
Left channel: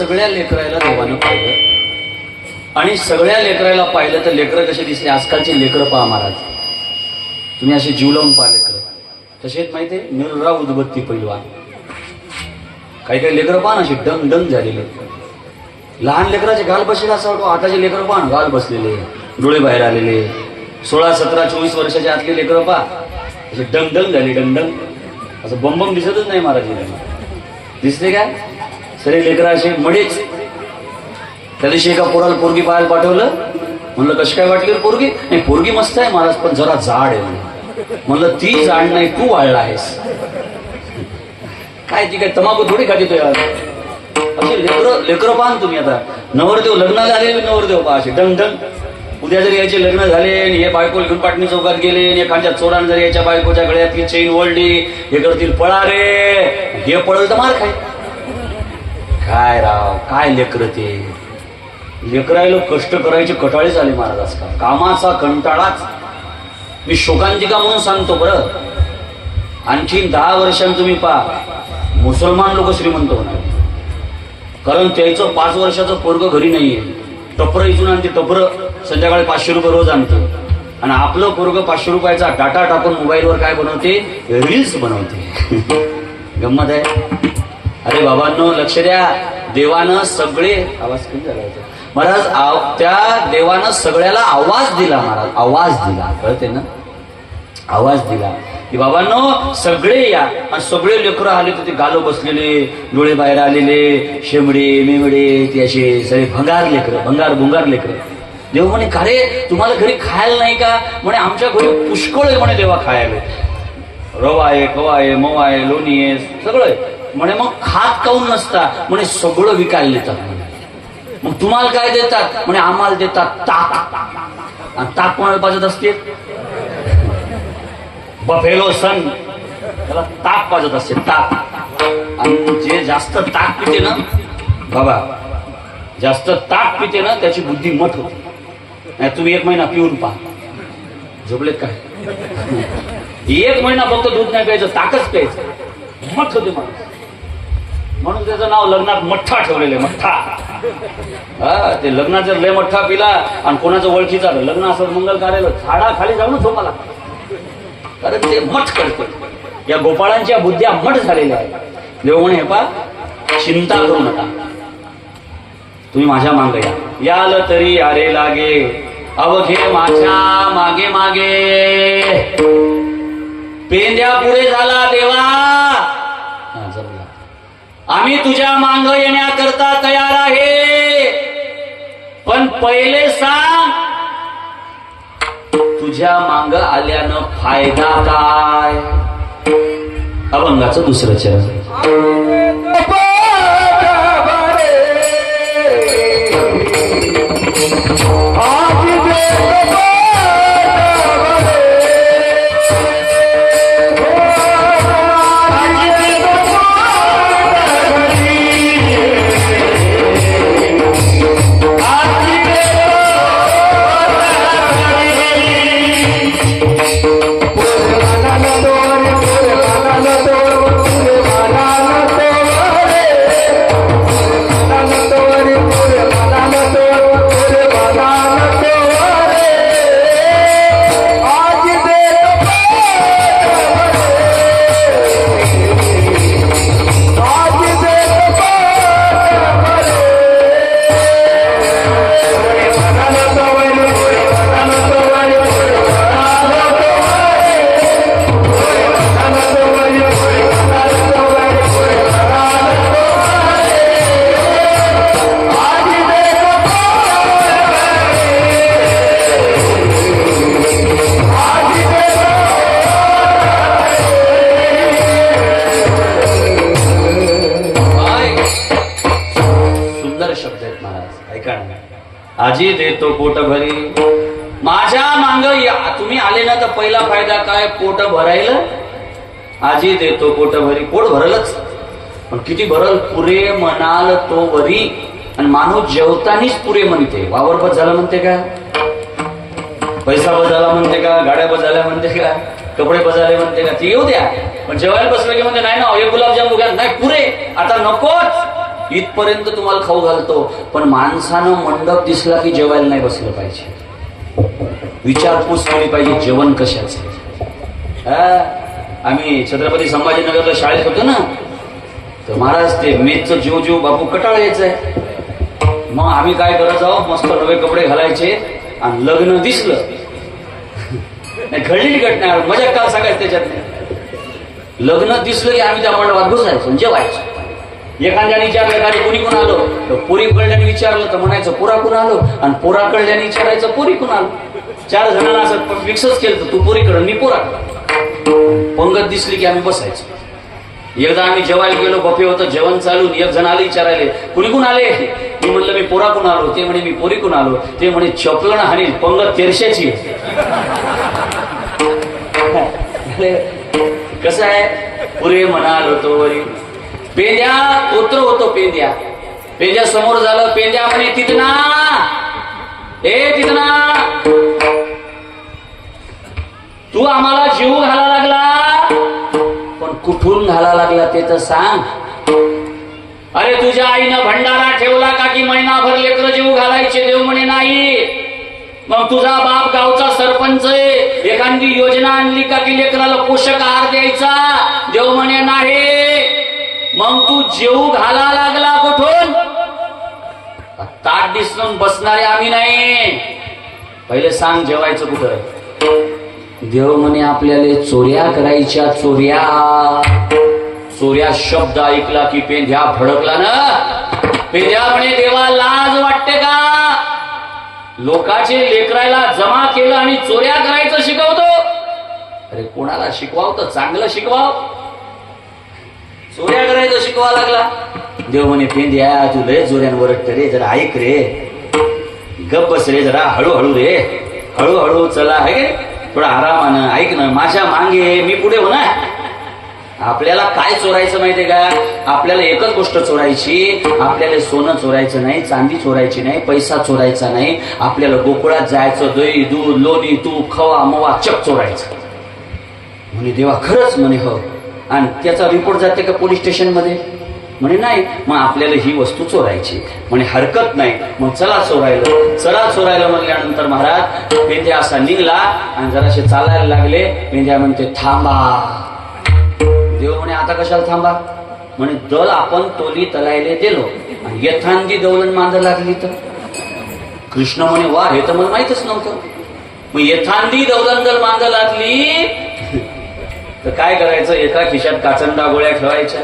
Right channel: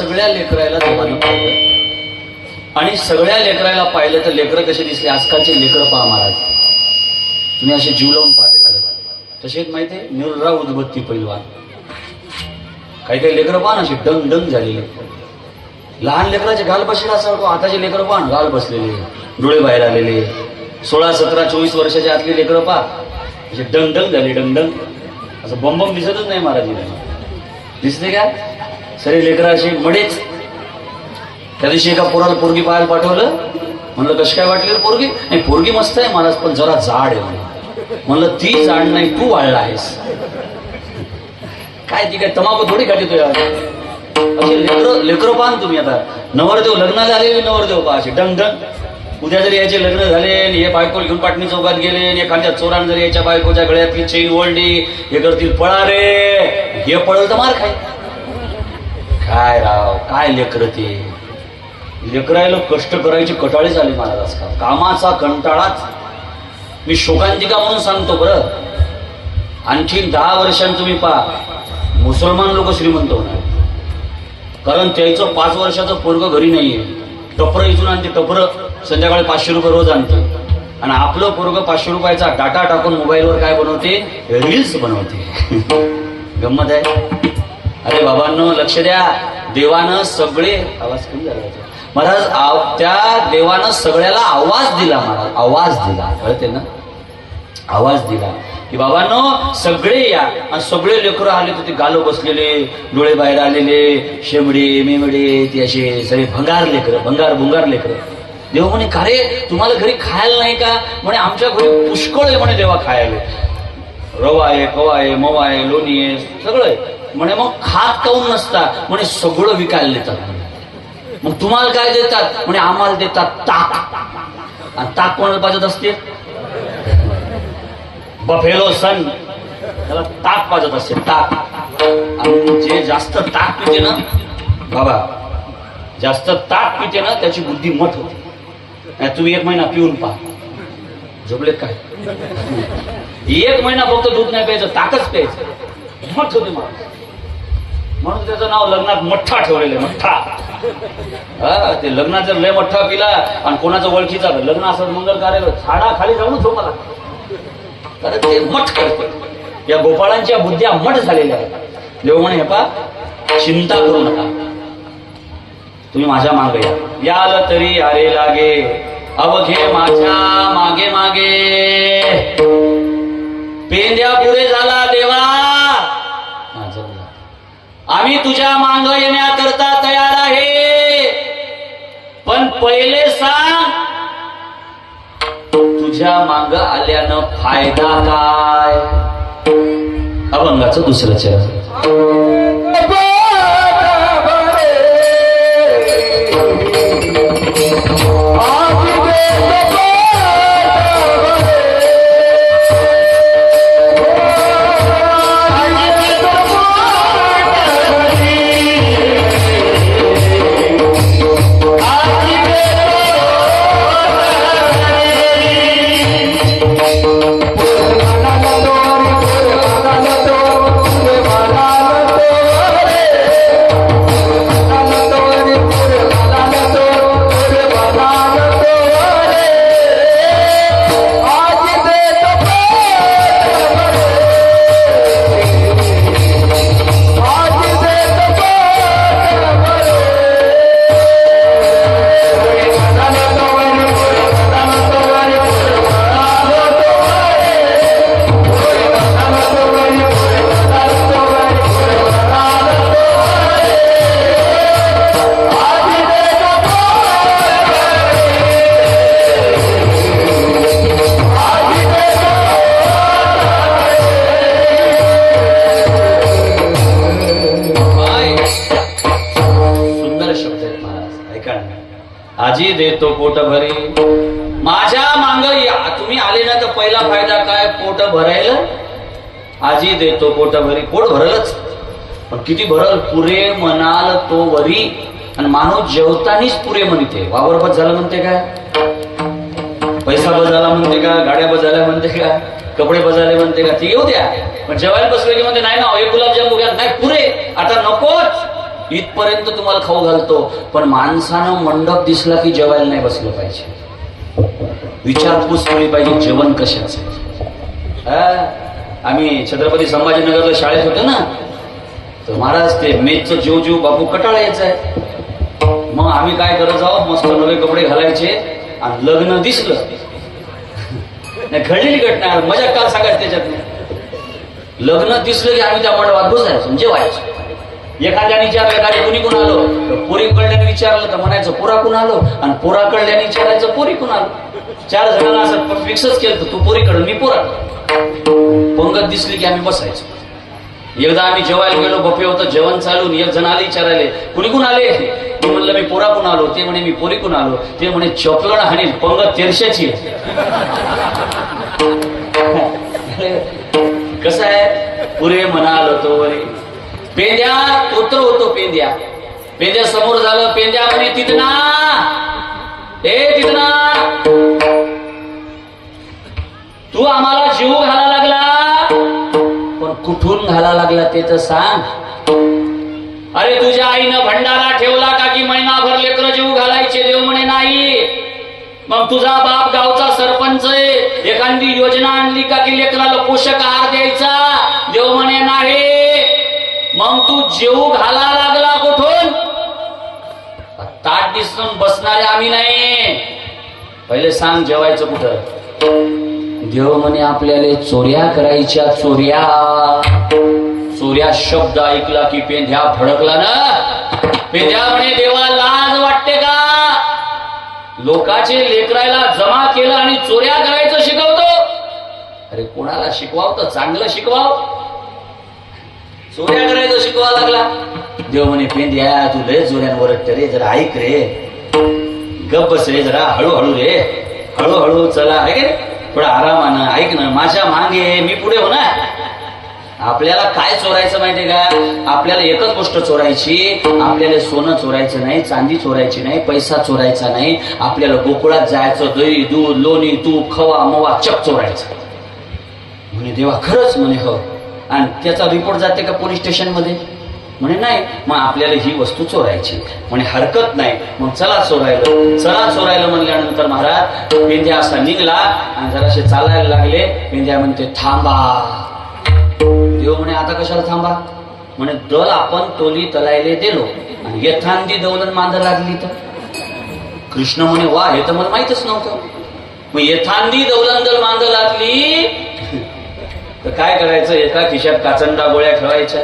सगळ्या लेकरायला देवानं पाहिलं आणि सगळ्या लेकरायला पाहिलं तर लेकरं कसे दिसले. आजकालचे लेकर पहा महाराज, तुम्ही असे जीव लावून पहा लेकर तसेच माहिती आहे. निर्रा उदबत्ती पैलवान, काही काही लेकरं पहा ना अशी डंग डंग झालेले. लहान लेकराचे घाल बसले असं वाटतं. आताचे लेकरं पहा घाल बसलेले, डोळे बाहेर आलेले. 16, 17, 24 वर्षाच्या आतले लेकरं पहा असे डंग डंग झाले, डंग डंग. असं बंबम दिसतच नाही महाराज. दिसते काय सरे लेकरं असे मडेच. त्या दिवशी एका पोराला पोरगी पाहायला पाठवलं. म्हणलं कशी काय वाटली पोरगी? नाही पोरगी मस्त आहे महाराज, पण जरा जाड आहे. म्हणलं ती जाड नाही, तू वाढला आहेस. काय ती काय तमाखू थोडी खाती यार. असे लेकरं पाहा तुम्ही. आता नवरदेव लग्नाला आलेले नवरदेव पहा असे डंग डंग. उद्या जरी याचे लग्न झाले आणि हे बायको घेऊन पाटणी चौकात गेले आणि एखाद्या चोरान जरी याच्या बायकोच्या गळ्यातली चैन ओढली, हे करतील पळा रे, हे पळल तर मार काय राव. काय लेकर ते लेकरायला कष्ट करायचे कटाळे झाले महाराज आजकाल. कामाचा कंटाळाच. मी शोकांतिका म्हणून सांगतो बरं. आणखीन 10 वर्षांनी तुम्ही पहा मुसलमान लोक श्रीमंत होणार. कारण त्याचं 5 वर्षाचं पोरग घरी नाहीये. टपर इथून आणते, टपर संध्याकाळी 500 रुपये रोज आणते. आणि आपलं पोरग 500 रुपयाचा डाटा टाकून मोबाईलवर काय बनवते, रील्स बनवते. गंमत आहे. अरे बाबांनो लक्ष द्या. देवानं सगळे आवाज कमी झाला होता महाराज. त्या देवानं सगळ्याला आवाज दिला महाराज. आवाज दिला, कळते ना. आवाज दिला की बाबांनो सगळे या. आणि सगळे लेकरं आले तर ते गालो बसलेले, डोळे बाहेर आलेले, शेमडे मिमडे, ते असे सगळे भंगार लेकरं, भंगार लेकरं. देव म्हणे का रे तुम्हाला घरी खायला नाही का? म्हणे आमच्या घरी पुष्कळ आहे म्हणे देवा खायला. रवा आहे, कवा आहे, मवा आहे, लोणी आहे, सगळं आहे म्हणे. मग खात काऊन नसता? म्हणे सगळं विकायला देतात. मग तुम्हाला काय देतात? म्हणे आम्हाला देतात ताक. ताक कोणाला पाजत असते? बफेलो सन त्याला ताक पाजत असते, ताक. आणि जे जास्त ताक पिते ना बाबा, जास्त ताक पिते ना त्याची बुद्धी मठ होते. नाही तुम्ही 1 महिना पिऊन पहा, झोपले काय. 1 महिना फक्त दूध नाही प्यायचं, ताकच प्यायचं, मठ होते माणूस. म्हणून त्याचं नाव लग्नात मठ्ठा ठेवलेलं आहे. मठ्ठा. ते लग्नात जर लय मठ्ठा पिला आणि कोणाचं ओळखीचा लग्न असं मंगल कार्य झाडाखाली जाऊन झोपाला, कारण ते मठ करते. या गोपाळांच्या बुद्ध्या मठ झालेल्या आहेत. देव म्हणे हे पा चिंता करू नका, तुम्ही माझ्या मागे याल तरी आरे लागे, अवघे माझ्या मागे मागे. पेंद्या पुढे झाला देवा, आम्ही तुझ्या मांग येण्याकरता तयार आहे. पण पहिले सांग तुझ्या मांग आल्यानं फायदा काय? अभंगाचं 2रं चरण. आजी देतो पोट भरी, माझ्या मांग तुम्ही आले ना तर पहिला फायदा काय? पोट भरायला. आजी देतो पोट भरी, पोट भरलच, पण किती भरल? पुरे म्हणाल तो वरी. आणि माणूस जेवतानीच पुरे म्हणते. वावर बस झाला म्हणते का? पैसा बस झाला म्हणते का? गाड्या बस झाल्या म्हणते का? कपडे बस झाले म्हणते का? ते येऊ द्या, पण जेवायला बसलं की म्हणते नाही ना, हे गुलाबजाम वगैरे नाही, पुरे आता नकोच. इथपर्यंत तुम्हाला खाऊ घालतो, पण माणसानं मंडप दिसला की जेवायला नाही बसलं पाहिजे, विचारपूस केली पाहिजे जेवण कशाचं. आम्ही छत्रपती संभाजीनगरला शाळेत होतो ना, तर महाराज ते मेचचं जीव बापू कटाळा यायचंय. मग आम्ही काय करत आहोत, मस्त नवे कपडे घालायचे आणि लग्न दिसलं घडलेली घटना, मजा का सांगायचं त्याच्यात. लग्न दिसलं की आम्ही त्या मंडपात बसायचो जेवायचो. एखाद्याने विचारलं कोणी कोण आलो, तर पोरी कळल्याने विचारलं तर म्हणायचं पोरा कोण आलो, आणि पोरा कळल्याने विचारायचं पोरी कोण आलो. 4 जणांना असं फिक्सच केलं, तू पोरी कळ मी पोरा. पंगत दिसली की आम्ही बसायचो. एकदा आम्ही जेवायला गेलो, बफे होतं, जेवण चालून एक जण आले विचारायले कुणी कोण आले. मी म्हणलं मी पोरा कोण आलो. ते म्हणे मी पोरी कोण आलो. ते म्हणे चपलण हानील, पंगत तेरशाची. कसं आहे, पुरे म्हणाल होतो पेंद्या पुत्र होतो. पेंद्या समोर झालं. पेंद्या म्हणे तिथना तू आम्हाला जीव घाला लागला, पण कुठून घाला लागला ते तर सांग. अरे तुझ्या आईनं भंडारा ठेवला का की महिनाभर लेकरं जीव घालायचे. देव म्हणे नाही. मग तुझा बाप गावचा सरपंच आहे, एखादी योजना आणली का की लेकराला पोषक आहार द्यायचा. देव म्हणे नाही. मग तू जीव घाला लागला कुठून. ताट दिसून बसणारे आम्ही नाही. पहिले सांग जेवायचं कुठं. देव म्हणे आपल्याला चोऱ्या करायच्या. चोऱ्या शब्द ऐकला की पेंध्या भडकला ना. पेंध्या म्हणे देवा लाज वाटते का, लोकांचे लेकरायला जमा केलं आणि चोऱ्या करायचं शिकवतो. अरे कोणाला शिकवाव तर चांगलं शिकवाव, चोऱ्या करायचं शिकवा लागला. देव म्हणे पेंद्या तू लय जोऱ्यांवर रे, जरा ऐक रे, गप बस रे, जरा हळूहळू रे, हळूहळू चला आहे का, थोडा आरामानं ऐक ना, माझ्या मागे मी पुढे हो ना. आपल्याला काय चोरायचं माहितीये का, आपल्याला एकच गोष्ट चोरायची. आपल्याला सोनं चोरायचं नाही, चांदी चोरायची नाही, पैसा चोरायचा नाही. आपल्याला गोकुळात जायचं, दही दूध लोणी तूप खवा मवा चप चोरायचं. म्हणे देवा खरंच. म्हणे हो. आणि त्याचा रिपोर्ट जाते का पोलीस स्टेशन मध्ये. म्हणे नाही. मग आपल्याला ही वस्तू चोरायची. म्हणे हरकत नाही. मग चला चोरायला म्हणल्यानंतर महाराज पेंद्या असा निघला आणि जराशे चालायला लागले. पेंद्या म्हणते थांबा. देव म्हणे आता कशाला थांबा. म्हणे दल आपण तोली तलायले दिलो आणि यथांदी दौलन मांद लागली तर. कृष्ण म्हणे वा, हे तर मला माहितच नव्हतं. मग यथांदी दौलन दल मांद लागली तर काय करायचं, एका खिशात काचंडा गोळ्या ठेवायच्या,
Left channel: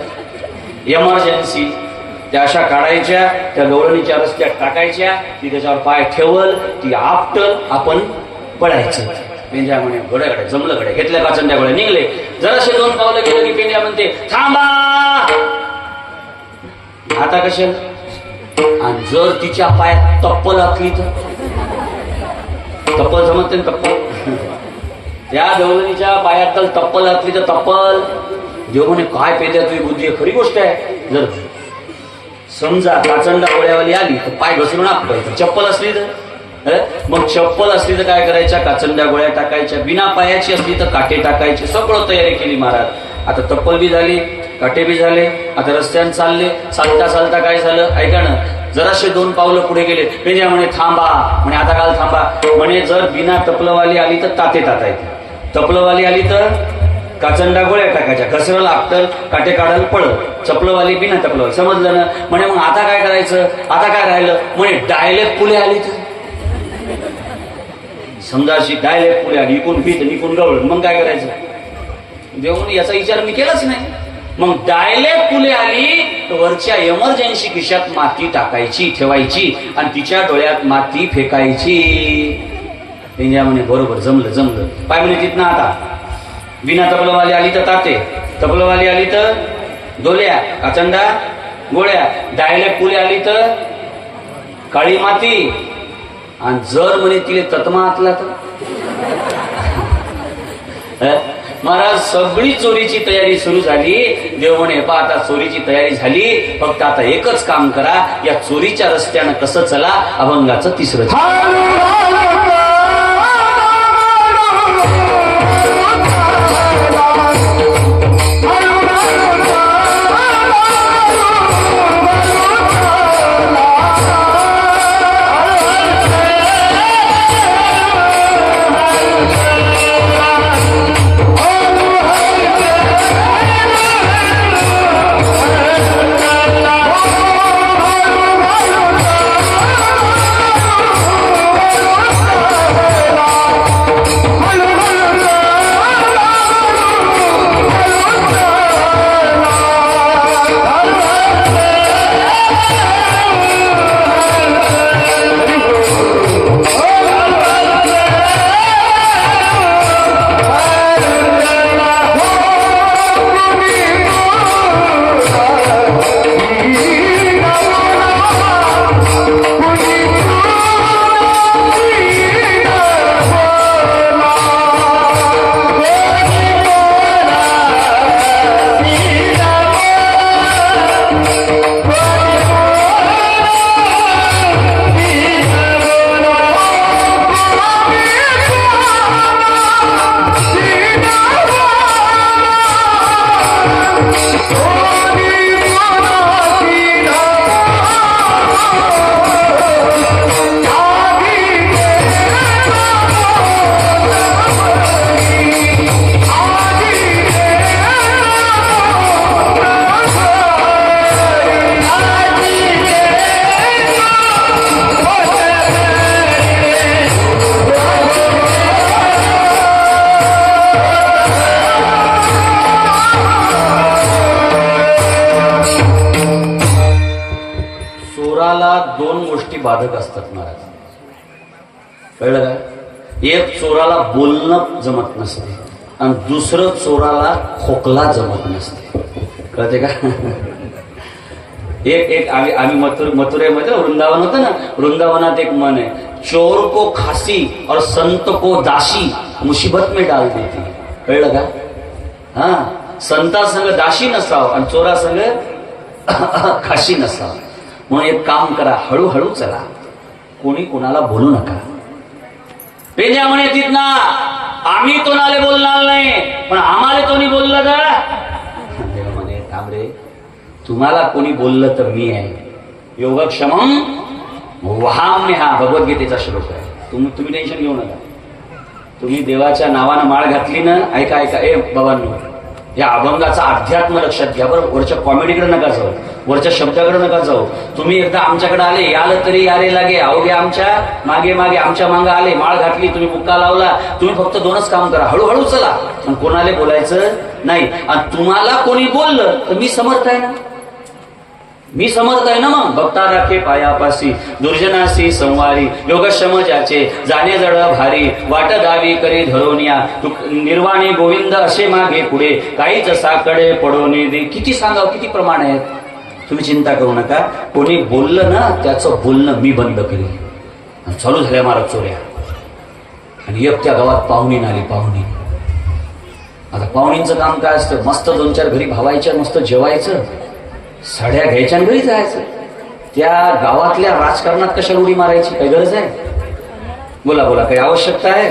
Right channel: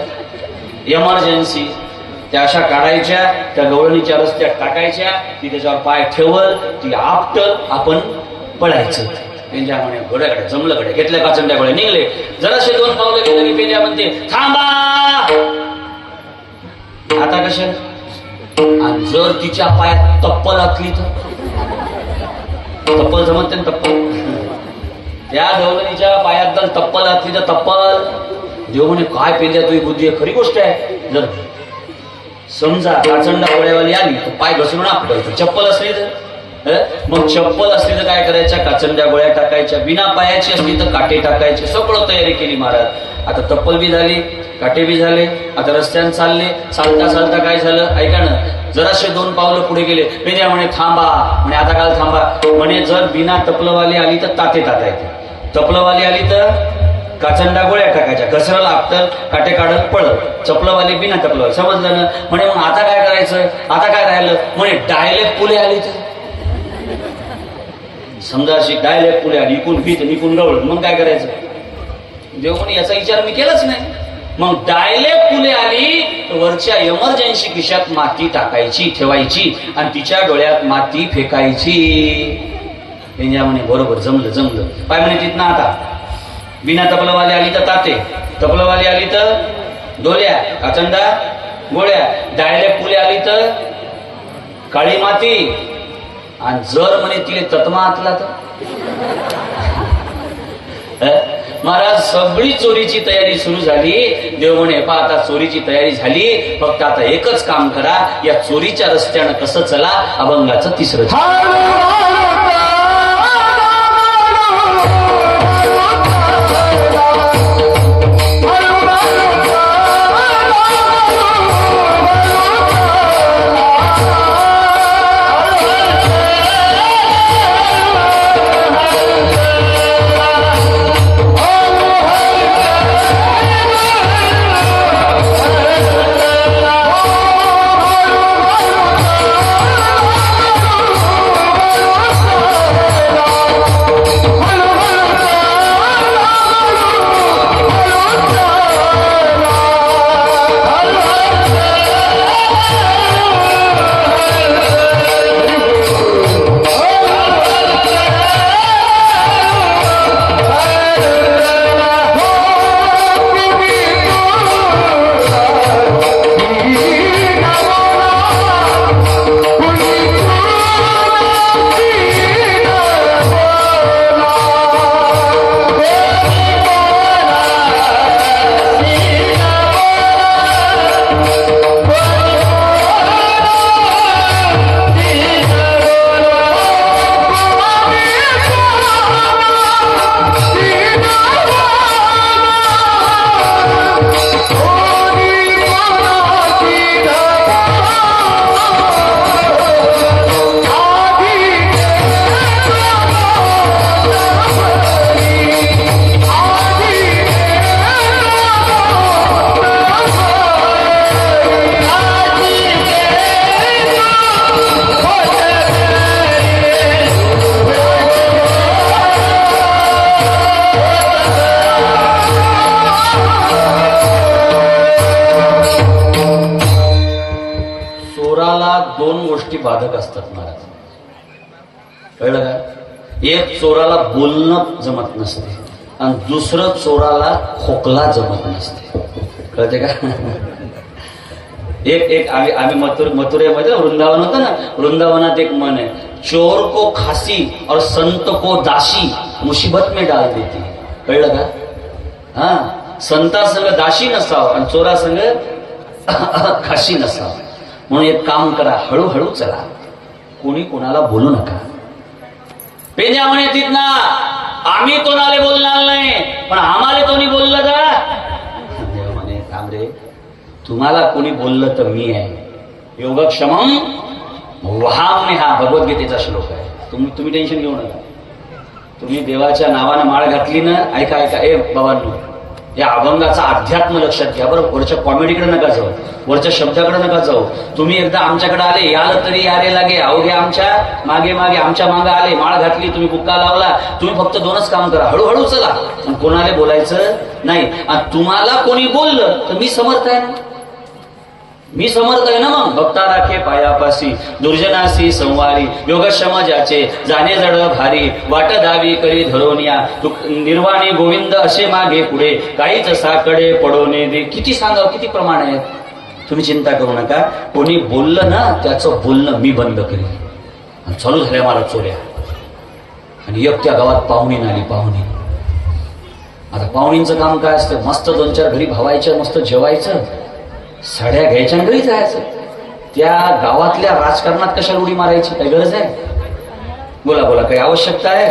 एमर्जन्सी त्या अशा काढायच्या, त्या गवळणीच्या रस्त्यात टाकायच्या, ती त्याच्यावर पाय ठेवल, ती आपटल, आपण पडायचं. पेंद्या म्हणे गोड्याकडे जमलं कडे, घेतल्या काचंड्या गोळ्या निघले. जराशे 2 पावलं गेलं की पेंद्या म्हणते थांबा. आता कशा, आणि जर तिच्या पायात तप्पल असली तर, तप्पल जमत नाही तप्पल, त्या दौलनीच्या पायात जर तप्पल असली तर तप्पल. देव म्हणे काय पेंद्या तुझी बुद्धी, खरी गोष्ट आहे. जर समजा काचंडा गोळ्यावाली आली तर पाय घसरून आपटायचं, चप्पल असली तर. मग चप्पल असली तर काय करायच्या, काचंड्या गोळ्या टाकायच्या, बिना पायाची असली तर काटे टाकायचे. सगळं तयारी केली महाराज. आता तप्पल बी झाली, काटे बी झाले. आता रस्त्याने चालले. चालता काय झालं ऐका ना, जराशे 2 पावलं पुढे गेले. पेंद्या म्हणे थांबा. म्हणे आता काल थांबा. म्हणे जर बिना तपलवाली आली तर ताते तातायचे, तपलवाली आली तर काचंडा गोळ्या टाकायच्या, घसराला आपटल, काटे काढल पडल. चपलवाली बिना तपलवाली, समजलं ना. म्हणे मग आता काय करायचं, आता काय राहिलं. म्हणे डायलेक्ट पुले आली तर, समजा अशी डायलेक्ट पुढे आली, इकून पीत इकून गवळ, मग काय करायचं. देवून याचा विचार मी केलाच नाही. मग डायलेक्ट पुढे आली तर वरच्या एमर्जन्सी खिशात माती टाकायची ठेवायची आणि तिच्या डोळ्यात माती फेकायची. पेंद्या म्हणे बरोबर जमलं. पाय म्हणे तिथनं आता बिना तपलवाली आली तर ताते, तपलवाली आली तर डोल्या, काचंडा गोळ्या, डायलेक्ट पुढे आली तर काळी माती, आणि जर म्हणे तिने तत्मा आतला तर. महाराज सगळी चोरीची तयारी सुरू झाली. देव म्हणे पहा आता चोरीची तयारी झाली, फक्त आता एकच काम करा, या चोरीच्या रस्त्यानं कसं चला. अभंगाचं 3रं चोराला दोन गोष्टी बाधक असतात महाराज, कळलं का? एक, चोराला बोलणं जमत नसते आणि दुसरं, चोराला खोकला जमत नसते. कळते का? एक आम्ही मथुरेमध्ये वृंदावन होतं ना, वृंदावनात एक म्हण आहे, चोर को खासी और संत को दासी मुसीबत में डाल देती. कळलं का? हा, संता संग दासी नसाव आणि चोरा संग खाशी नसाव. म्हणून एक काम करा, हळूहळू चला, कोणी कोणाला बोलू नका. पेंजा म्हणे तिथना, आम्ही कोणाला बोलणार नाही, पण आम्हाला कोणी बोललं का? देव म्हणे थांब रे, तुम्हाला कोणी बोललं तर मी आहे. योगक्षमम वहाम्य, हा भगवद्गीतेचा श्लोक आहे. तुम्ही टेन्शन घेऊ नका. तुम्ही देवाच्या नावानं माळ घातली ना, ऐका ए बाबांनो, या अभंगाचा अध्यात्म लक्षात घ्या बरं. वरच्या कॉमेडीकडे नका जाऊ, वरच्या शब्दाकडे नका जाऊ. तुम्ही एकदा आमच्याकडे आले, याल तरी यारे लागे, अवघे आमच्या मागे मागे, आमच्या मागे आले, माळ घातली, तुम्ही बुक्का लावला, तुम्ही फक्त दोनच काम करा, हळूहळू चला आणि कोणाला बोलायचं नाही. आणि तुम्हाला कोणी बोललं तर मी समर्थ आहे ना, मी समर्थ आहे ना. मग भक्ता राखे पायापासी, दुर्जनासी संवारी, योगक्षम ज्याचे जाणे जड भारी, वाट दावी करी धरोनिया, निर्वाणी गोविंद असे मागे पुढे, काहीच साकडे पडवणे दे. किती सांगावं, किती प्रमाण आहेत. तुम्ही चिंता करू नका. कोणी बोललं ना, त्याचं बोलणं मी बंद करेल. चालू झाल्या मला चोऱ्या. आणि एक त्या गावात पाहुणी आली. पाहुणी, आता पाहुणींचं काम काय असतं, मस्त 2-4 घरी भावायच्या, मस्त जेवायचं, साड्या घ्यायच्या आणि घरी जायचं. त्या गावातल्या राजकारणात कशाला उडी मारायची, काही गरज आहे? बोला बोला, काही आवश्यकता आहे?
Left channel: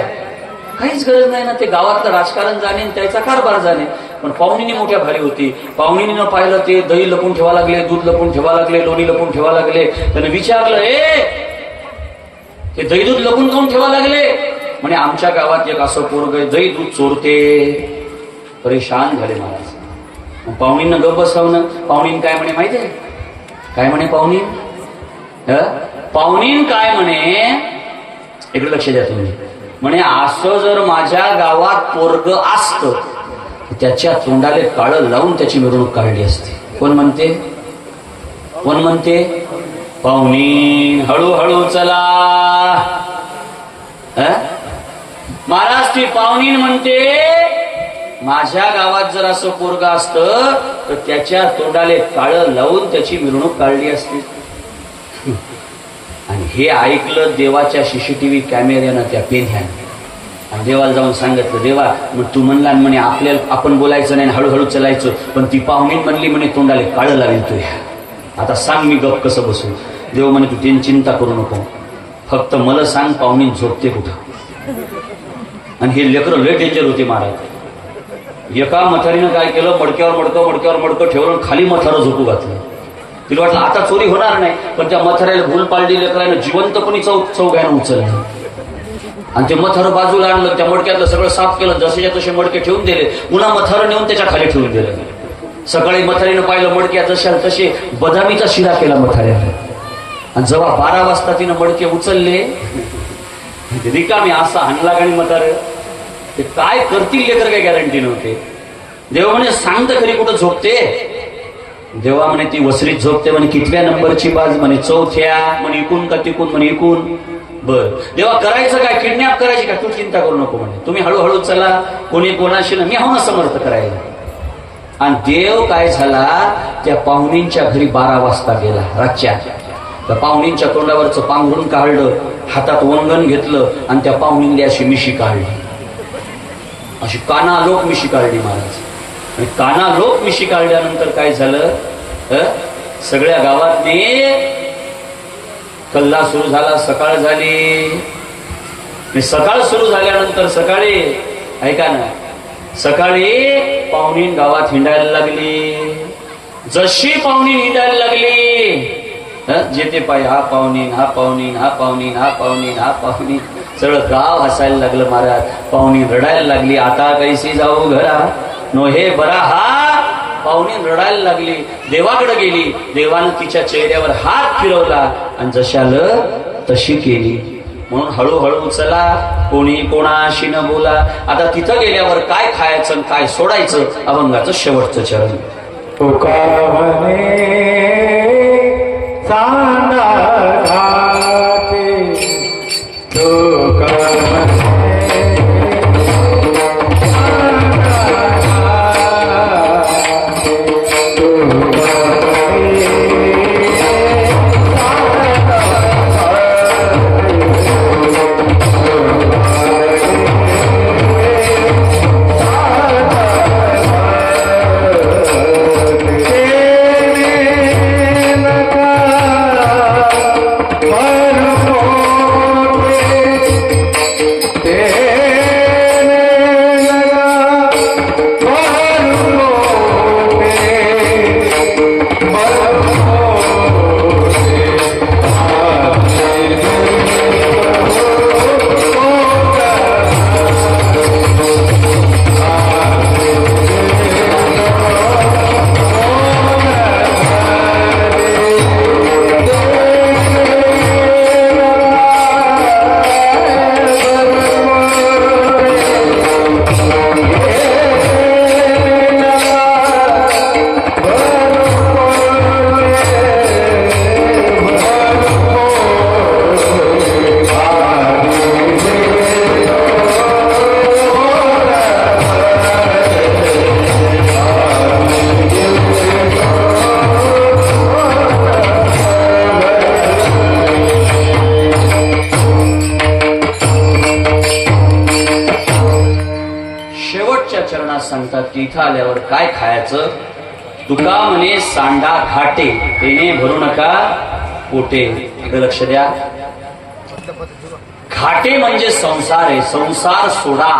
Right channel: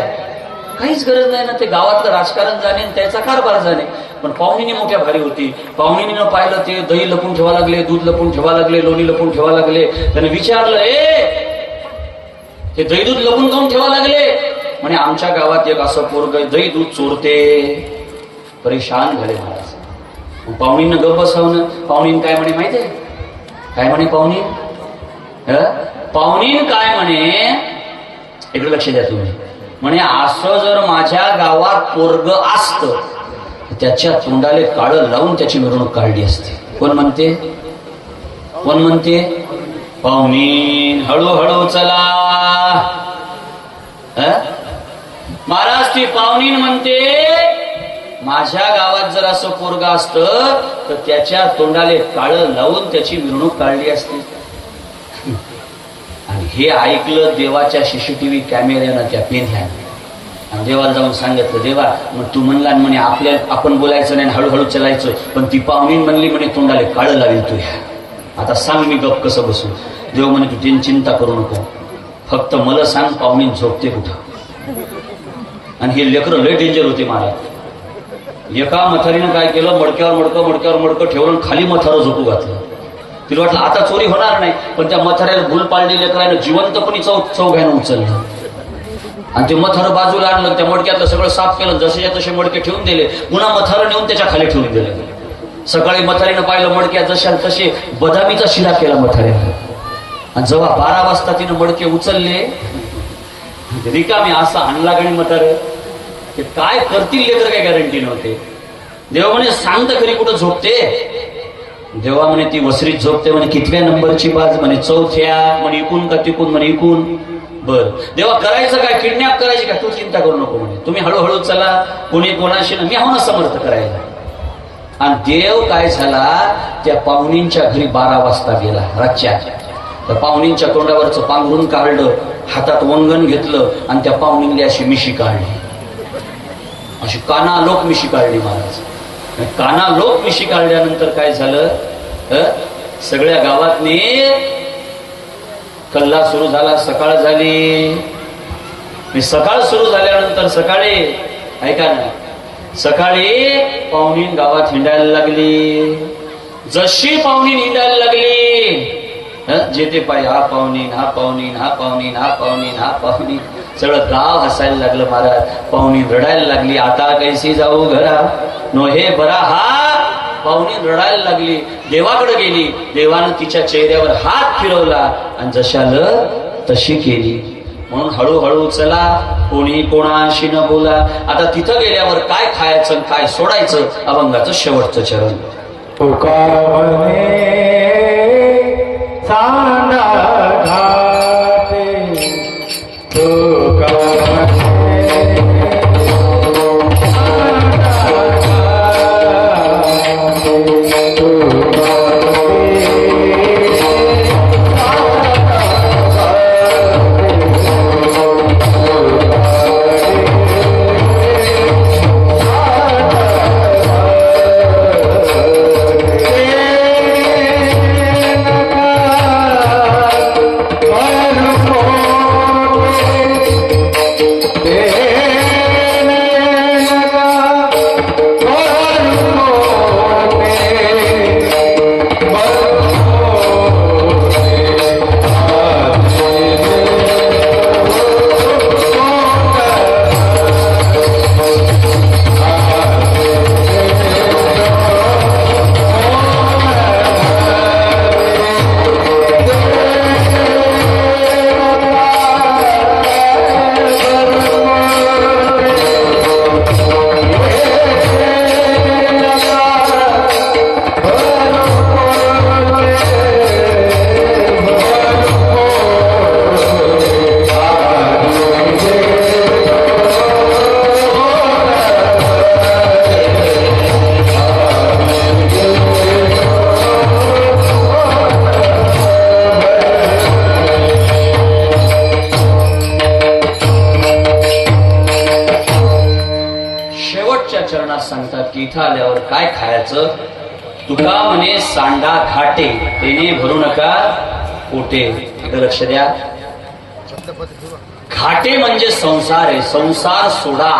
काहीच गरज नाही ना. ते गावातलं राजकारण जाणे, त्याचा कारभार जाणे. पण पाहुणीने मोठ्या भारी होती. पाहुणीने पाहिलं, ते दही लपून ठेवा लागले, दूध लपून ठेवा लागले, लोणी लपून ठेवा लागले. त्याने विचारलं, ते दही दूध लपून काऊन ठेवा लागले? म्हणे आमच्या गावात एक असं पोरग दही दूध चोरते. परेशान झाले महाराज. पाहुणींना गप बसवणं. पाहुणीन काय म्हणे माहितीये? काय म्हणे पाहुणी? पाहुणीन काय म्हणे, इकडे लक्ष द्या तुम्ही. म्हणे असं जर माझ्या गावात पोरग असतं, त्याच्या तोंडाले काळं लावून त्याची मिरवणूक काढली असते. कोण म्हणते? कोण म्हणते? पाहुणी. हळूहळू चला. महाराज, ती पाहुणी म्हणते, माझ्या गावात जर असं पोरग असतं तर त्याच्या तोंडाले काळं लावून त्याची मिरवणूक काढली असती. आणि हे ऐकलं देवाच्या सीसीटीव्ही कॅमेऱ्यानं, त्या पेन्ह्यानं. देवाला जाऊन सांगितलं, देवा मग तू म्हणला म्हणे आपण बोलायचं नाही, हळूहळू चलायचं, पण ती पाहुणी म्हणली म्हणे तोंडाले काळं लावेल तू. आता सांग मी गप कसं बसू? देव म्हणे तू त्यांची चिंता करू नको, फक्त मला सांग पाहुणी झोपते कुठं. आणि हे लेकरं लय डेंजर होते महाराज. एका मथारीनं काय केलं, मडक्यावर मडकं ठेवून खाली मथारं झोपू घातलं. तिला वाटलं आता चोरी होणार नाही, पण त्या मथाऱ्याला भूल पाडली लेकरानं जिवंतपणी चौघ्यानं उचललं आणि ते मथारं बाजूला आणलं. त्या मडक्यातलं सगळं साफ केलं, जसेच्या तसे मडके ठेवून दिले. पुन्हा मथारं नेऊन त्याच्या खाली ठेवून दिलं. सकाळी मथारीनं पाहिलं, मडक्या जशा तसे बदामीचा शिरा केला मथाऱ्यानं. आणि जेव्हा 12 वाजता तिनं मडके उचलले, रिकामी असा आणला गाणी मथारं. ते काय करतील लेकर काय गॅरंटी नव्हते. देवा म्हणे सांगत खरी कुठं झोपते? देवा म्हणे ती वसरीत झोपते. म्हणे कितव्या नंबरची बाज? म्हणे 4थ्या. म्हणे इकून का तिकून? म्हणे इकून. बर देवा करायचं काय? किडनॅप करायची का? तू चिंता करू नको म्हणे, तुम्ही हळूहळू चला, कोणी कोणाशी ना, मी आहो ना समर्थ करायला. आणि देव काय झाला, त्या पाहुणींच्या घरी 12 वाजता गेला रातच्या. त्या पाहुणींच्या तोंडावरचं पांघरून काढलं, हातात वंगण घेतलं आणि त्या पाहुणींनी अशी मिशी काढली, अशी कानालोक मिशी काढली महाराज. आणि कानालोक मिशी काढल्यानंतर काय झालं, सगळ्या गावातनी कल्ला सुरू झाला. सकाळ झाली. सकाळ सुरू झाल्यानंतर सकाळी, ऐका ना, सकाळी पाहुणीन गावात हिंडायला लागली. जशी पाहुणीन हिंडायला लागली, जे ते पाय, हा पाहुणीन, हा पाहुणीन, हा पाहुणीन, हा पाहुणीन, हा पाहुणीन, सगळं गाव हसायला लागलं महाराज. पाहुणी रडायला लागली. आता कैसी जाऊ घरा नो हे बरा. हा पाहुणी रडायला लागली, देवाकडे गेली. देवानं तिच्या चेहऱ्यावर हात फिरवला आणि जशाला तशी केली. म्हणून हळूहळू चला, कोणी कोणाशी न बोला. आता तिथं गेल्यावर काय खायचं काय सोडायचं, अभंगाचं शेवटचं चरण. तुका सांगा म्हणायचं. तुका म्हणे सांडा घाटे तेने भरू नका पोटे. इकडे लक्ष द्या. घाटे म्हणजे संसार आहे. संसार सोडा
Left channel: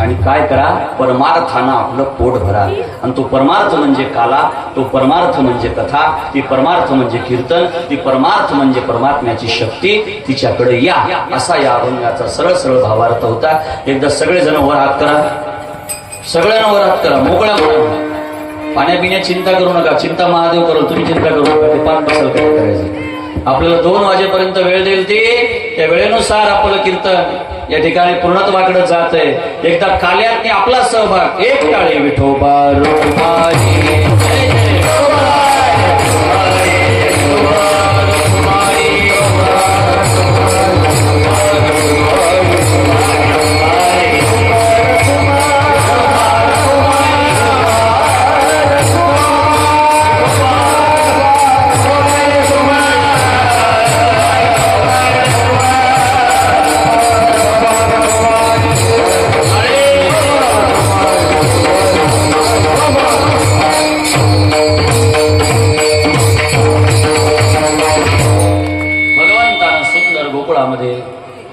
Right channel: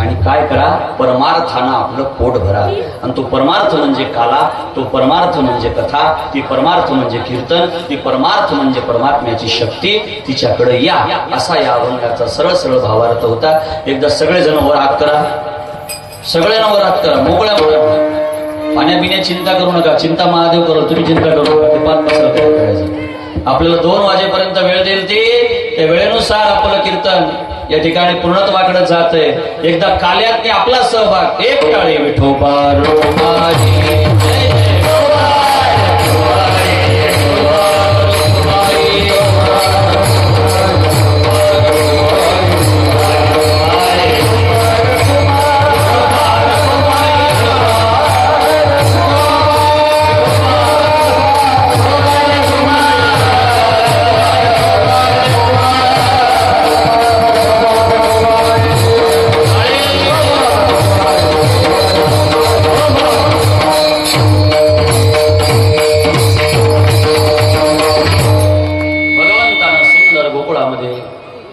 आणि काय करा, परमार्थानं आपलं पोट भरा. आणि तो परमार्थ म्हणजे काला, तो परमार्थ म्हणजे कथा, ती परमार्थ म्हणजे कीर्तन, ती परमार्थ म्हणजे परमात्म्याची शक्ती. तिच्याकडे या, असा या अभंगाचा सरळ सरळ भावार्थ होता. एकदा सगळेजण वर हात करा, सगळ्यांना वर हात करा, मोकळ्या मोकळ्या. पाण्यापिण्या चिंता करू नका, चिंता महादेव करू, तुम्ही चिंता करू नका. ते पाच बसल काय करायचं. आपल्याला 2 वाजेपर्यंत वेळ देईल ते, त्या वेळेनुसार आपलं कीर्तन या ठिकाणी पूर्णत्वाकडे जात आहे. एकदा काल्यात आपला सहभाग. एक टाळी विठोबा रूपारी.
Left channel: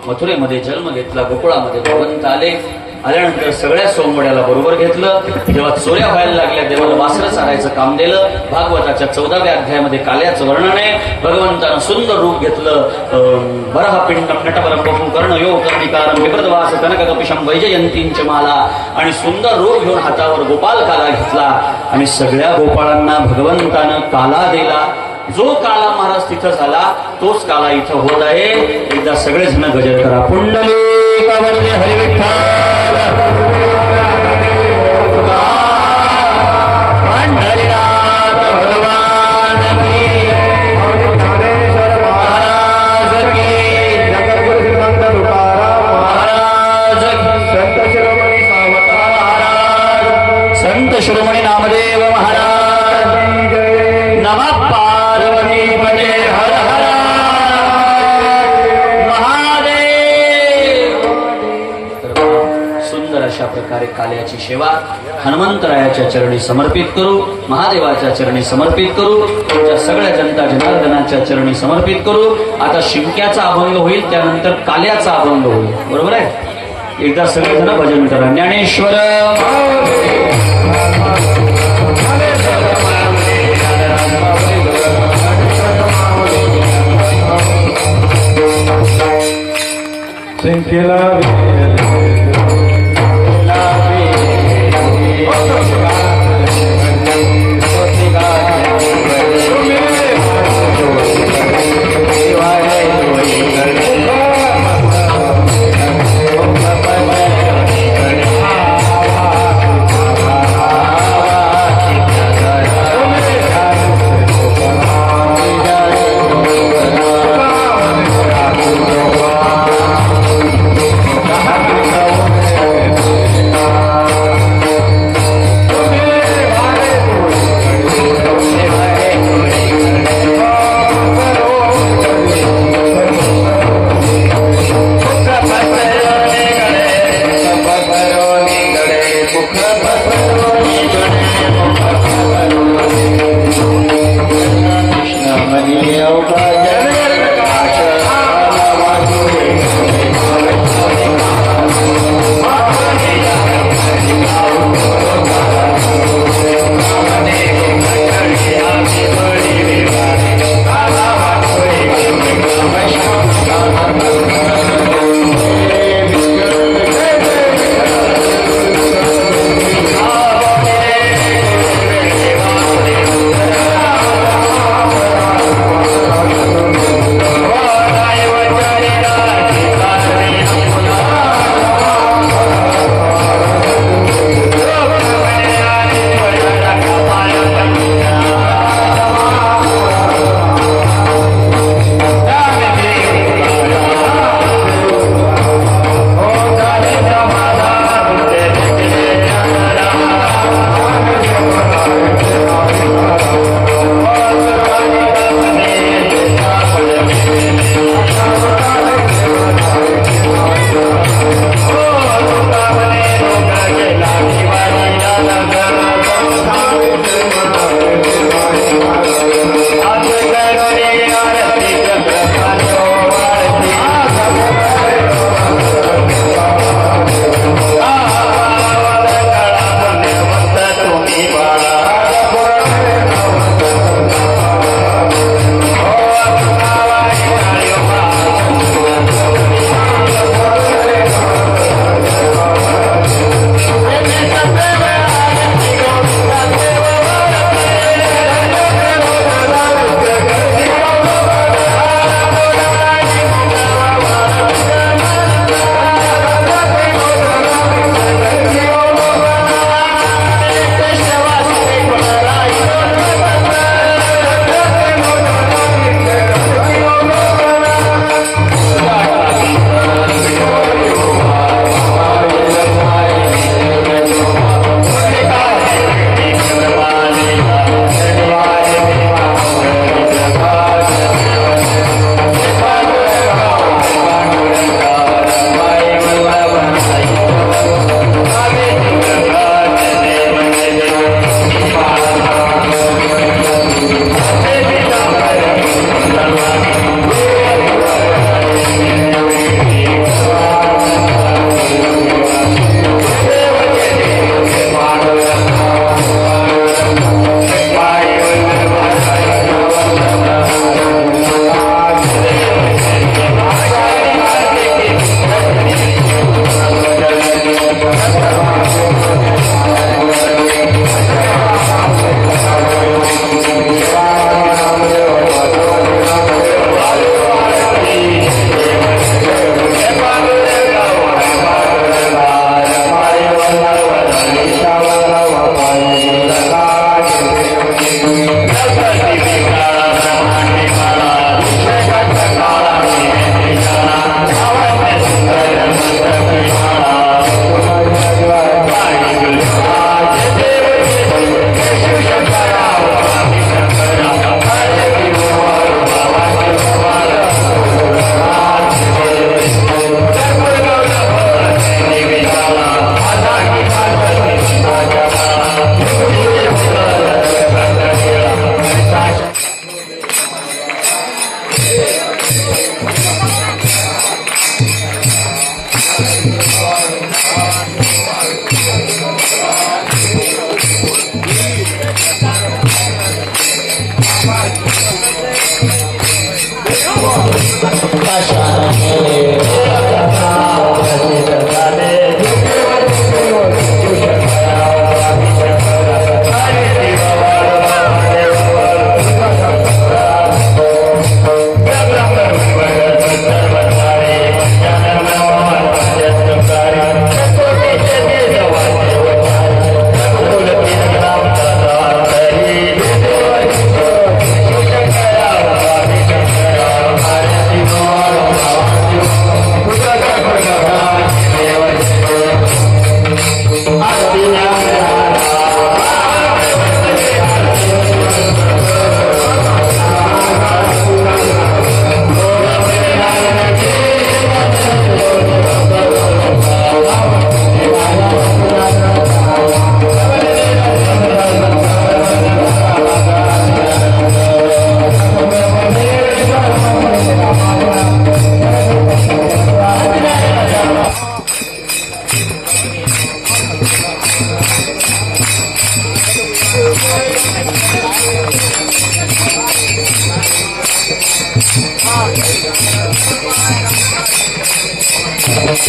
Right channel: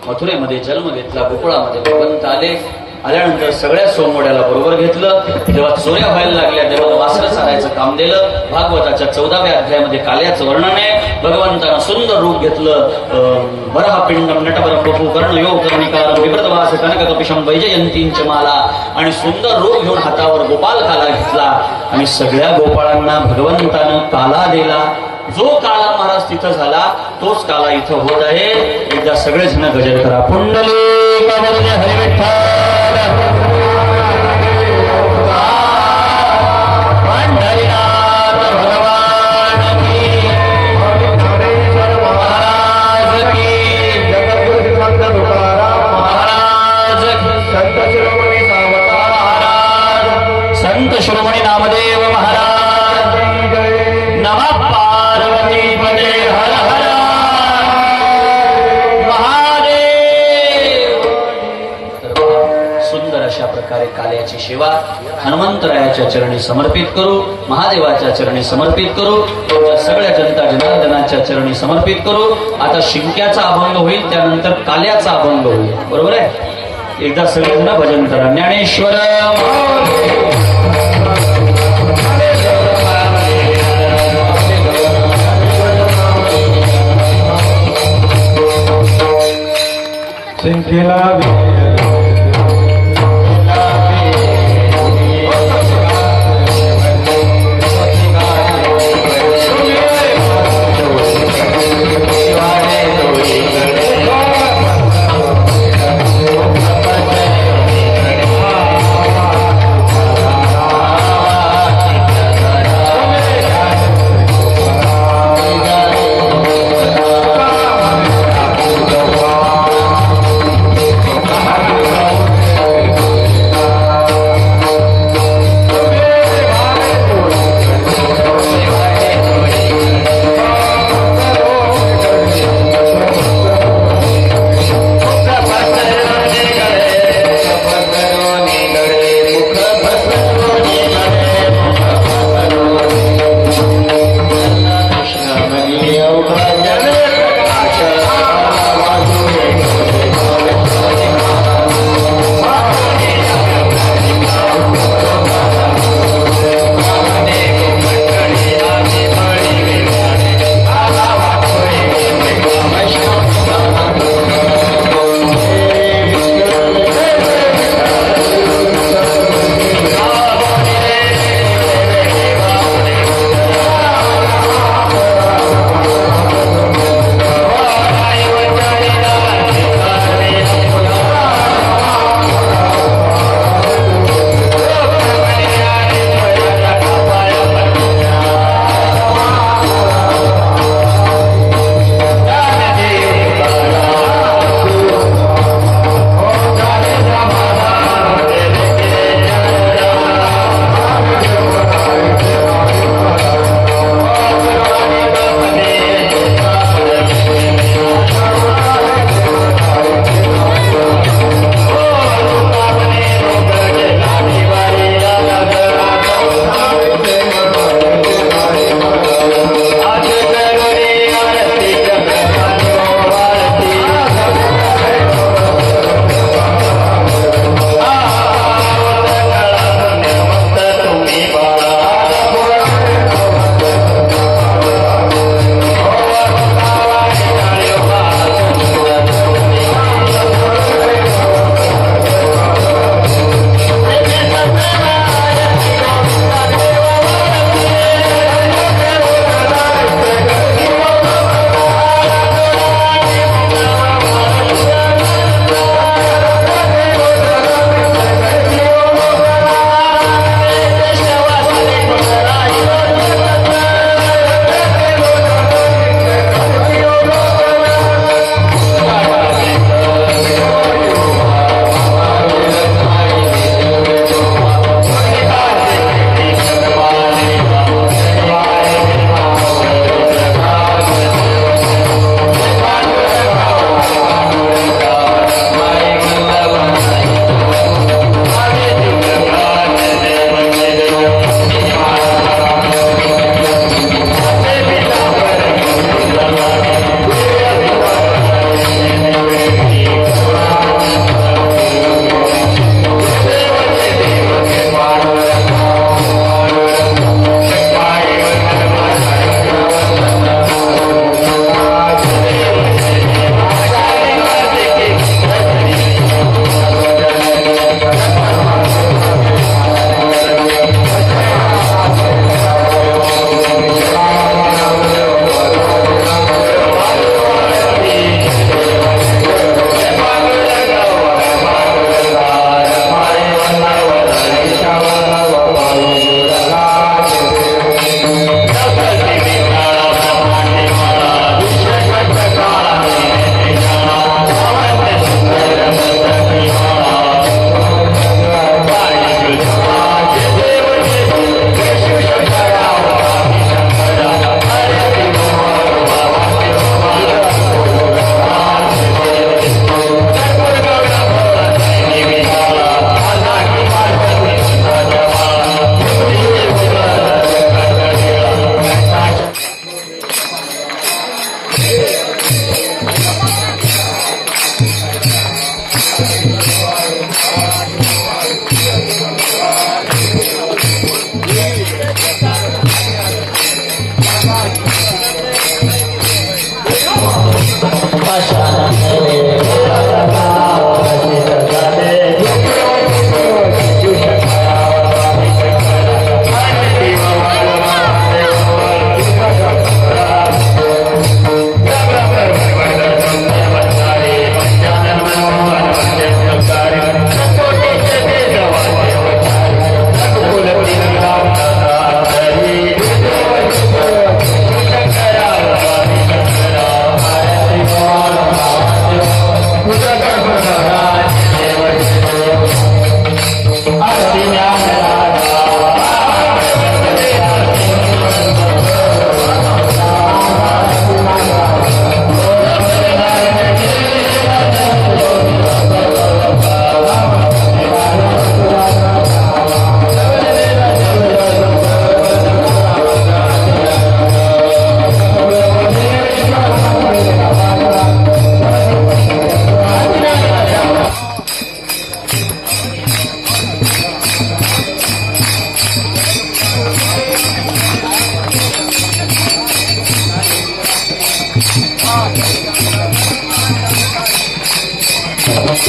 मथुरेमध्ये जन्म घेतला, गोकुळामध्ये भगवंत आल्यानंतर सगळ्या सोमवड्याला बरोबर घेतलं. जेव्हा चोऱ्या व्हायला लागल्या तेव्हा वासरं चालायचं काम दिलं. भागवताच्या 14व्या अध्यायामध्ये काल्याचं वर्णन आहे. भगवंतानं सुंदर रूप घेतलं. वरहा पिंडम नटवर पपू कर्ण योग कर्णिकारम विप्रतवास कनककपिशम वैजयंतींच माला. आणि सुंदर रूप घेऊन हातावर गोपाल काला घेतला आणि सगळ्या गोपाळांना भगवंतानं काला दिला. जो काळा महाराज तिथं झाला तोच काळा इथं होत आहे. एकदा सगळेच ना गजर करा. पुंडलिक हरी विठ्ठल. संत शिरोमणी नामदेव महाराज. नमः पार्वती पते हर हर महादेव. सुंदर अशा प्रकारे काल्याची सेवा हनुमंतरायाच्या चरणी समर्पित करू, महादेवाच्या चरणी समर्पित करू, तुमच्या सगळ्या जनता जनार्दनाच्या चरणी समर्पित करू. आता शिंक्याचा अभंग होईल, त्यानंतर काल्याचा अभंग होईल. बरोबर आहे. एकदा सगळेजण भजन करा. ज्ञानेश्वर संख्येला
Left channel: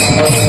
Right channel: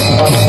Thank you.